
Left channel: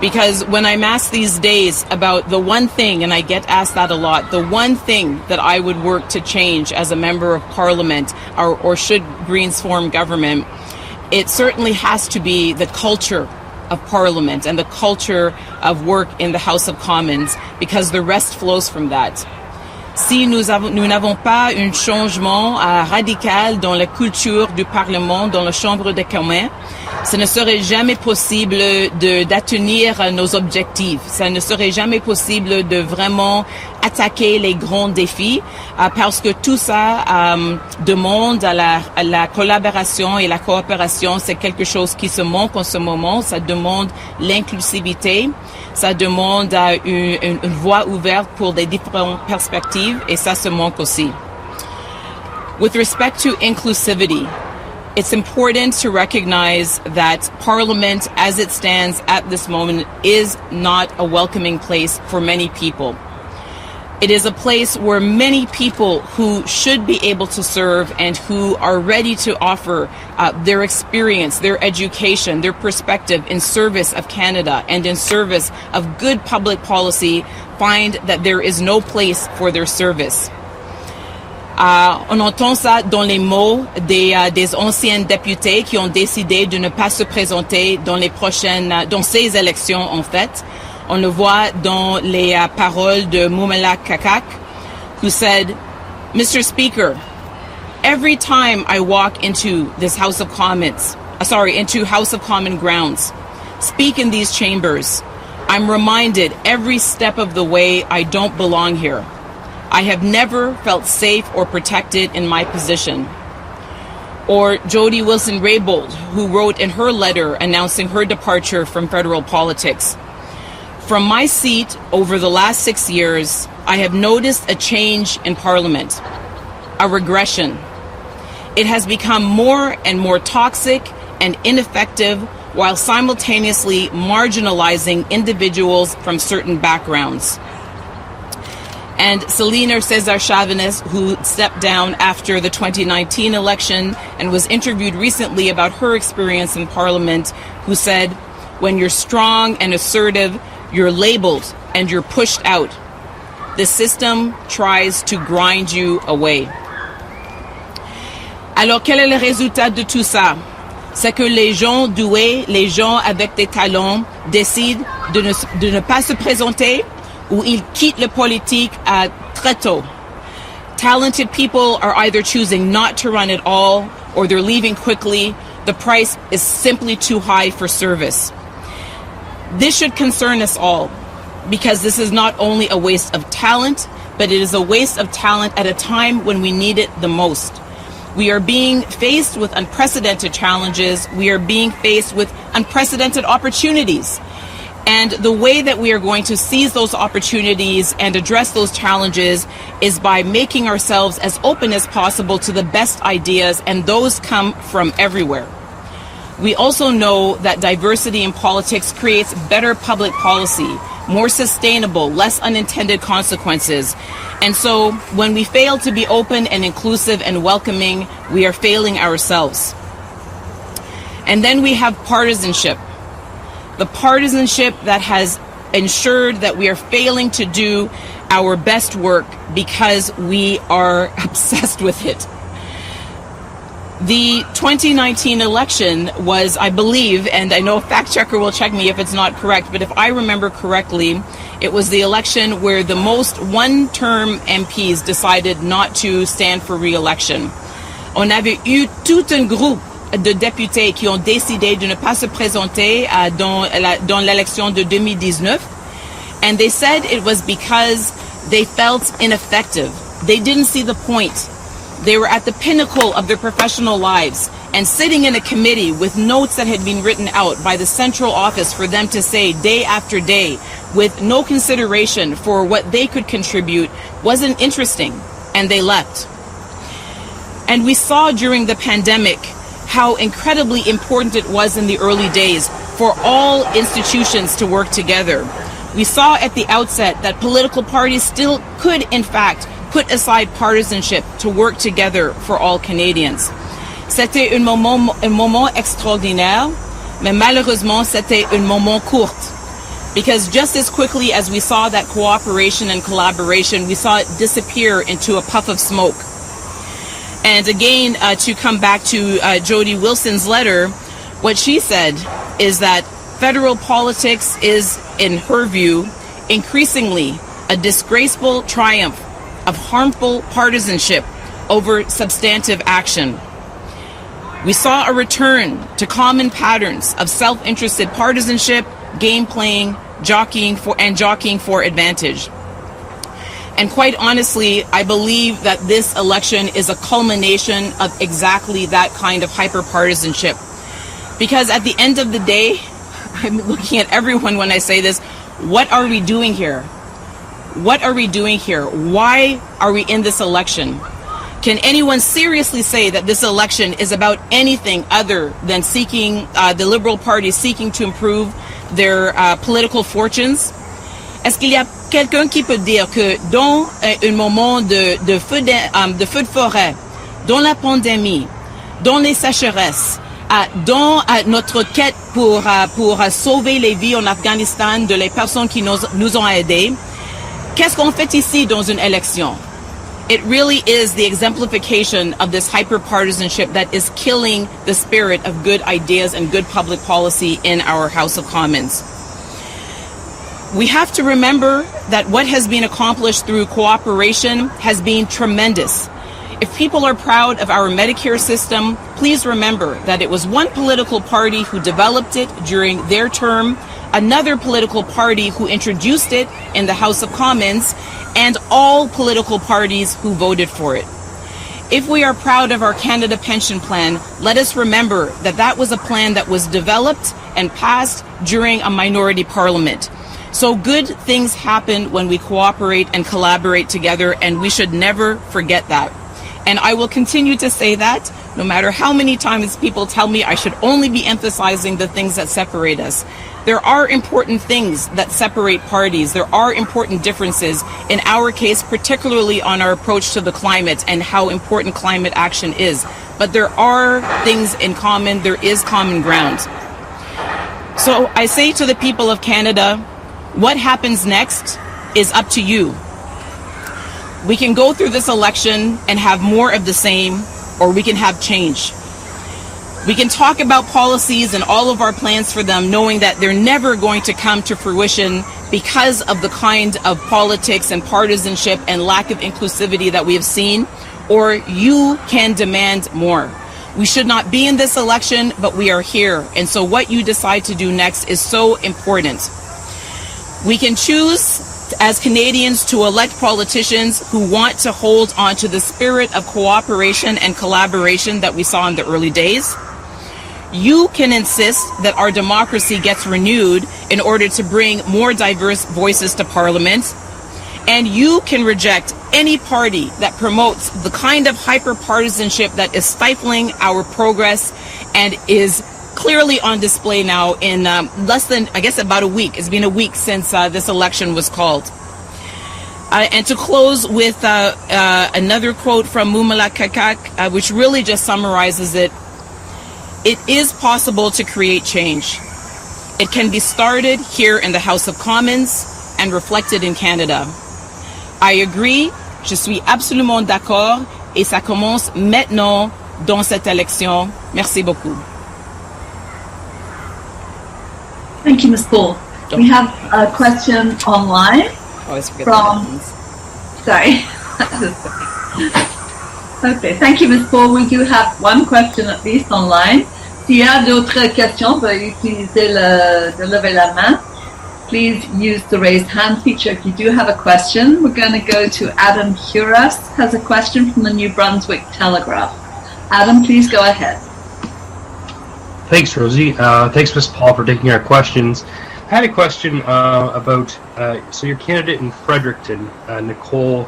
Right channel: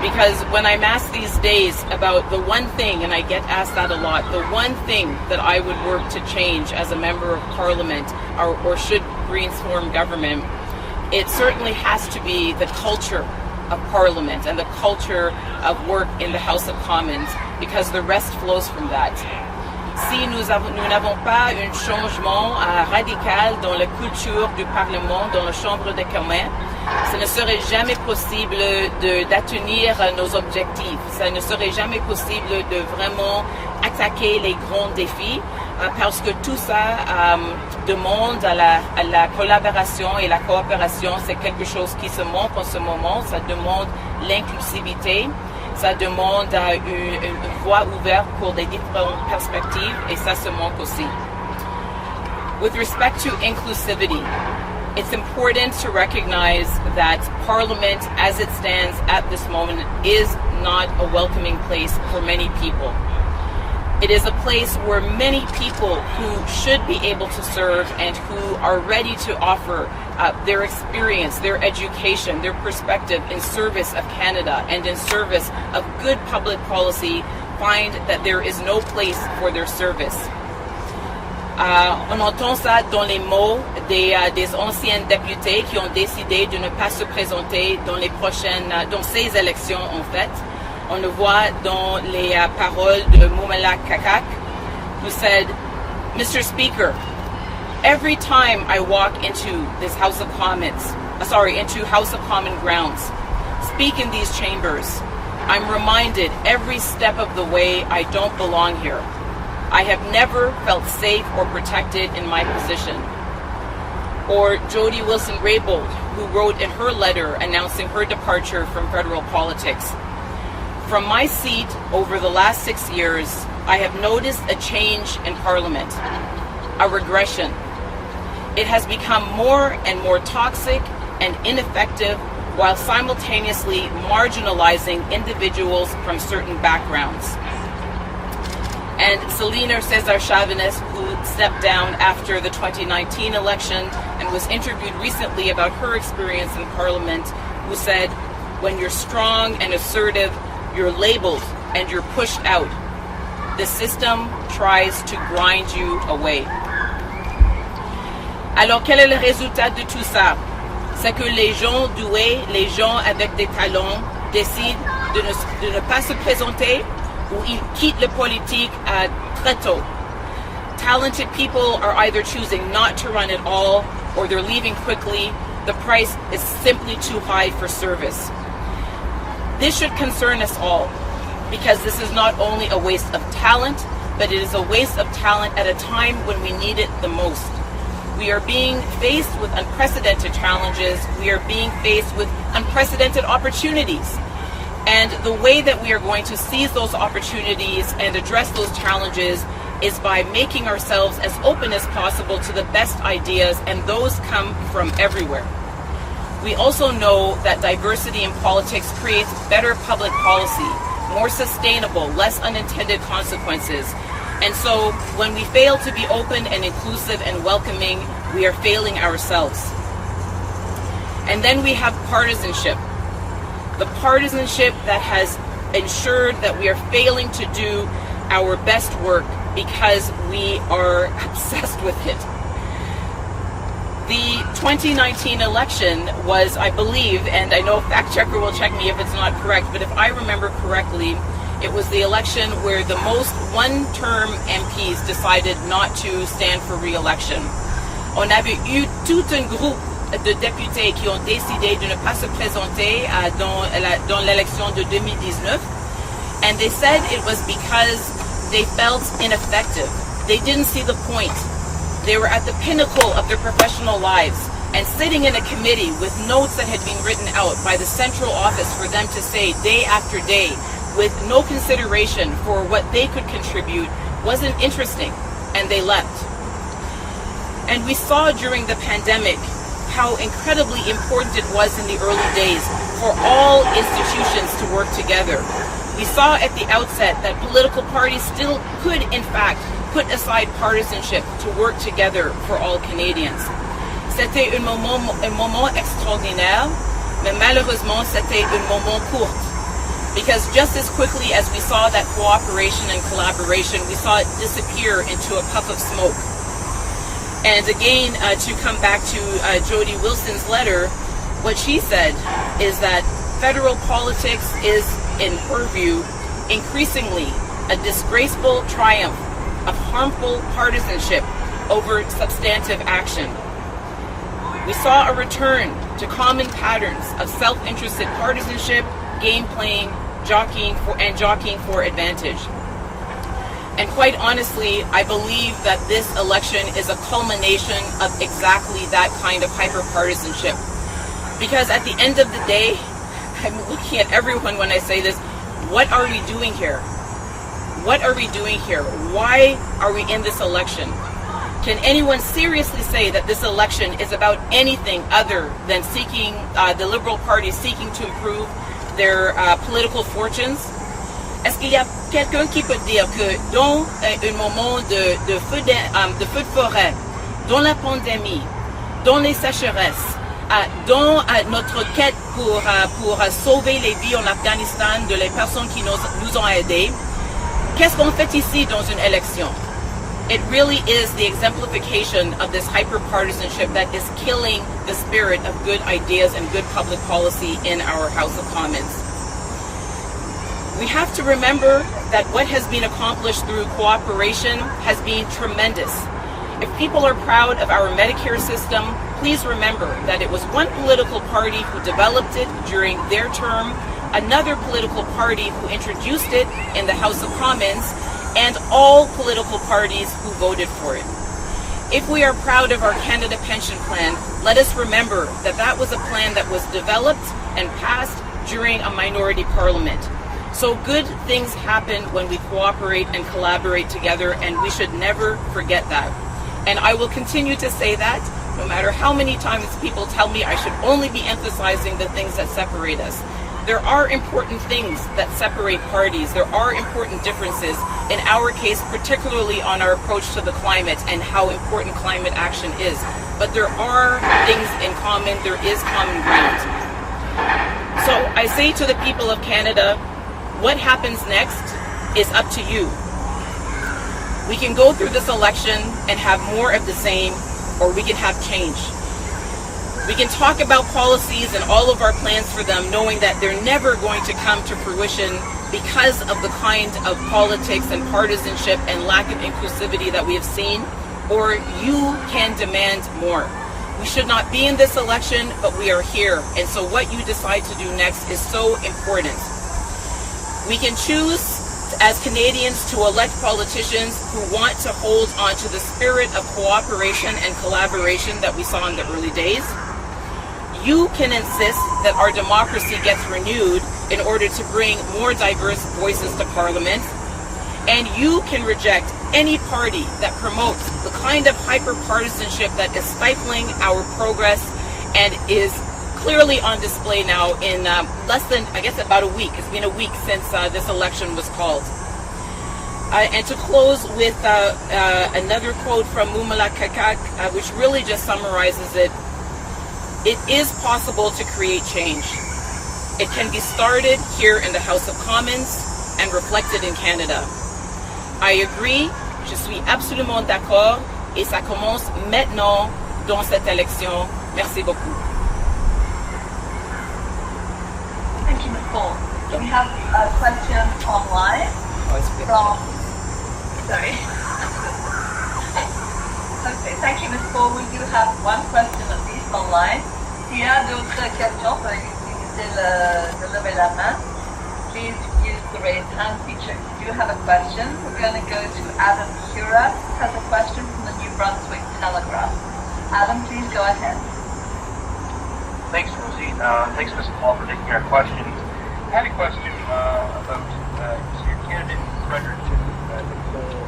Because when I'm asked these days about the one thing, and I get asked that a lot, the one thing that I would work to change as a member of Parliament, or should Greens form government, it certainly has to be the culture of Parliament and the culture of work in the House of Commons, because the rest flows from that. Si nous n'avons pas un changement radical dans la culture du Parlement, dans la Chambre des communs, ce ne serait jamais possible d'atteindre nos objectifs. Ça ne serait jamais possible de vraiment attaquer les grands défis, parce que tout ça demande à la collaboration et la coopération. C'est quelque chose qui se manque en ce moment. Ça demande l'inclusivité. Ça demande une voie ouverte pour des différentes perspectives, et ça se manque aussi. With respect to inclusivity, it's important to recognize that Parliament, as it stands at this moment, is not a welcoming place for many people. It is a place where many people who should be able to serve and who are ready to offer their experience, their education, their perspective in service of Canada and in service of good public policy find that there is no place for their service. On entend ça dans les mots des anciens députés qui ont décidé de ne pas se présenter dans ces élections en fait. On le voit dans les paroles de Mumala Kakak, who said, Mr. Speaker, every time I walk into this House of Commons, into House of Common grounds, speak in these chambers, I'm reminded every step of the way I don't belong here. I have never felt safe or protected in my position. Or Jody Wilson-Raybould, who wrote in her letter announcing her departure from federal politics, from my seat over the last 6 years, I have noticed a change in Parliament, a regression. It has become more and more toxic and ineffective, while simultaneously marginalizing individuals from certain backgrounds. And Celina Cesar-Chavez, who stepped down after the 2019 election and was interviewed recently about her experience in Parliament, who said, when you're strong and assertive, you're labeled and you're pushed out. The system tries to grind you away. Alors, quel est le résultat de tout ça? C'est que les gens doués, les gens avec des talents décident de ne pas se présenter, ou ils quittent la politique très tôt. Talented people are either choosing not to run at all, or they're leaving quickly. The price is simply too high for service. This should concern us all, because this is not only a waste of talent, but it is a waste of talent at a time when we need it the most. We are being faced with unprecedented challenges. We are being faced with unprecedented opportunities. And the way that we are going to seize those opportunities and address those challenges is by making ourselves as open as possible to the best ideas, and those come from everywhere. We also know that diversity in politics creates better public policy, more sustainable, less unintended consequences. And so when we fail to be open and inclusive and welcoming, we are failing ourselves. And then we have partisanship. The partisanship that has ensured that we are failing to do our best work because we are obsessed with it. The 2019 election was, I believe, and I know a fact checker will check me if it's not correct, but if I remember correctly, it was the election where the most one-term MPs decided not to stand for re-election. On avait eu tout un groupe de députés qui ont décidé de ne pas se présenter dans l'élection de 2019, and they said it was because they felt ineffective. They didn't see the point. They were at the pinnacle of their professional lives and sitting in a committee with notes that had been written out by the central office for them to say day after day with no consideration for what they could contribute wasn't interesting, and they left. And we saw during the pandemic how incredibly important it was in the early days for all institutions to work together. We saw at the outset that political parties still could, in fact, put aside partisanship to work together for all Canadians. C'était un moment extraordinaire, mais malheureusement, c'était un moment court. Because just as quickly as we saw that cooperation and collaboration, we saw it disappear into a puff of smoke. And again, to come back to Jody Wilson's letter, what she said is that federal politics is, in her view, increasingly a disgraceful triumph of harmful partisanship over substantive action. We saw a return to common patterns of self-interested partisanship, game playing, jockeying for advantage. And quite honestly, I believe that this election is a culmination of exactly that kind of hyper-partisanship. Because at the end of the day, I'm looking at everyone when I say this, what are we doing here? What are we doing here? Why are we in this election? Can anyone seriously say that this election is about anything other than seeking, the Liberal Party seeking to improve their political fortunes? Est-ce qu'il y a quelqu'un qui peut dire que dans un moment de feu de forêt, dans la pandémie, dans les sécheresses, dans notre quête pour sauver les vies en Afghanistan de les personnes qui nous ont aidés, qu'est-ce qu'on fait ici dans une élection? It really is the exemplification of this hyper-partisanship that is killing the spirit of good ideas and good public policy in our House of Commons. We have to remember that what has been accomplished through cooperation has been tremendous. If people are proud of our Medicare system, please remember that it was one political party who developed it during their term, another political party who introduced it in the House of Commons, and all political parties who voted for it. If we are proud of our Canada Pension Plan, let us remember that that was a plan that was developed and passed during a minority parliament. So good things happen when we cooperate and collaborate together, and we should never forget that. And I will continue to say that, no matter how many times people tell me I should only be emphasizing the things that separate us. There are important things that separate parties. There are important differences, in our case, particularly on our approach to the climate and how important climate action is. But there are things in common. There is common ground. So I say to the people of Canada, what happens next is up to you. We can go through this election and have more of the same, or we can have change. We can talk about policies and all of our plans for them, knowing that they're never going to come to fruition because of the kind of politics and partisanship and lack of inclusivity that we have seen, or you can demand more. We should not be in this election, but we are here. And so what you decide to do next is so important. We can choose as Canadians to elect politicians who want to hold on to the spirit of cooperation and collaboration that we saw in the early days. You can insist that our democracy gets renewed in order to bring more diverse voices to Parliament. And you can reject any party that promotes the kind of hyper-partisanship that is stifling our progress and is clearly on display now in less than, I guess, about a week. It's been a week since this election was called. And to close with another quote from Mumala Kakak, which really just summarizes it. It is possible to create change. It can be started here in the House of Commons and reflected in Canada. I agree, je suis absolument d'accord, et ça commence maintenant dans cette élection. Merci beaucoup. Thank you, Ms. Paul. We have a question online from, sorry. Okay, thank you, Ms. Paul. We do have one question at least online. S'il y a d'autres questions, veuillez utiliser de lever la main. Please use the raise hand feature if you do have a question. We're going to go to Adam Curas, has a question from the New Brunswick Telegraph. Adam, please go ahead. Thanks, Rosie. Thanks, Ms. Paul, for taking our questions. I had a question about, so your candidate in Fredericton, Nicole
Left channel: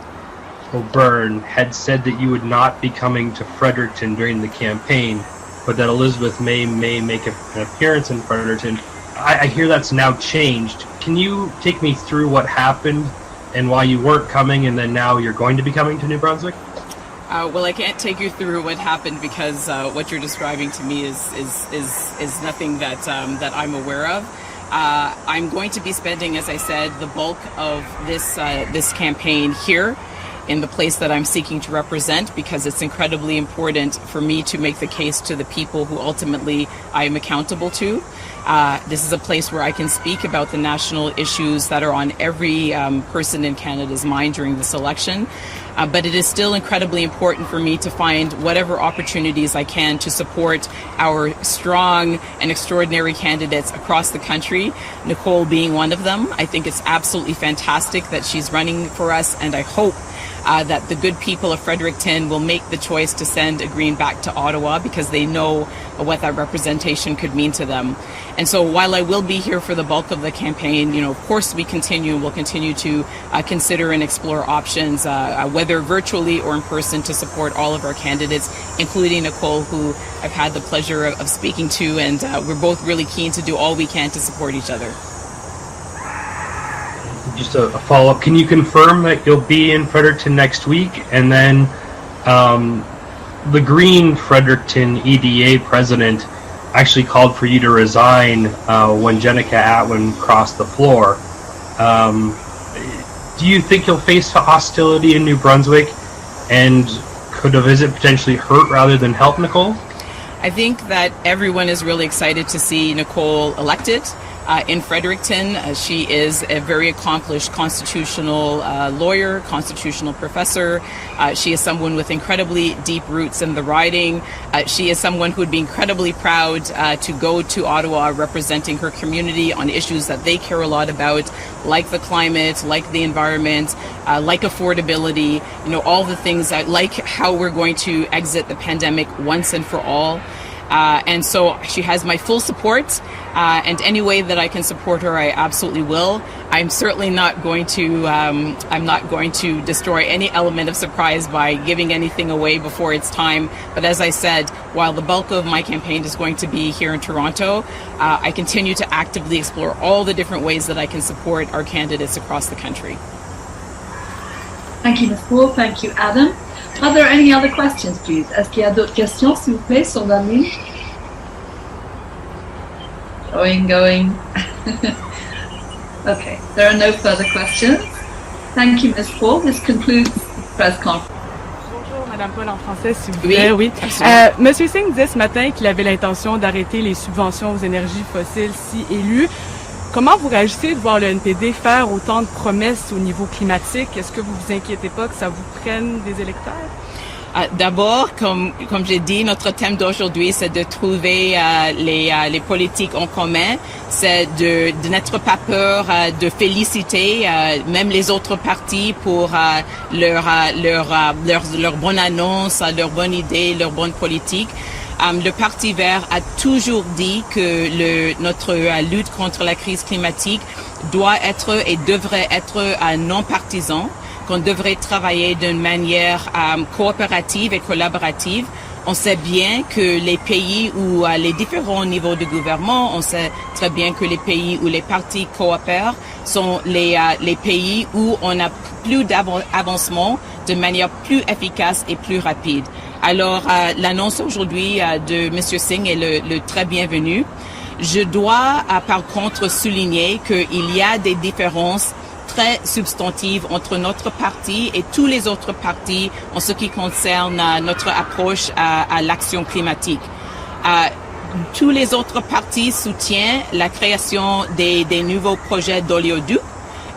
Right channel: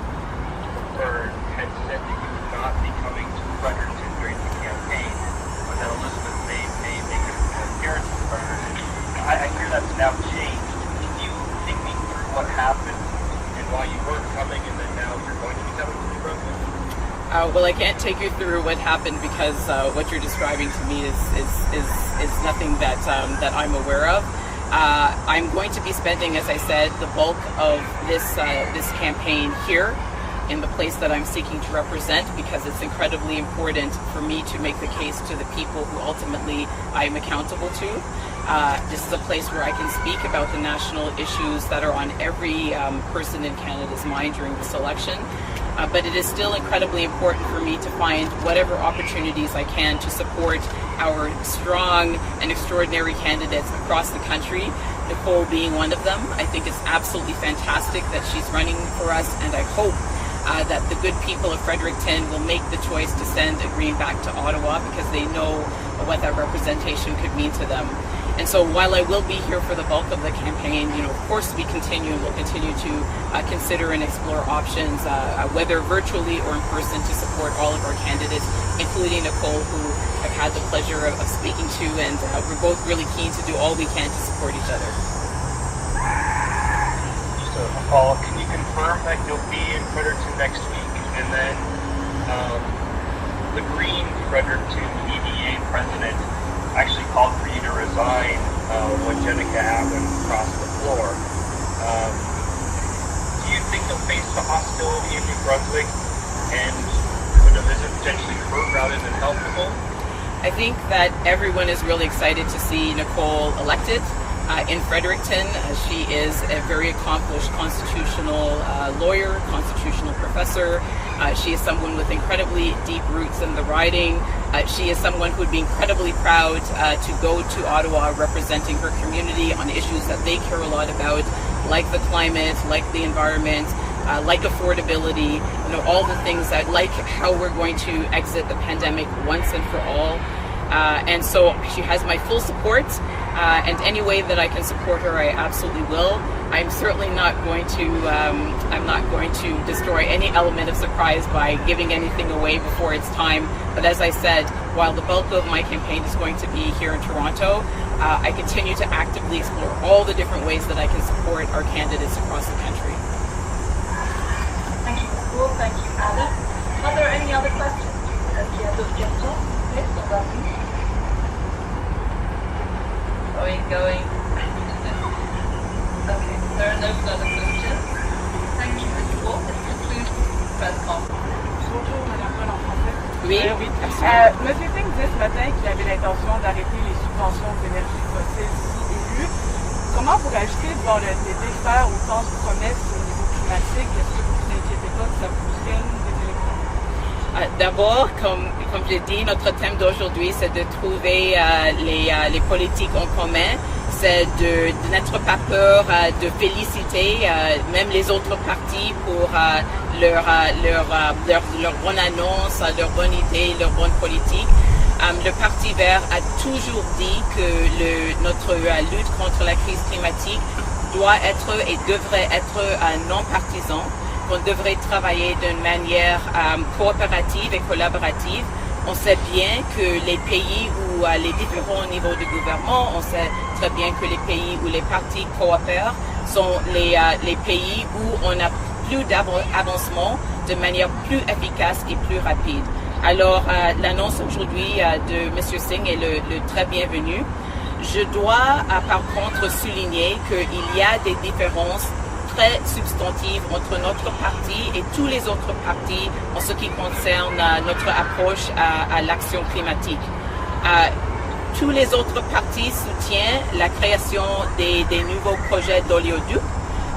O'Byrne, had said that you would not be coming to Fredericton during the campaign, but that Elizabeth may make an appearance in Fredericton. I hear that's now changed. Can you take me through what happened and why you weren't coming and then now you're going to be coming to New Brunswick? Well, I can't take you through what happened because what you're describing to me is nothing that I'm aware of. I'm going to be spending, as I said, the bulk of this campaign here in the place that I'm seeking to represent, because it's incredibly important for me to make the case to the people who ultimately I am accountable to. This is a place where I can speak about the national issues that are on every person in Canada's mind during this election. But it is still incredibly important for me to find whatever opportunities I can to support our strong and extraordinary candidates across the country, Nicole being one of them. I think it's absolutely fantastic that she's running for us, and I hope that the good people of Fredericton will make the choice to send a Green back to Ottawa, because they know what that representation could mean to them. And so while I will be here for the bulk of the campaign, of course we'll continue to consider and explore options, whether virtually or in person, to support all of our candidates, including Nicole, who I've had the pleasure of speaking to, and we're both really keen to do all we can to support each other. Just a follow-up, can you confirm that you'll be in Fredericton next week? And then the Green Fredericton EDA president actually called for you to resign when Jenica Atwin crossed the floor. Do you think you'll face hostility in New Brunswick, and could a visit potentially hurt rather than help Nicole? I think that everyone is really excited to see Nicole elected. In Fredericton, she is a very accomplished constitutional lawyer, constitutional professor. She is someone with incredibly deep roots in the riding. She is someone who would be incredibly proud to go to Ottawa representing her community on issues that they care a lot about, like the climate, like the environment, like affordability, all the things that, like how we're going to exit the pandemic once and for all. And so she has my full support, and any way that I can support her, I absolutely will. I'm certainly not going to destroy any element of surprise by giving anything away before it's time. But as I said, while the bulk of my campaign is going to be here in Toronto, I continue to actively explore all the different ways that I can support our candidates across the country. Thank you, Nicole. Thank you, Adam. Are there any other questions, please? Est-ce qu'il y a d'autres questions, s'il vous plaît, sur la ligne? Going. Okay, there are no further questions. Thank you, Ms. Paul. This concludes the press conference. Bonjour, Madame Paul, en français, s'il vous plaît. Oui. Monsieur Singh disait ce matin qu'il avait l'intention d'arrêter les subventions aux énergies fossiles si élu. Comment vous réagissez de voir le NPD faire autant de promesses au niveau climatique? Est-ce que vous vous inquiétez pas que ça vous prenne des électeurs? D'abord, comme j'ai dit, notre thème d'aujourd'hui, c'est de trouver les politiques en commun. C'est de n'être pas peur de féliciter même les autres partis pour leur bonne annonce, leur bonne idée, leur bonne politique. Le Parti vert a toujours dit que notre lutte contre la crise climatique doit être et devrait être non partisan, qu'on devrait travailler d'une manière coopérative et collaborative. On sait bien que les pays où les différents niveaux de gouvernement, on sait très bien que les pays où les partis coopèrent sont les pays où on a plus d'avancement de manière plus efficace et plus rapide. Alors, l'annonce aujourd'hui de M. Singh est le très bienvenu. Je dois, par contre, souligner qu'il y a des différences très substantives entre notre parti et tous les autres partis en ce qui concerne notre approche à l'action climatique. Tous les autres partis soutiennent la création des nouveaux projets d'oléoducs.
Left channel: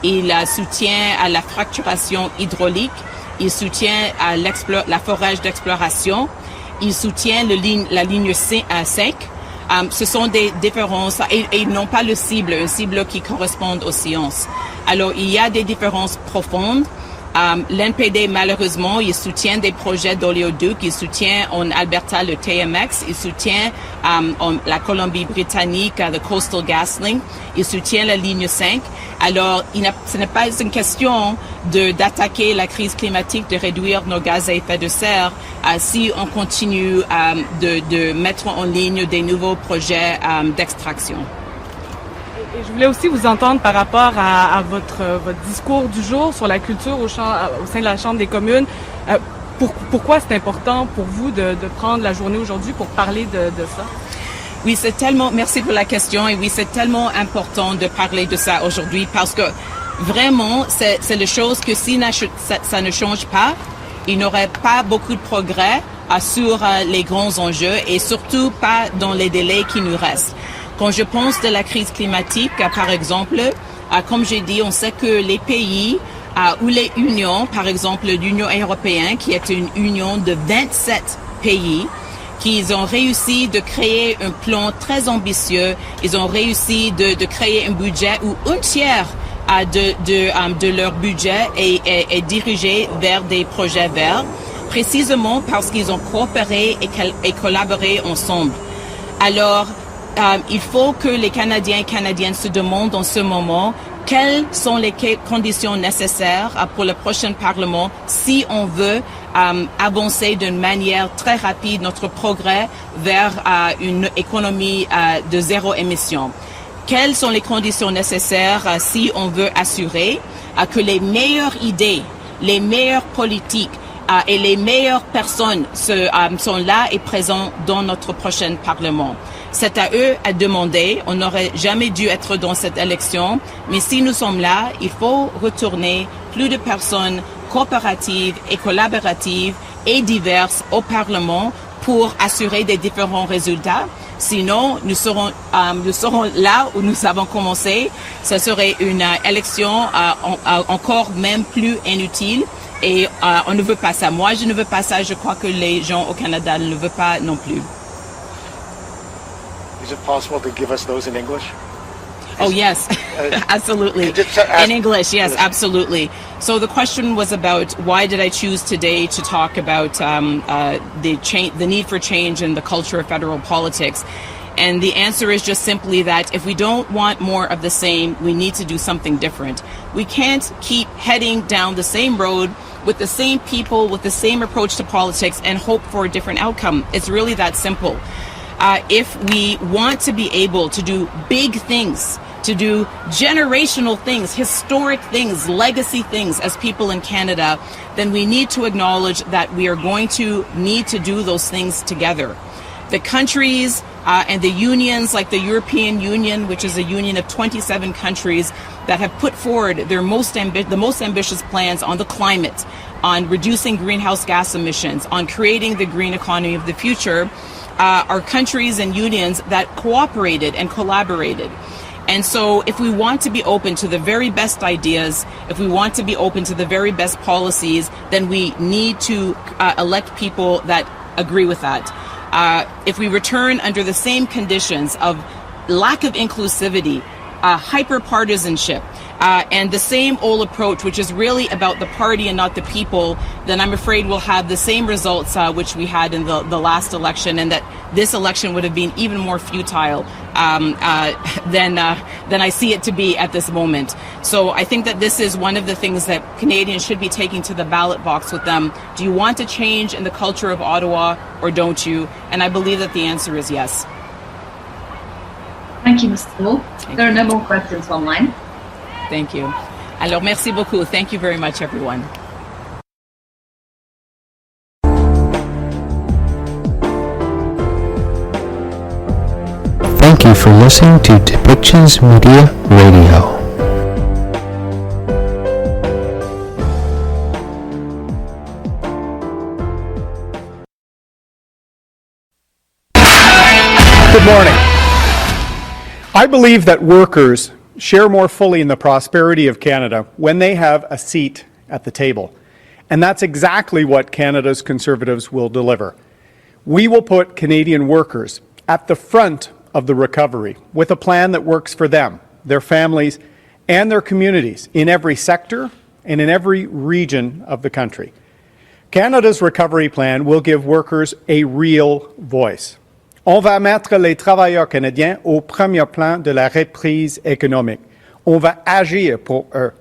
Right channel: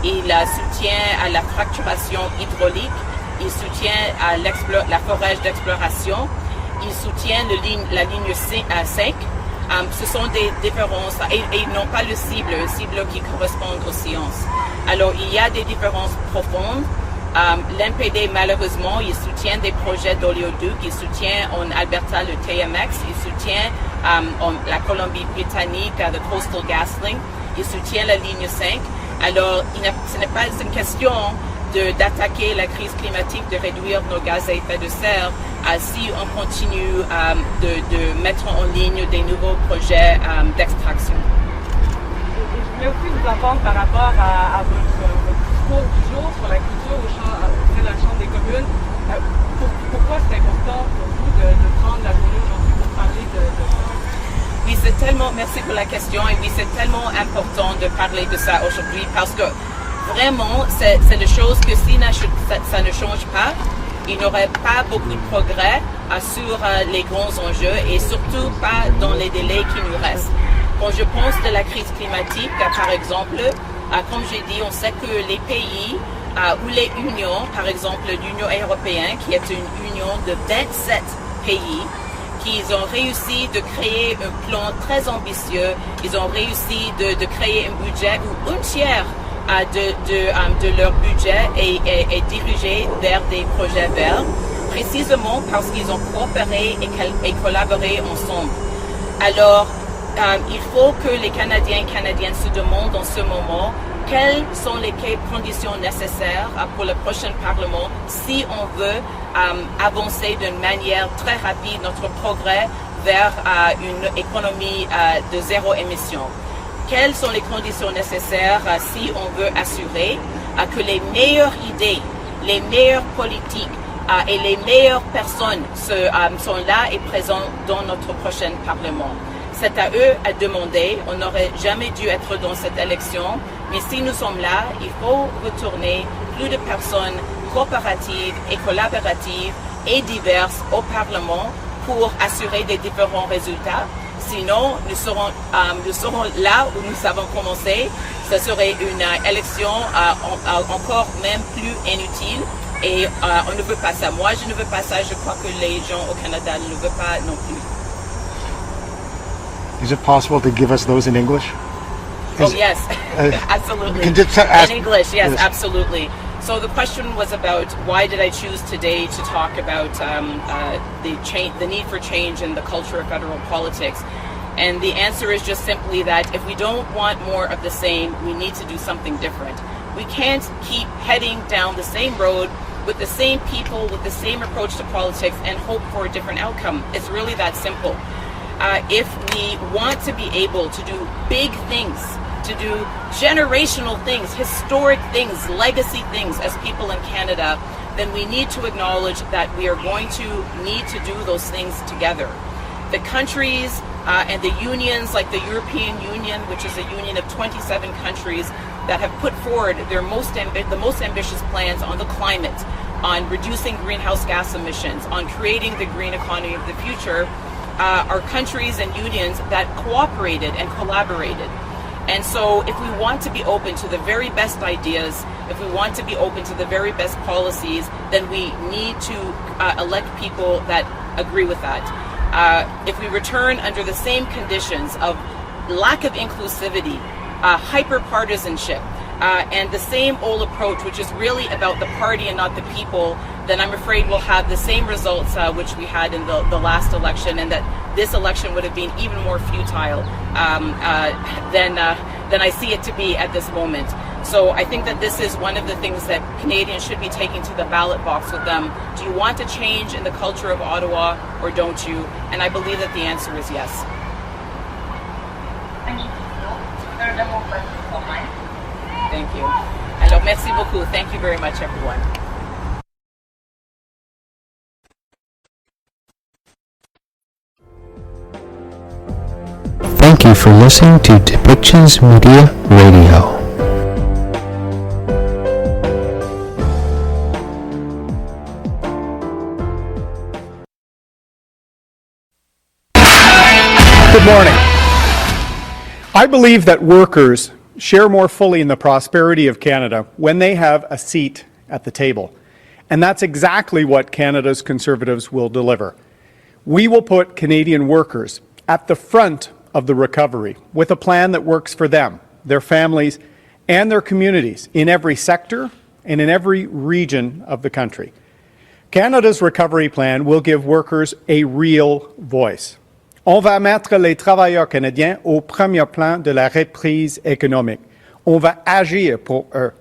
Ils soutiennent à la fracturation hydraulique. Il soutient la forage d'exploration, il soutient la ligne 5. Ce sont des différences et ils n'ont pas une cible qui correspond aux sciences. Alors il y a des différences profondes. L'NPD malheureusement, il soutient des projets d'oléoducs, il soutient en Alberta le TMX, il soutient la Colombie-Britannique, le Coastal GasLink, il soutient la ligne 5. Alors, ce n'est pas une question d'attaquer la crise climatique, de réduire nos gaz à effet de serre si on continue de mettre en ligne des nouveaux projets d'extraction. Et je voulais aussi vous entendre par rapport à votre discours du jour sur la culture au sein de la Chambre des communes. Pourquoi c'est important pour vous de prendre la journée aujourd'hui pour parler de ça? Oui, c'est tellement, merci pour la question, et oui, c'est tellement important de parler de ça aujourd'hui parce que vraiment, c'est des choses que si ça ne change pas, il n'y aurait pas beaucoup de progrès sur les grands enjeux et surtout pas dans les délais qui nous restent. Quand je pense de la crise climatique, par exemple, comme j'ai dit, on sait que les pays ou les unions, par exemple l'Union européenne, qui est une union de 27 pays, qu'ils ont réussi de créer un plan très ambitieux, ils ont réussi de créer un budget où un tiers de leur budget est dirigé vers des projets verts, précisément parce qu'ils ont coopéré et collaboré ensemble. Alors, il faut que les Canadiens et Canadiennes se demandent en ce moment quelles sont les conditions nécessaires pour le prochain Parlement si on veut avancer d'une manière très rapide notre progrès vers une économie de zéro émission. Quelles sont les conditions nécessaires si on veut assurer que les meilleures idées, les meilleures politiques et les meilleures personnes sont là et présentes dans notre prochain Parlement. C'est à eux à demander. On n'aurait jamais dû être dans cette élection, mais si nous sommes là, il faut retourner plus de personnes coopératives et collaboratives et diverses au Parlement pour assurer des différents résultats. Sinon, nous serons là où nous avons commencé. Ce serait une élection encore même plus inutile et on ne veut pas ça. Moi, je ne veux pas ça. Je crois que les gens au Canada ne veulent pas non plus. Is it possible to give us those in English? Oh, yes, absolutely. In English, yes, absolutely. So the question was about why did I choose today to talk about the need for change in the culture of federal politics. And the answer is just simply that if we don't want more of the same, we need to do something different. We can't keep heading down the same road with the same people, with the same approach to politics and hope for a different outcome. It's really that simple. If we want to be able to do big things, to do generational things, historic things, legacy things as people in Canada, then we need to acknowledge that we are going to need to do those things together. The countries and the unions like the European Union, which is a union of 27 countries that have put forward their the most ambitious plans on the climate, on reducing greenhouse gas emissions, on creating the green economy of the future, are countries and unions that cooperated and collaborated. And so if we want to be open to the very best ideas, if we want to be open to the very best policies, then we need to elect people that agree with that. If we return under the same conditions of lack of inclusivity, hyper-partisanship, and the same old approach, which is really about the party and not the people, then I'm afraid we'll have the same results which we had in the last election, and that this election would have been even more futile than I see it to be at this moment. So I think that this is one of the things that Canadians should be taking to the ballot box with them. Do you want to change in the culture of Ottawa or don't you? And I believe that the answer is yes. Thank you, Ms. Trudeau. There are no more questions online. Thank you. Alors, merci beaucoup. Thank you very much, everyone. Thank you for listening to Depictions Media Radio. Good morning. I believe that workers share more fully in the prosperity of Canada when they have a seat at the table. And that's exactly what Canada's Conservatives will deliver. We will put Canadian workers at the front of the recovery with a plan that works for them, their families, and their communities in every sector and in every region of the country. Canada's recovery plan will give workers a real voice. On va mettre les travailleurs canadiens au premier plan de la reprise économique. On va agir pour eux,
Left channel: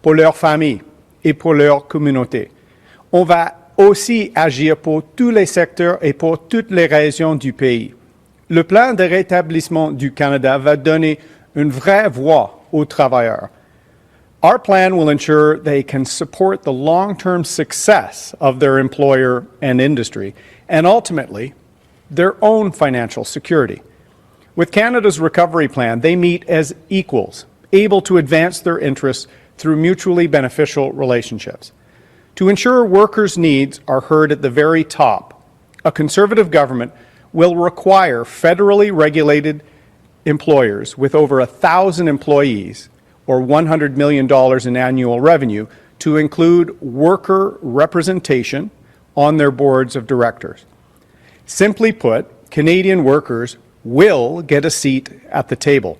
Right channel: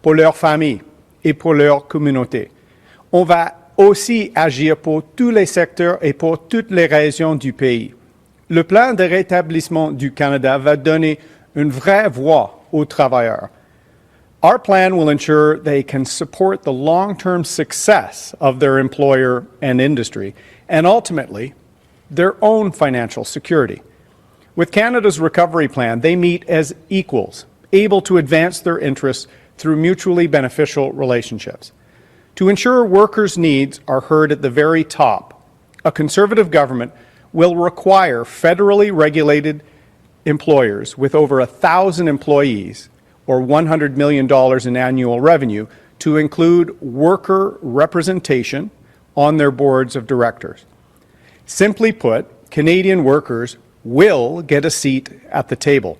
pour leurs familles et pour leur communauté. On va aussi agir pour tous les secteurs et pour toutes les régions du pays. Le plan de rétablissement du Canada va donner une vraie voix aux travailleurs. Our plan will ensure they can support the long-term success of their employer and industry, and ultimately, their own financial security. With Canada's recovery plan, they meet as equals, able to advance their interests through mutually beneficial relationships. To ensure workers' needs are heard at the very top, a Conservative government will require federally regulated employers with over 1,000 employees or $100 million in annual revenue to include worker representation on their boards of directors. Simply put, Canadian workers will get a seat at the table.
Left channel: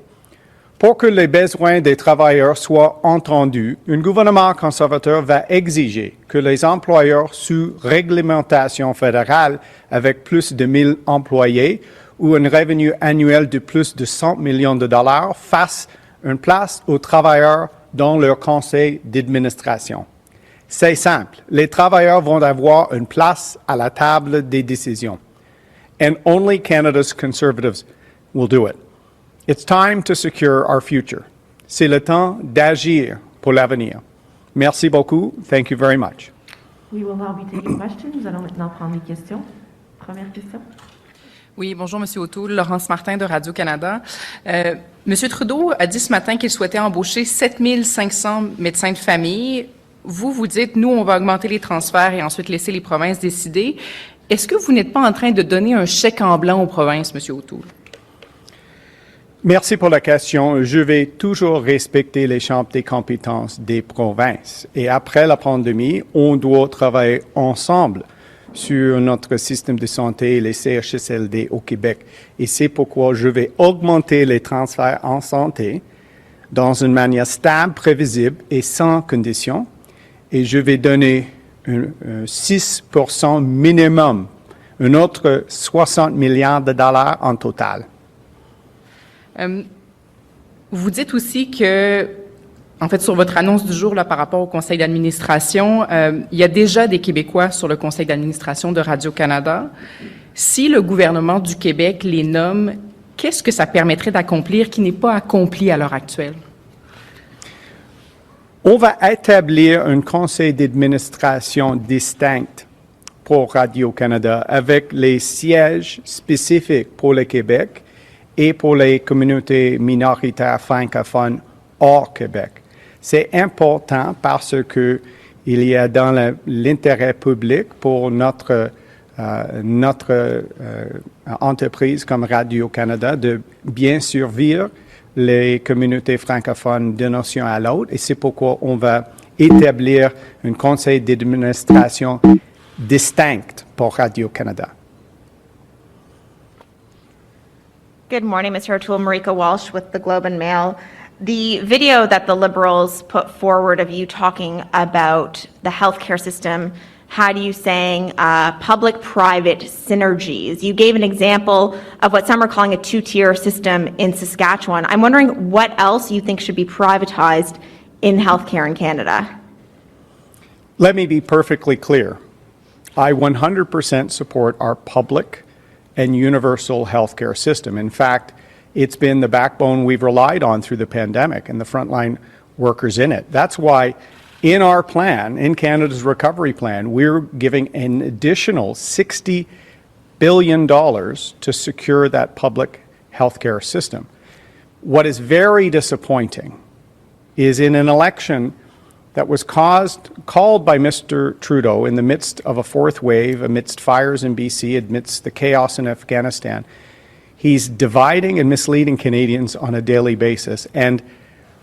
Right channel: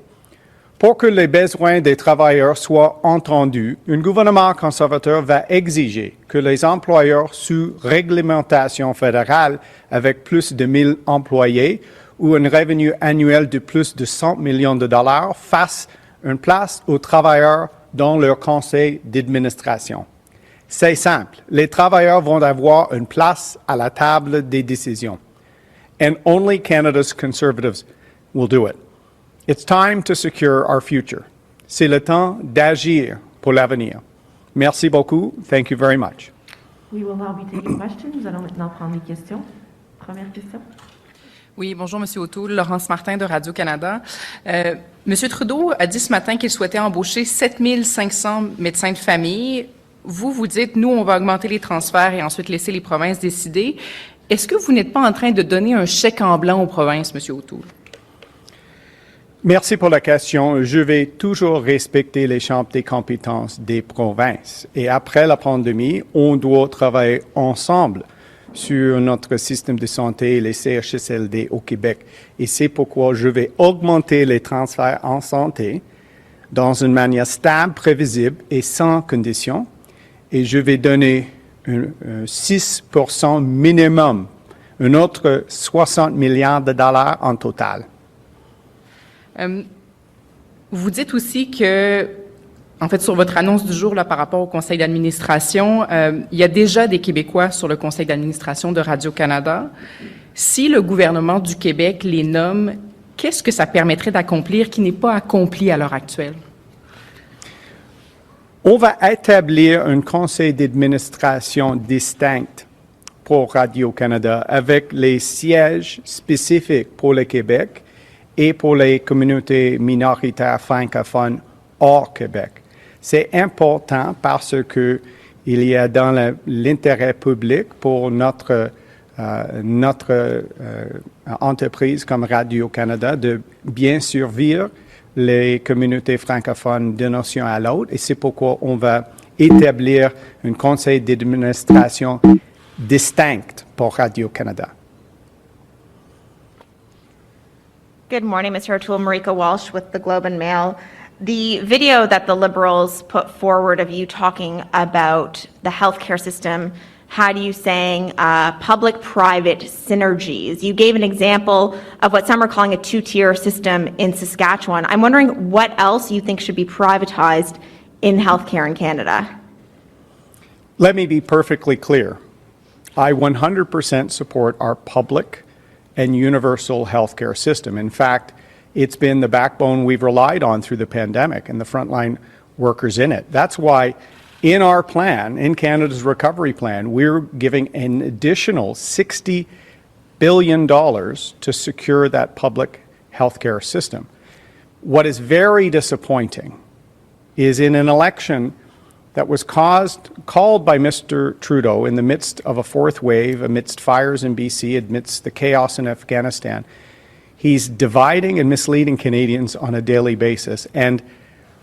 Pour que les besoins des travailleurs soient entendus, un gouvernement conservateur va exiger que les employeurs sous réglementation fédérale avec plus de 1 000 employés ou un revenu annuel de plus de 100 millions de dollars fassent une place aux travailleurs dans leur conseil d'administration. C'est simple, les travailleurs vont avoir une place à la table des décisions. And only Canada's Conservatives will do it. It's time to secure our future. C'est le temps d'agir pour l'avenir. Merci beaucoup. Thank you very much. We will now be taking questions. Nous allons maintenant prendre les questions. Première question. Oui, bonjour, M. O'Toole. Laurence Martin de Radio-Canada. M. Trudeau a dit ce matin qu'il souhaitait embaucher 7 500 médecins de famille. Vous dites, nous, on va augmenter les transferts et ensuite laisser les provinces décider. Est-ce que vous n'êtes pas en train de donner un chèque en blanc aux provinces, M. O'Toole? Merci pour la question. Je vais toujours respecter les champs des compétences des provinces. Et après la pandémie, on doit travailler ensemble sur notre système de santé et les CHSLD au Québec. Et c'est pourquoi je vais augmenter les transferts en santé dans une manière stable, prévisible et sans condition. Et je vais donner un 6% minimum, un autre 60 milliards de dollars en total. Vous dites aussi que, en fait, sur votre annonce du jour là, par rapport au conseil d'administration, il y a déjà des Québécois sur le conseil d'administration de Radio-Canada. Si le gouvernement du Québec les nomme, qu'est-ce que ça permettrait d'accomplir qui n'est pas accompli à l'heure actuelle? On va établir un conseil d'administration distinct pour Radio-Canada avec les sièges spécifiques pour le Québec et pour les communautés minoritaires francophones hors Québec. C'est important parce que il y a dans l'intérêt public pour notre entreprise comme Radio-Canada de bien survivre les communautés francophones d'une nation à l'autre, et c'est pourquoi on va établir un conseil d'administration distinct pour Radio-Canada. Good morning, Mr. O'Toole. Marika Walsh with the Globe and Mail. The video that the Liberals put forward of you talking about the healthcare system had you saying public-private synergies. You gave an example of what some are calling a two-tier system in Saskatchewan. I'm wondering what else you think should be privatized in healthcare in Canada. Let me be perfectly clear. I 100% support our public and universal healthcare system. In fact, it's been the backbone we've relied on through the pandemic and the frontline workers in it. That's why in our plan, in Canada's recovery plan, we're giving an additional $60 billion to secure that public healthcare system. What is very disappointing is in an election that was called by Mr. Trudeau in the midst of a fourth wave, amidst fires in BC, amidst the chaos in Afghanistan, he's dividing and misleading Canadians on a daily basis. And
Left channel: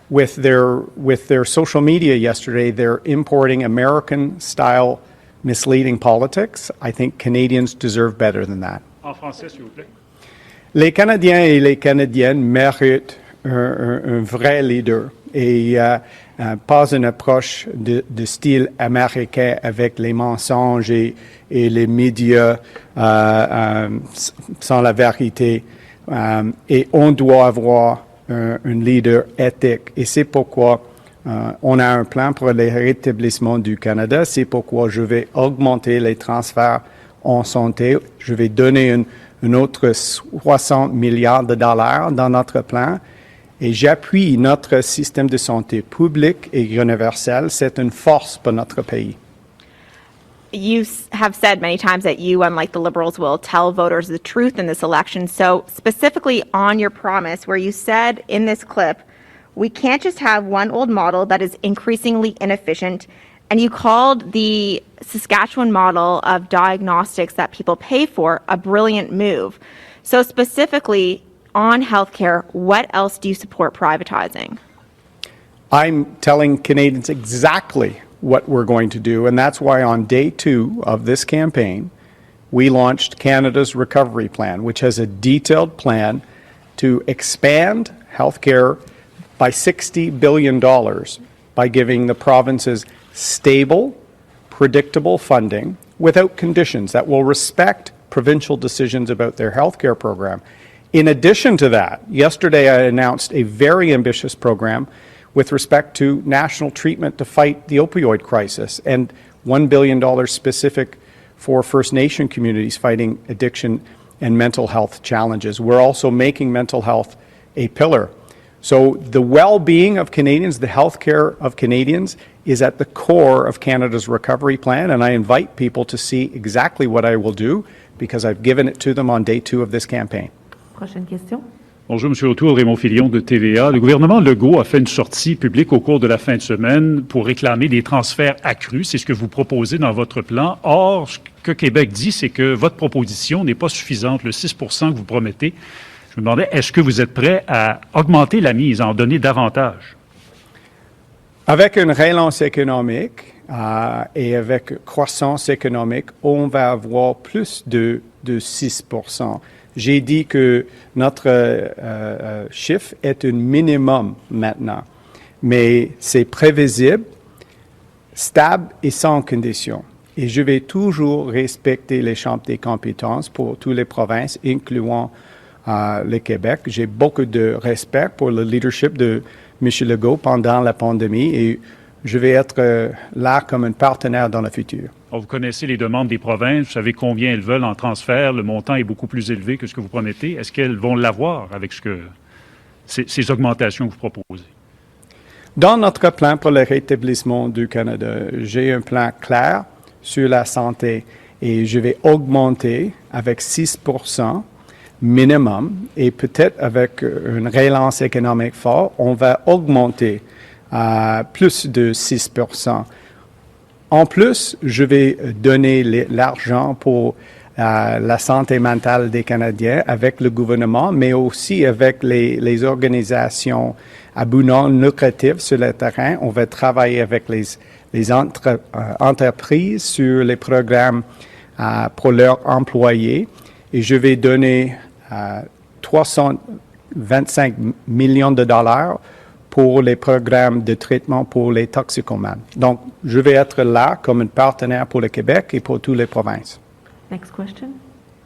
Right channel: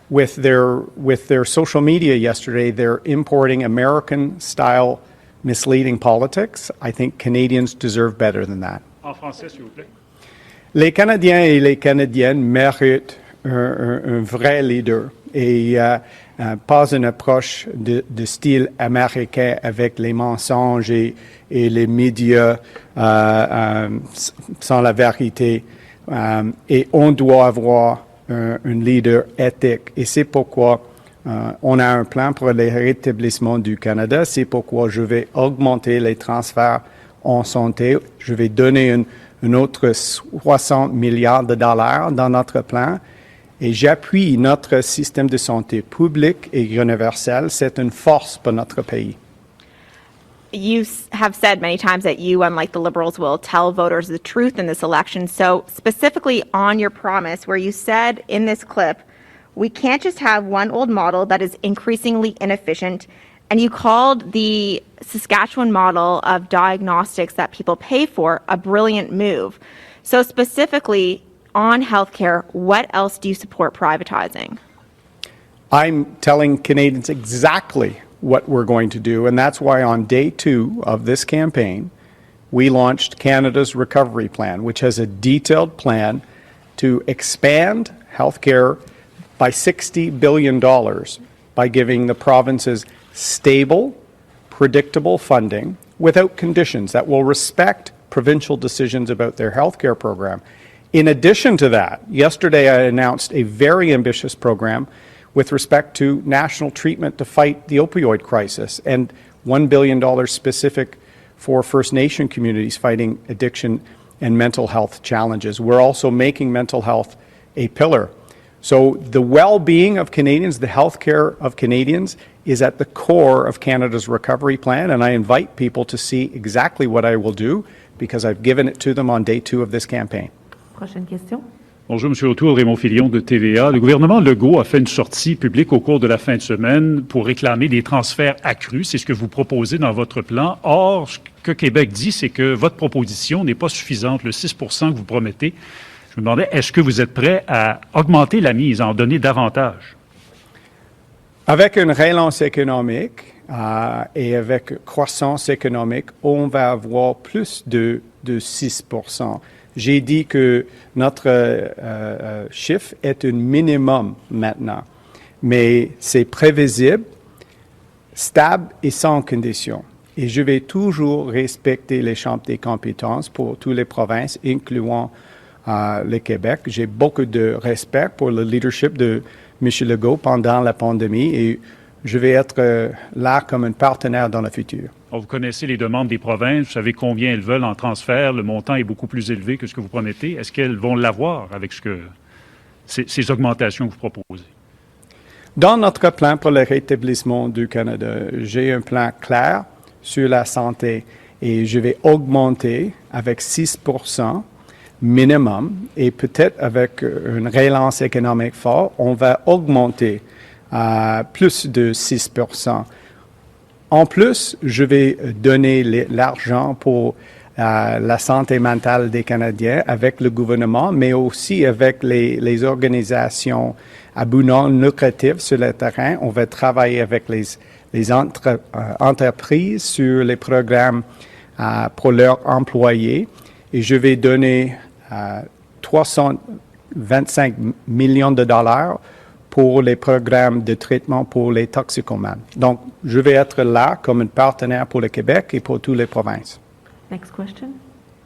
with their social media yesterday, they're importing American-style misleading politics. I think Canadians deserve better than that. En français, s'il vous plaît. Les Canadiens et les Canadiennes méritent un vrai leader et pas une approche de style américain avec les mensonges et les médias sans la vérité. Et on doit avoir un leader éthique. Et c'est pourquoi on a un plan pour le rétablissement du Canada. C'est pourquoi je vais augmenter les transferts en santé. Je vais donner un autre 60 milliards de dollars dans notre plan. Et j'appuie notre système de santé public et universel. C'est une force pour notre pays. You have said many times that you, unlike the Liberals, will tell voters the truth in this election. So specifically on your promise, where you said in this clip, we can't just have one old model that is increasingly inefficient, and you called the Saskatchewan model of diagnostics that people pay for a brilliant move. So specifically on healthcare, what else do you support privatizing? I'm telling Canadians exactly what we're going to do, and that's why on day 2 of this campaign, we launched Canada's Recovery Plan, which has a detailed plan to expand healthcare by $60 billion by giving the provinces stable, predictable funding without conditions that will respect provincial decisions about their healthcare program. In addition to that, yesterday I announced a very ambitious program with respect to national treatment to fight the opioid crisis and $1 billion specific for First Nation communities fighting addiction and mental health challenges. We're also making mental health a pillar. So the well-being of Canadians, the health care of Canadians is at the core of Canada's recovery plan, and I invite people to see exactly what I will do because I've given it to them on day 2 of this campaign. Prochaine question. Bonjour, M. O'Toole, Raymond Filion de TVA. Le gouvernement Legault a fait une sortie publique au cours de la fin de semaine pour réclamer des transferts accrus. C'est ce que vous proposez dans votre plan. Or, ce que Québec dit, c'est que votre proposition n'est pas suffisante. Le 6 % que vous promettez, je me demandais, est-ce que vous êtes prêt à augmenter la mise, à en donner davantage? Avec une relance économique et avec croissance économique, on va avoir plus de 6 %. J'ai dit que notre chiffre est un minimum maintenant, mais c'est prévisible, stable et sans condition. Et je vais toujours respecter les champs des compétences pour toutes les provinces, incluant le Québec. J'ai beaucoup de respect pour le leadership de M. Legault pendant la pandémie et je vais être là comme un partenaire dans le futur. Vous connaissez les demandes des provinces, vous savez combien elles veulent en transfert, le montant est beaucoup plus élevé que ce que vous promettez. Est-ce qu'elles vont l'avoir avec ces augmentations que vous proposez? Dans notre plan pour le rétablissement du Canada, j'ai un plan clair sur la santé et je vais augmenter avec 6 % minimum et peut-être avec une relance économique forte, on va augmenter plus de 6 %. En plus, je vais donner l'argent pour la santé mentale des Canadiens avec le gouvernement, mais aussi avec les organisations à but non lucratif sur le terrain. On va travailler avec les entreprises sur les programmes pour leurs employés et je vais donner 325 millions de dollars pour les programmes de traitement pour les toxicomanes. Donc, je vais être là comme un partenaire pour le Québec et pour toutes les provinces. Next question.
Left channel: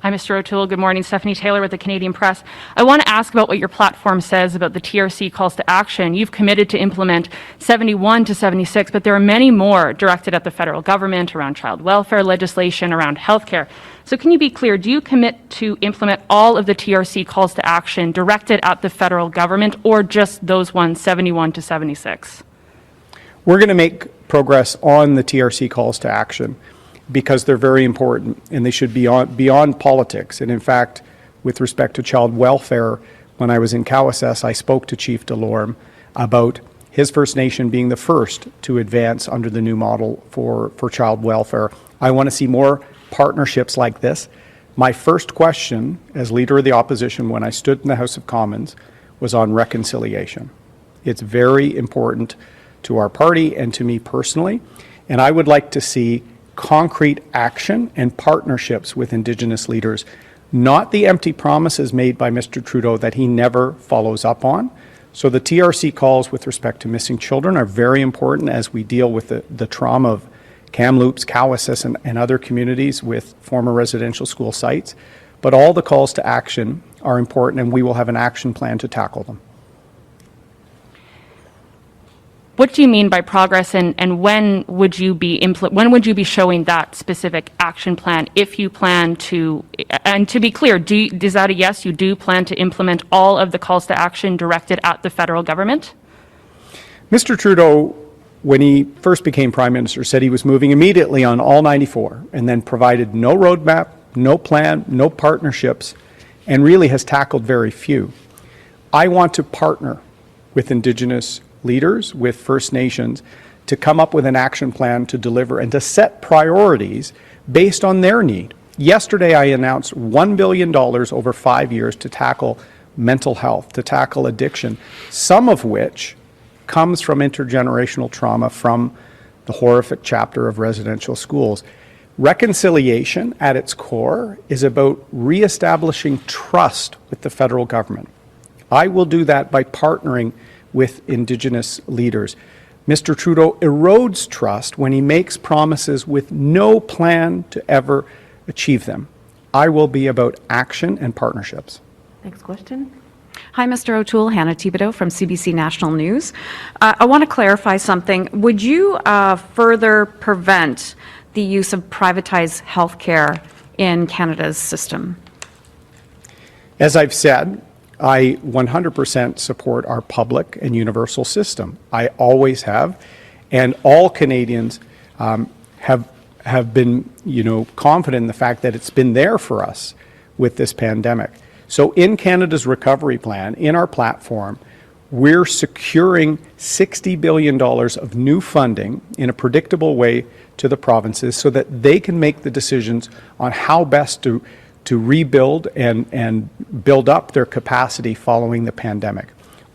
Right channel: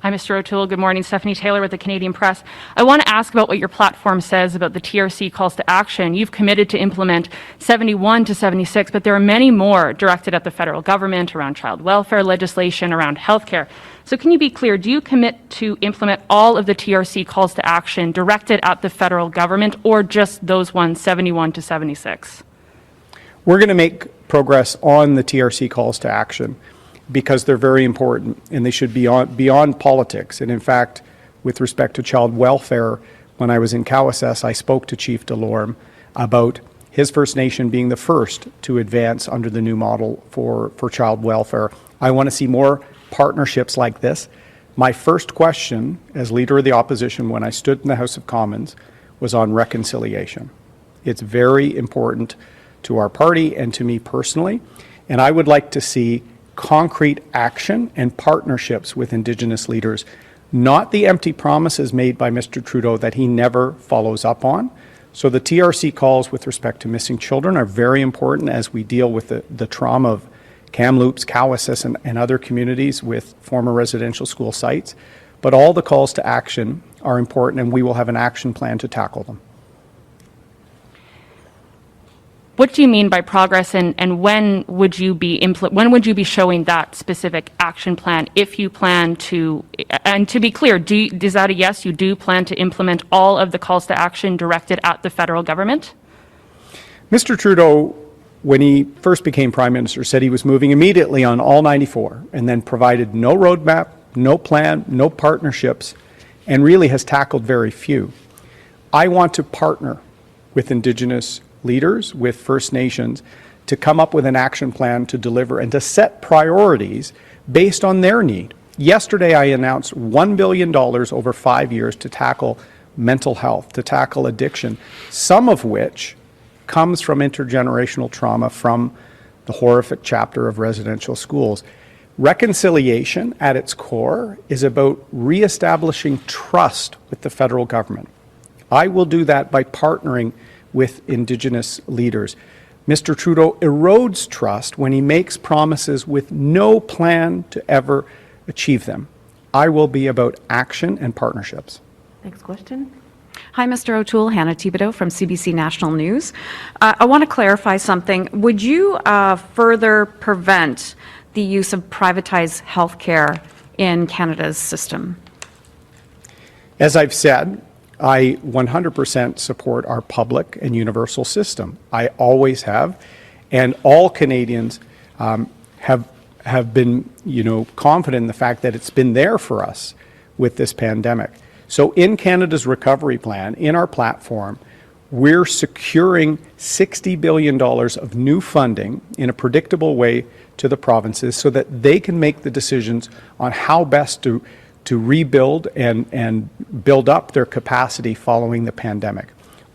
Hi, Mr. O'Toole. Good morning. Stephanie Taylor with the Canadian Press. I want to ask about what your platform says about the TRC calls to action. You've committed to implement 71 to 76, but there are many more directed at the federal government around child welfare legislation, around healthcare. So can you be clear, do you commit to implement all of the TRC calls to action directed at the federal government or just those ones, 71 to 76? We're going to make progress on the TRC calls to action because they're very important and they should be beyond politics. And in fact, with respect to child welfare, when I was in Cowessess, I spoke to Chief Delorme about his First Nation being the first to advance under the new model for child welfare. I want to see more partnerships like this. My first question as Leader of the Opposition when I stood in the House of Commons was on reconciliation. It's very important to our party and to me personally, and I would like to see concrete action and partnerships with Indigenous leaders, not the empty promises made by Mr. Trudeau that he never follows up on. So the TRC calls with respect to missing children are very important as we deal with the trauma of Kamloops, Cowessess, and other communities with former residential school sites. But all the calls to action are important, and we will have an action plan to tackle them. What do you mean by progress, and when would you be showing that specific action plan if you plan to? And to be clear, is that a yes? You do plan to implement all of the calls to action directed at the federal government? Mr. Trudeau, when he first became Prime Minister, said he was moving immediately on all 94, and then provided no roadmap, no plan, no partnerships, and really has tackled very few. I want to partner with Indigenous leaders, with First Nations, to come up with an action plan to deliver and to set priorities based on their need. Yesterday, I announced $1 billion over 5 years to tackle mental health, to tackle addiction, some of which comes from intergenerational trauma from the horrific chapter of residential schools. Reconciliation, at its core, is about reestablishing trust with the federal government. I will do that by partnering with Indigenous leaders. Mr. Trudeau erodes trust when he makes promises with no plan to ever achieve them. I will be about action and partnerships. Next question. Hi, Mr. O'Toole. Hannah Thibodeau from CBC National News. I want to clarify something. Would you further prevent the use of privatized healthcare in Canada's system? As I've said, I 100% support our public and universal system. I always have, and all Canadians have been, confident in the fact that it's been there for us with this pandemic. So in Canada's recovery plan, in our platform, we're securing $60 billion of new funding in a predictable way to the provinces so that they can make the decisions on how best to rebuild and build up their capacity following the pandemic.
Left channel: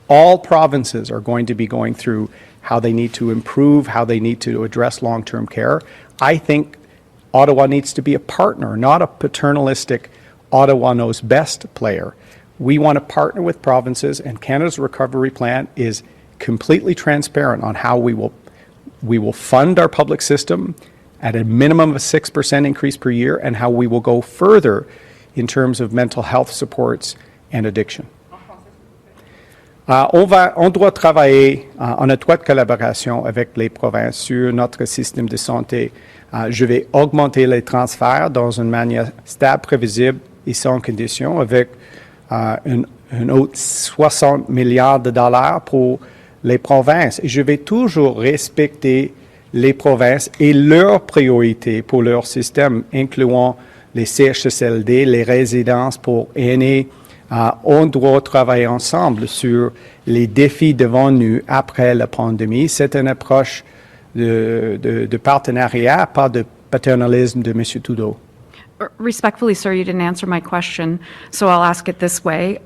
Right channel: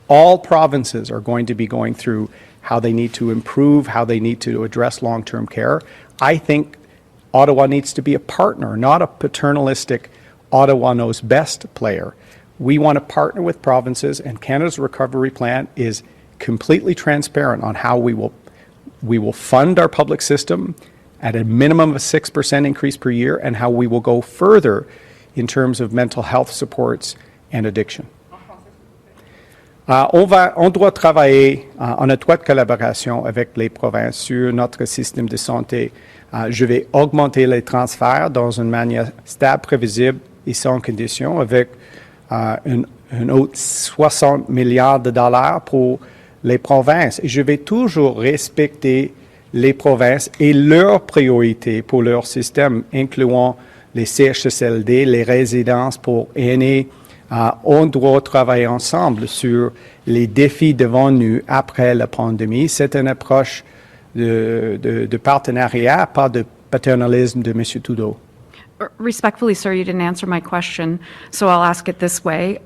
All provinces are going to be going through how they need to improve, how they need to address long-term care. I think Ottawa needs to be a partner, not a paternalistic Ottawa knows best player. We want to partner with provinces, and Canada's recovery plan is completely transparent on how we will fund our public system at a minimum of a 6% increase per year, and how we will go further in terms of mental health supports and addiction. On doit travailler en étroite collaboration avec les provinces sur notre système de santé. Je vais augmenter les transferts dans une manière stable, prévisible et sans condition, avec un autre 60 milliards de dollars pour les provinces. Et je vais toujours respecter les provinces et leurs priorités pour leur système, incluant les CHSLD, les résidences pour aînés. On doit travailler ensemble sur les défis devant nous après la pandémie. C'est une approche de partenariat, pas de paternalisme de M. Trudeau. Respectfully, sir, you didn't answer my question, so I'll ask it this way.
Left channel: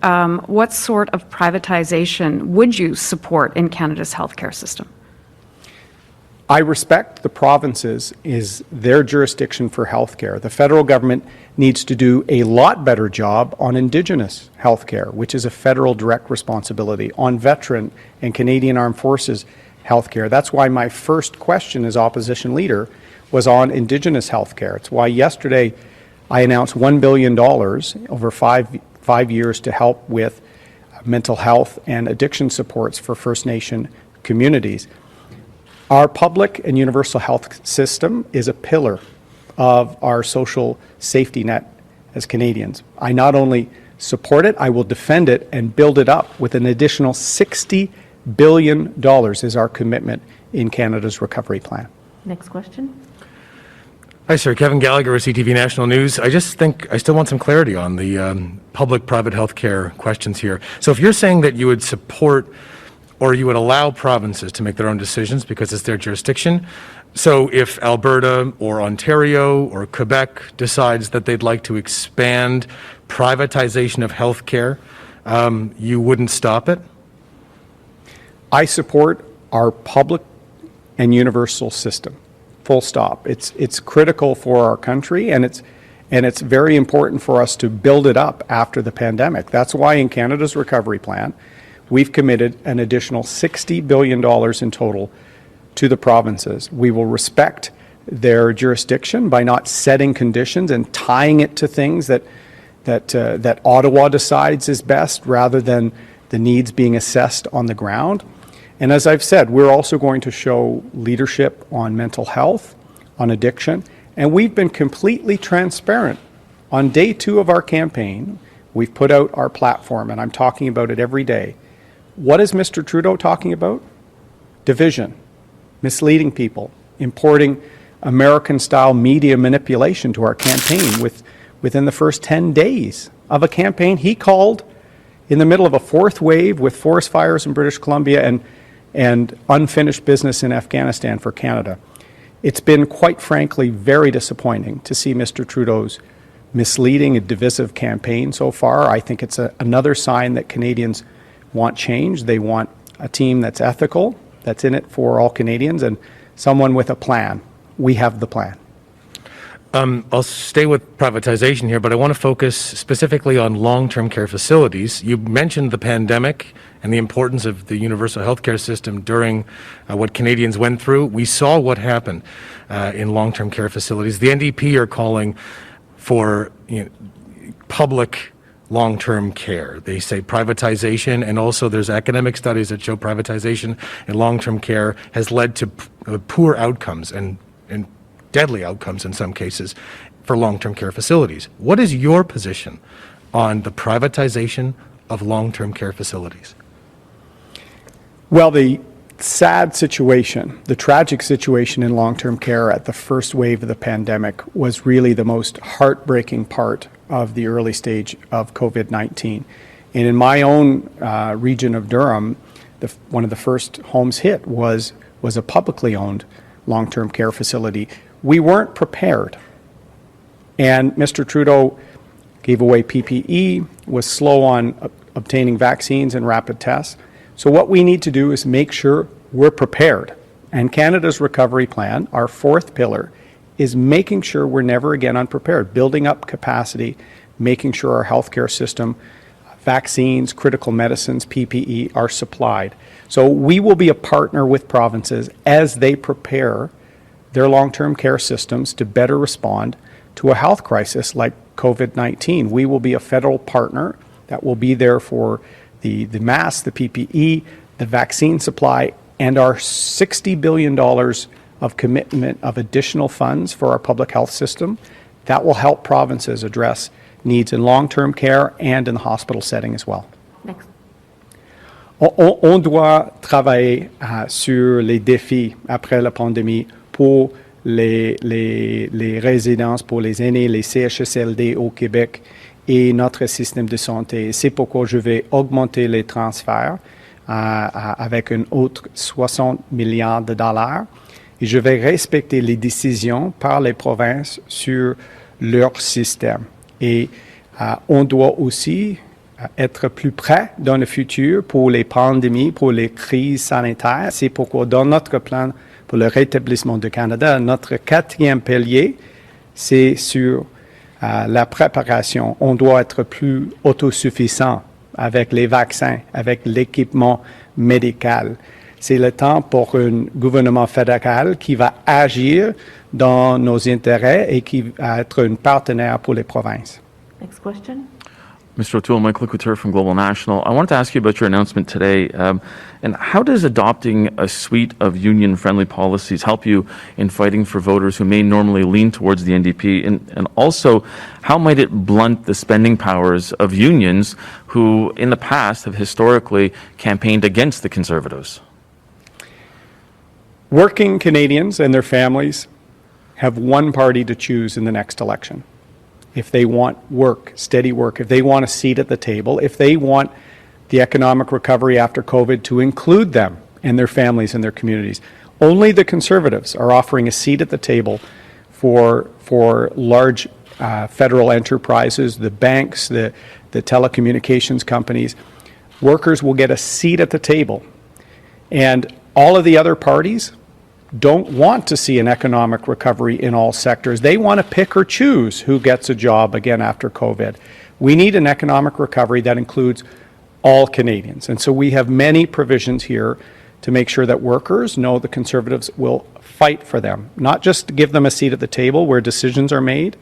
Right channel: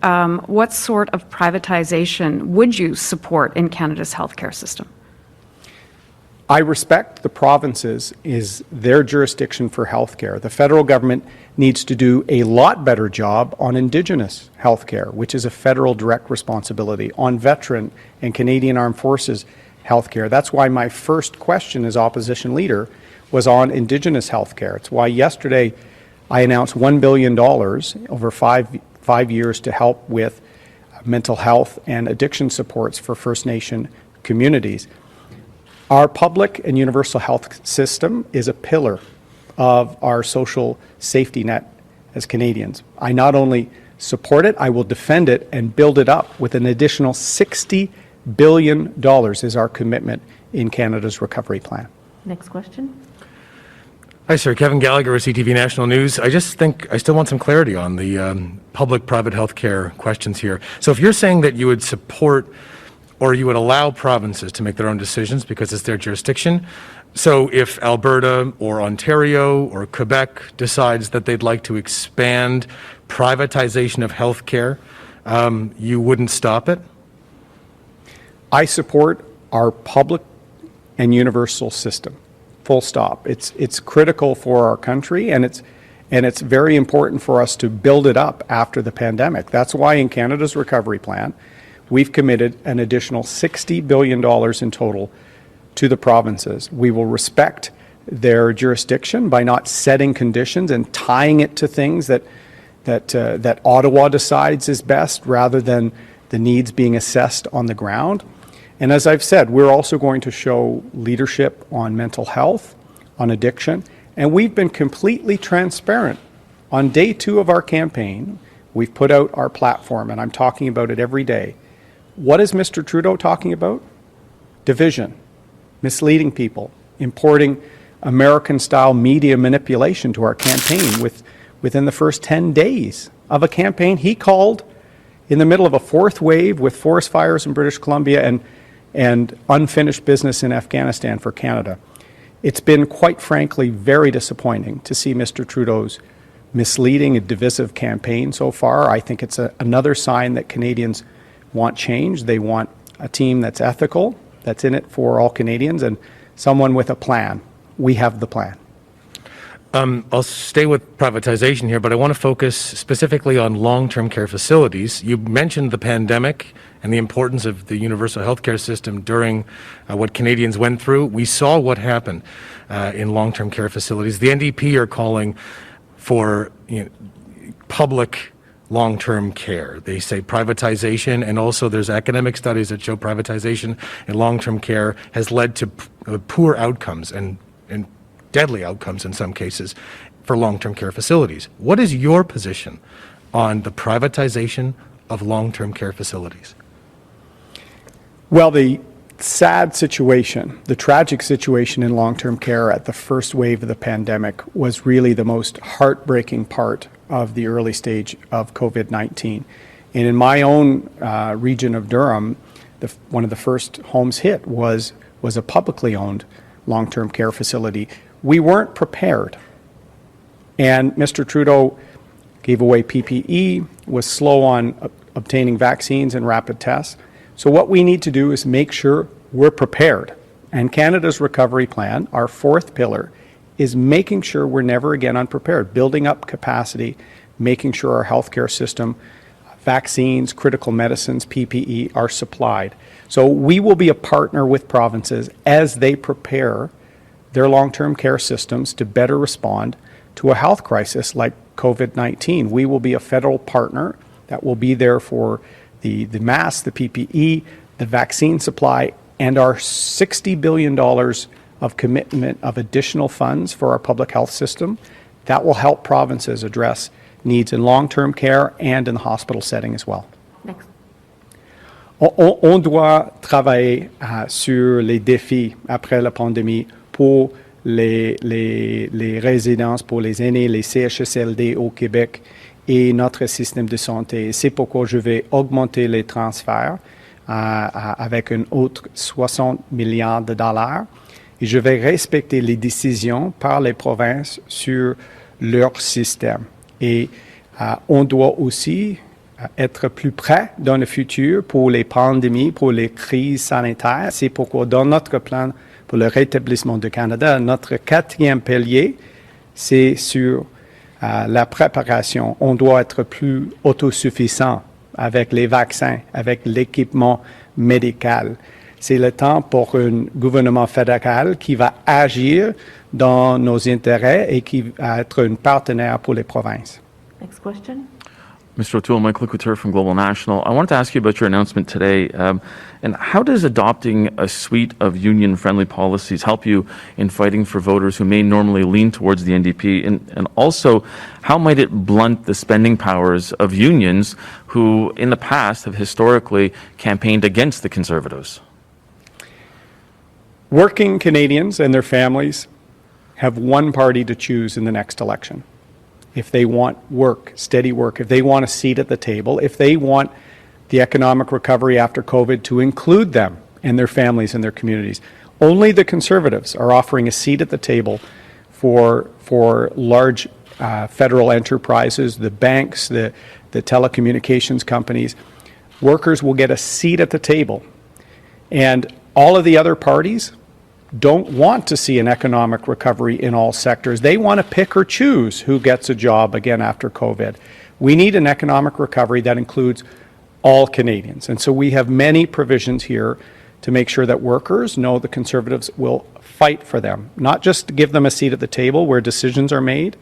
What sort of privatization would you support in Canada's healthcare system? I respect the provinces is their jurisdiction for healthcare. The federal government needs to do a lot better job on Indigenous healthcare, which is a federal direct responsibility, on veteran and Canadian Armed Forces healthcare. That's why my first question as opposition leader was on Indigenous healthcare. It's why yesterday I announced $1 billion over five years to help with mental health and addiction supports for First Nation communities. Our public and universal health system is a pillar of our social safety net as Canadians. I not only support it, I will defend it and build it up with an additional $60 billion is our commitment in Canada's recovery plan. Next question. Hi, sir. Kevin Gallagher with CTV National News. I just think I still want some clarity on the public-private health care questions here. So if you're saying that you would support or you would allow provinces to make their own decisions because it's their jurisdiction, so if Alberta or Ontario or Quebec decides that they'd like to expand privatization of health care, you wouldn't stop it? I support our public and universal system. Full stop. It's critical for our country, and it's very important for us to build it up after the pandemic. That's why in Canada's recovery plan, we've committed an additional $60 billion in total to the provinces. We will respect their jurisdiction by not setting conditions and tying it to things that Ottawa decides is best, rather than the needs being assessed on the ground. And as I've said, we're also going to show leadership on mental health, on addiction, and we've been completely transparent. On day 2 of our campaign, we've put out our platform, and I'm talking about it every day. What is Mr. Trudeau talking about? Division, misleading people, importing American-style media manipulation to our campaign within the first 10 days of a campaign he called in the middle of a 4th wave with forest fires in British Columbia and unfinished business in Afghanistan for Canada. It's been, quite frankly, very disappointing to see Mr. Trudeau's misleading and divisive campaign so far. I think it's another sign that Canadians want change. They want a team that's ethical, that's in it for all Canadians, and someone with a plan. We have the plan. I'll stay with privatization here, but I want to focus specifically on long-term care facilities. You mentioned the pandemic and the importance of the universal healthcare system during what Canadians went through. We saw what happened in long-term care facilities. The NDP are calling for public long-term care. They say privatization, and also there's academic studies that show privatization in long-term care has led to poor outcomes and deadly outcomes in some cases for long-term care facilities. What is your position on the privatization of long-term care facilities? Well, the sad situation, the tragic situation in long-term care at the first wave of the pandemic was really the most heartbreaking part of the early stage of COVID-19. And in my own region of Durham, one of the first homes hit was a publicly owned long-term care facility. We weren't prepared. And Mr. Trudeau gave away PPE, was slow on obtaining vaccines and rapid tests. So what we need to do is make sure we're prepared. And Canada's recovery plan, our 4th pillar, is making sure we're never again unprepared, building up capacity, making sure our healthcare system, vaccines, critical medicines, PPE are supplied. So we will be a partner with provinces as they prepare their long-term care systems to better respond to a health crisis like COVID-19. We will be a federal partner that will be there for the masks, the PPE, the vaccine supply, and our $60 billion of commitment of additional funds for our public health system that will help provinces address needs in long-term care and in the hospital setting as well. Next. On doit travailler sur les défis après la pandémie pour les résidences pour les aînés, les CHSLD au Québec et notre système de santé. C'est pourquoi je vais augmenter les transferts avec un autre 60 milliards de dollars et je vais respecter les décisions par les provinces sur leur système. Et on doit aussi être plus prêt dans le futur pour les pandémies, pour les crises sanitaires. C'est pourquoi dans notre plan pour le rétablissement du Canada, notre 4e pilier, c'est sur la préparation. On doit être plus autosuffisant avec les vaccins, avec l'équipement médical. C'est le temps pour un gouvernement fédéral qui va agir dans nos intérêts et qui va être un partenaire pour les provinces. Next question. Mr. O'Toole, Michael Couture from Global National. I wanted to ask you about your announcement today, and how does adopting a suite of union-friendly policies help you in fighting for voters who may normally lean towards the NDP, and also how might it blunt the spending powers of unions who in the past have historically campaigned against the Conservatives? Working Canadians and their families have one party to choose in the next election. If they want work, steady work, if they want a seat at the table, if they want the economic recovery after COVID to include them and their families and their communities. Only the Conservatives are offering a seat at the table for large federal enterprises, the banks, the telecommunications companies. Workers will get a seat at the table. And all of the other parties don't want to see an economic recovery in all sectors. They want to pick or choose who gets a job again after COVID. We need an economic recovery that includes all Canadians. And so we have many provisions here to make sure that workers know the Conservatives will fight for them, not just to give them a seat at the table where decisions are made.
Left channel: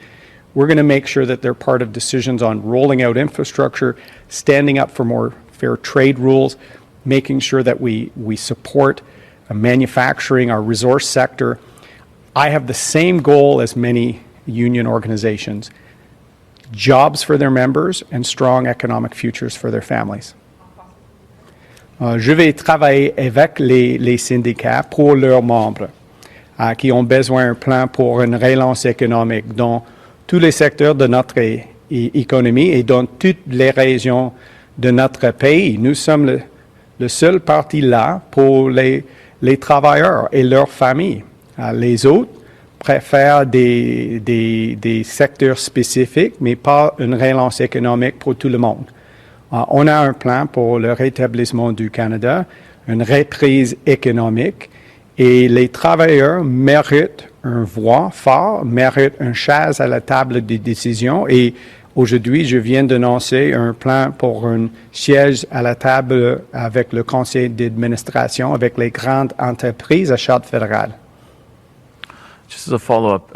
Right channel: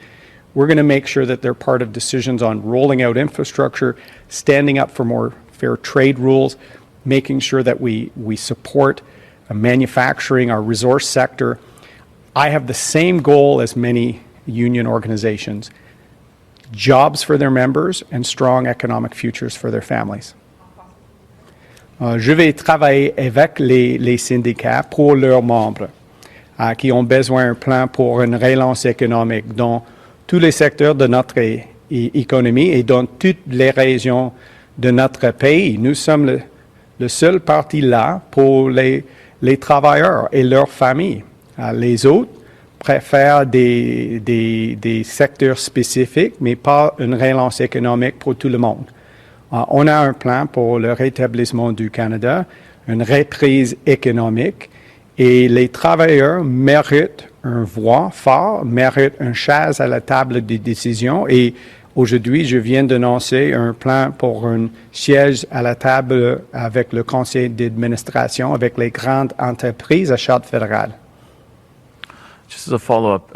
We're going to make sure that they're part of decisions on rolling out infrastructure, standing up for more fair trade rules, making sure that we support manufacturing, our resource sector. I have the same goal as many union organizations: jobs for their members and strong economic futures for their families. Je vais travailler avec les syndicats pour leurs membres qui ont besoin d'un plan pour une relance économique dans tous les secteurs de notre économie et dans toutes les régions de notre pays. Nous sommes le seul parti là pour les travailleurs et leurs familles. Les autres préfèrent des secteurs spécifiques, mais pas une relance économique pour tout le monde. On a un plan pour le rétablissement du Canada, une reprise économique, et les travailleurs méritent une voix forte, méritent une chaise à la table des décisions. Et aujourd'hui, je viens d'annoncer un plan pour un siège à la table avec le conseil d'administration, avec les grandes entreprises à charte fédérale. Just as a follow-up,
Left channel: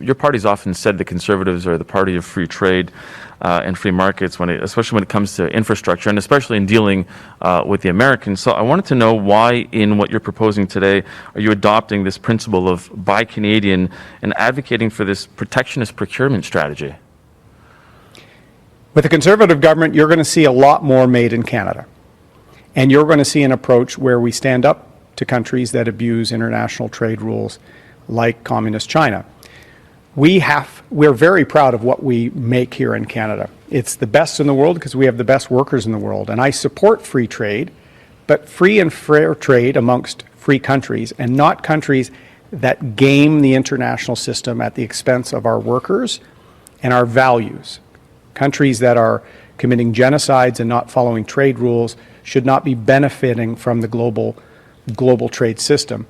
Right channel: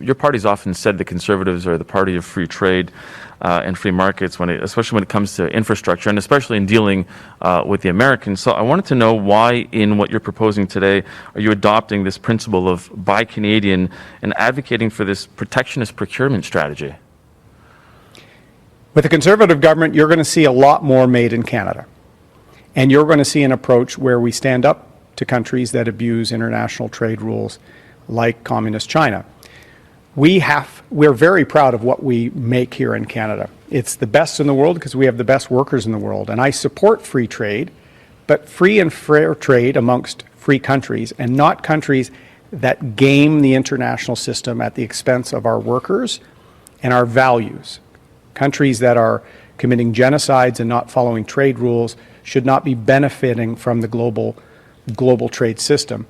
your party's often said the Conservatives are the party of free trade and free markets, especially when it comes to infrastructure, and especially in dealing with the Americans. So I wanted to know why, in what you're proposing today, are you adopting this principle of Buy Canadian and advocating for this protectionist procurement strategy? With a Conservative government, you're going to see a lot more made in Canada. And you're going to see an approach where we stand up to countries that abuse international trade rules like Communist China. We're very proud of what we make here in Canada. It's the best in the world because we have the best workers in the world. And I support free trade, but free and fair trade amongst free countries, and not countries that game the international system at the expense of our workers and our values. Countries that are committing genocides and not following trade rules should not be benefiting from the global trade system.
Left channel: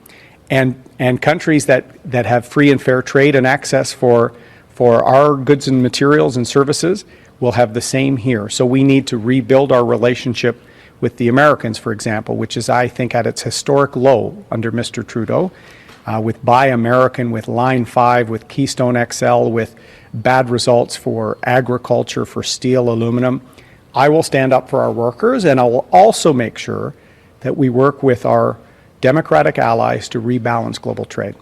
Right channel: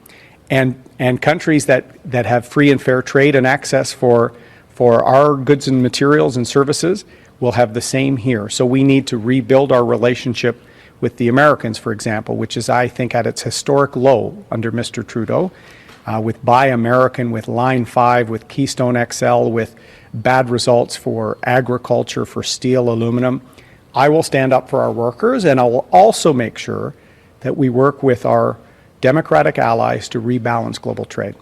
And countries that have free and fair trade and access for our goods and materials and services will have the same here. So we need to rebuild our relationship with the Americans, for example, which is, I think, at its historic low under Mr. Trudeau, with Buy American, with Line 5, with Keystone XL, with bad results for agriculture, for steel, aluminum. I will stand up for our workers, and I will also make sure that we work with our democratic allies to rebalance global trade.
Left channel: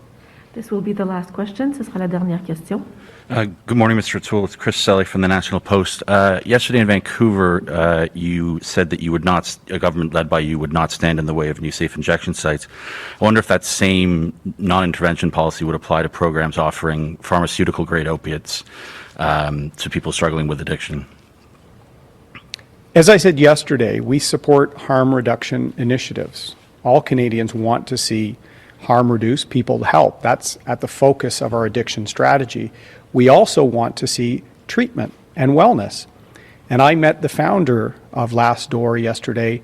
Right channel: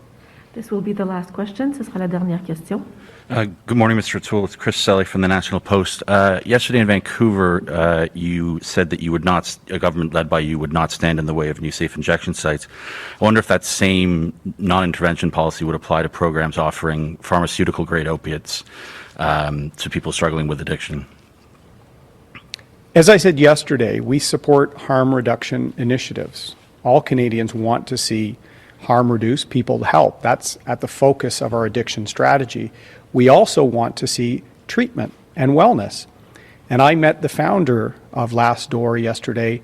This will be the last question. Ce sera la dernière question. Good morning, Mr. O'Toole. It's Chris Selly from the National Post. Yesterday in Vancouver, you said that a government led by you would not stand in the way of new safe injection sites. I wonder if that same non-intervention policy would apply to programs offering pharmaceutical-grade opiates to people struggling with addiction. As I said yesterday, we support harm reduction initiatives. All Canadians want to see harm reduced, people help. That's at the focus of our addiction strategy. We also want to see treatment and wellness. And I met the founder of Last Door yesterday,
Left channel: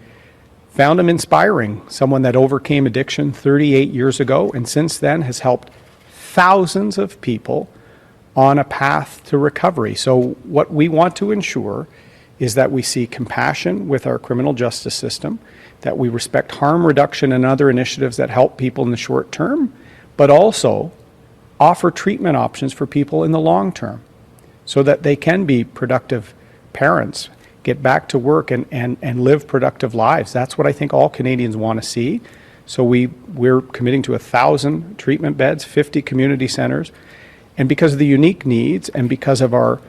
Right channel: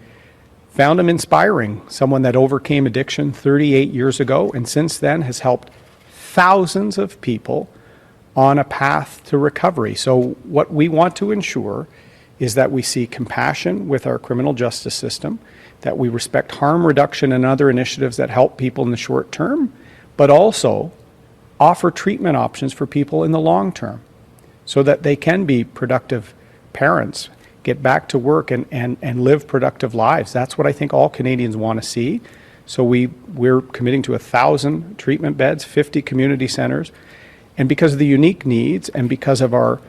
found him inspiring, someone that overcame addiction 38 years ago, and since then has helped thousands of people on a path to recovery. So what we want to ensure is that we see compassion with our criminal justice system, that we respect harm reduction and other initiatives that help people in the short term, but also offer treatment options for people in the long term so that they can be productive parents, get back to work and live productive lives. That's what I think all Canadians want to see. So we're committing to 1,000 treatment beds, 50 community centers, and because of the unique needs and because of our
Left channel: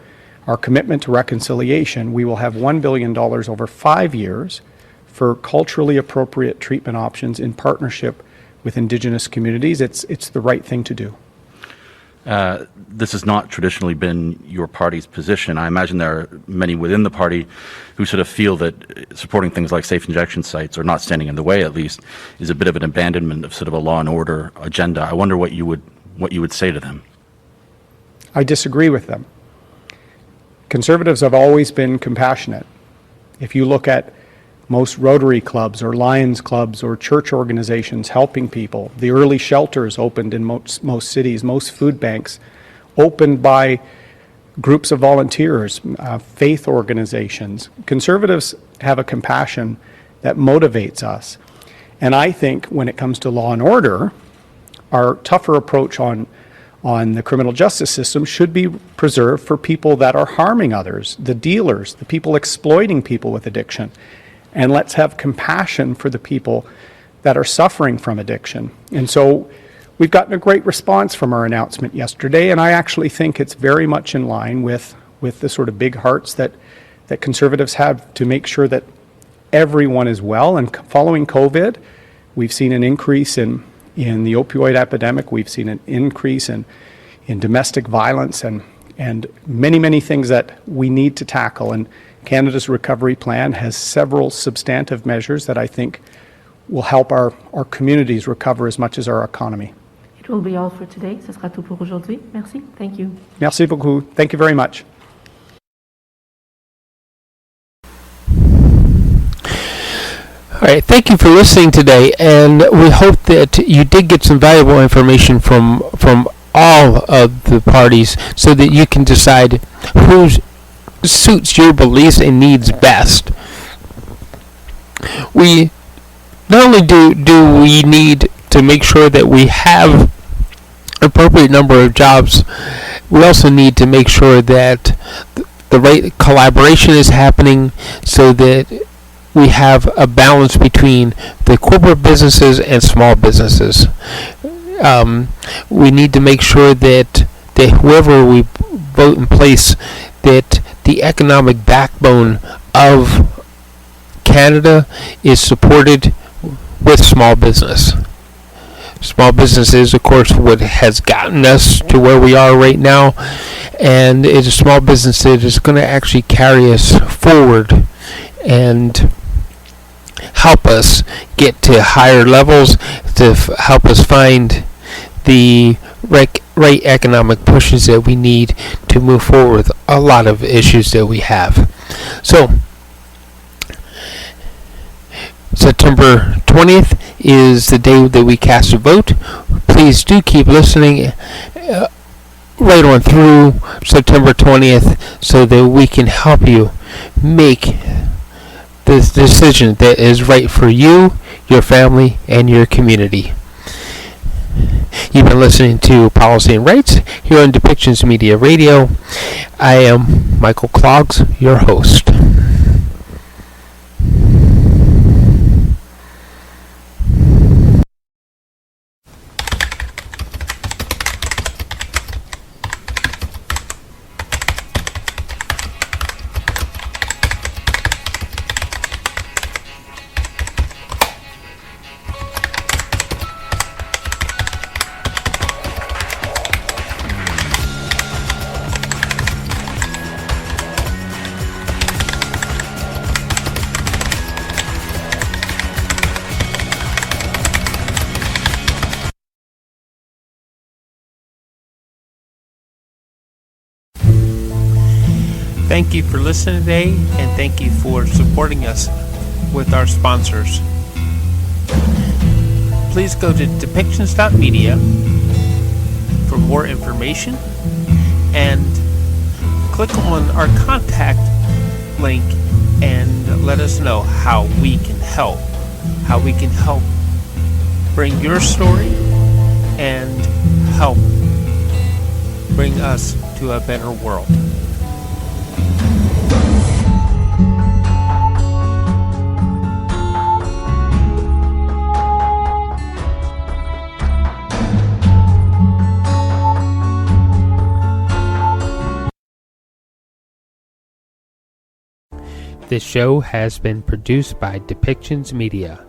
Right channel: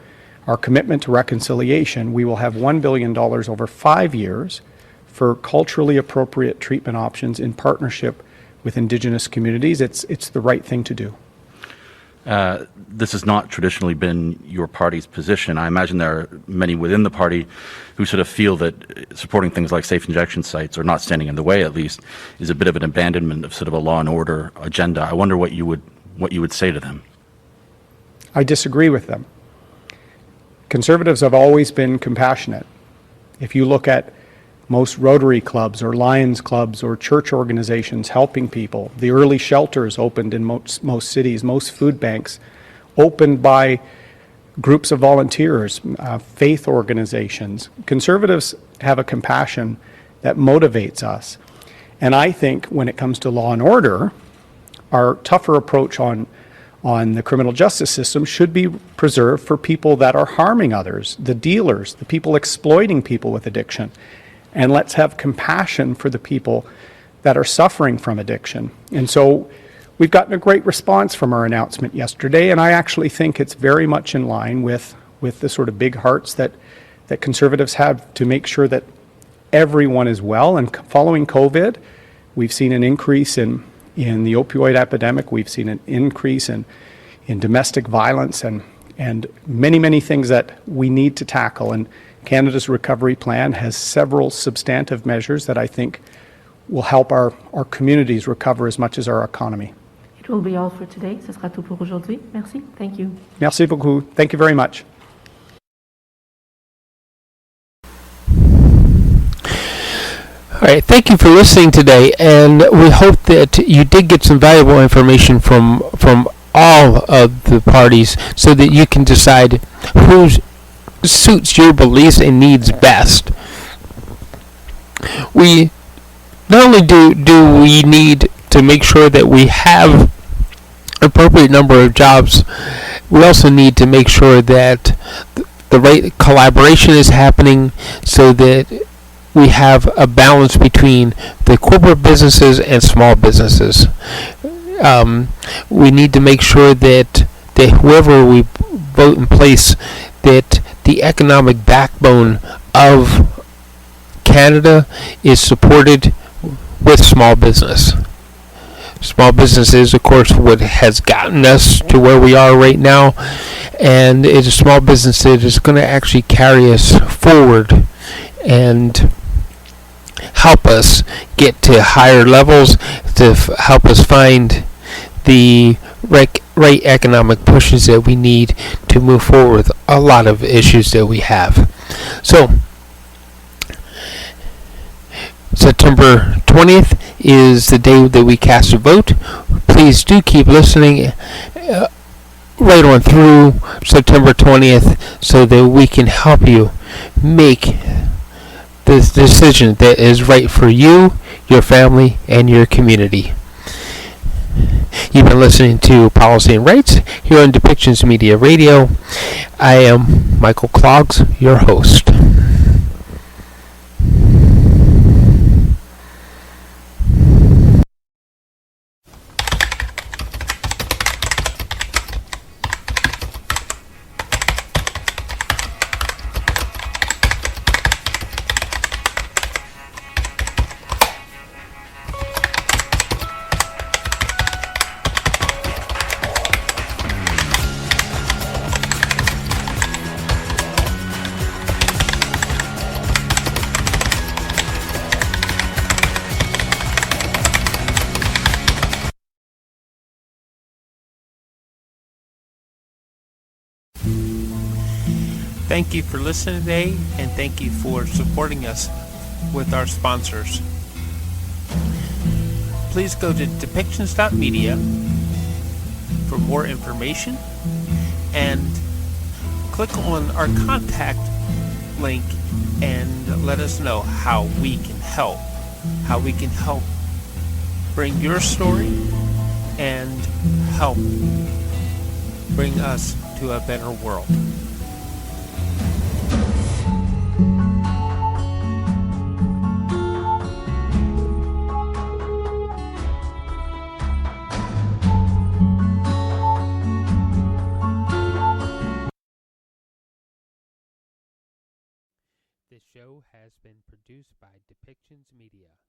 commitment to reconciliation, we will have $1 billion over 5 years for culturally appropriate treatment options in partnership with Indigenous communities. It's the right thing to do. This has not traditionally been your party's position. I imagine there are many within the party who sort of feel that supporting things like safe injection sites, or not standing in the way at least, is a bit of an abandonment of sort of a law and order agenda. I wonder what you would say to them. I disagree with them. Conservatives have always been compassionate. If you look at most Rotary clubs or Lions clubs or church organizations helping people, the early shelters opened in most cities, most food banks opened by groups of volunteers, faith organizations. Conservatives have a compassion that motivates us. And I think when it comes to law and order, our tougher approach on the criminal justice system should be preserved for people that are harming others, the dealers, the people exploiting people with addiction. and let's have compassion for the people that are suffering from addiction. And so we've gotten a great response from our announcement yesterday, and I actually think it's very much in line with the sort of big hearts that Conservatives have to make sure that everyone is well. And following COVID, we've seen an increase in the opioid epidemic. We've seen an increase in domestic violence and many things that we need to tackle. And Canada's recovery plan has several substantive measures that I think will help our communities recover as much as our economy. It will be all for today. Ce sera tout pour aujourd'hui. Merci. Thank you. Merci beaucoup. Thank you very much. All right, thank you for listening today, and we hope that you did get some valuable information from all of the parties so that you can decide who suits your beliefs and needs best. We not only do we need to make sure that we have appropriate number of jobs, we also need to make sure that the right collaboration is happening so that we have a balance between the corporate businesses and small businesses. We need to make sure that whoever we vote in place, that the economic backbone of Canada is supported with small business. Small business is, of course, what has gotten us to where we are right now, and it is small business that is going to actually carry us forward and help us get to higher levels, to help us find the right economic pushes that we need to move forward with a lot of issues that we have. So, September 20th is the day that we cast a vote. Please do keep listening right on through September 20th so that we can help you make the decision that is right for you, your family, and your community. You've been listening to Policy and Rights here on Depictions Media Radio. I am Michael Clogs, your host. Thank you for listening today, and thank you for supporting us with our sponsors. Please go to depictions.media for more information and click on our contact link and let us know how we can help bring your story and help bring us to a better world. This show has been produced by Depictions Media.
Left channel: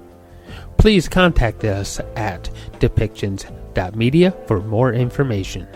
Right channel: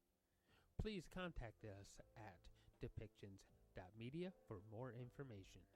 Please contact us at depictions.media for more information.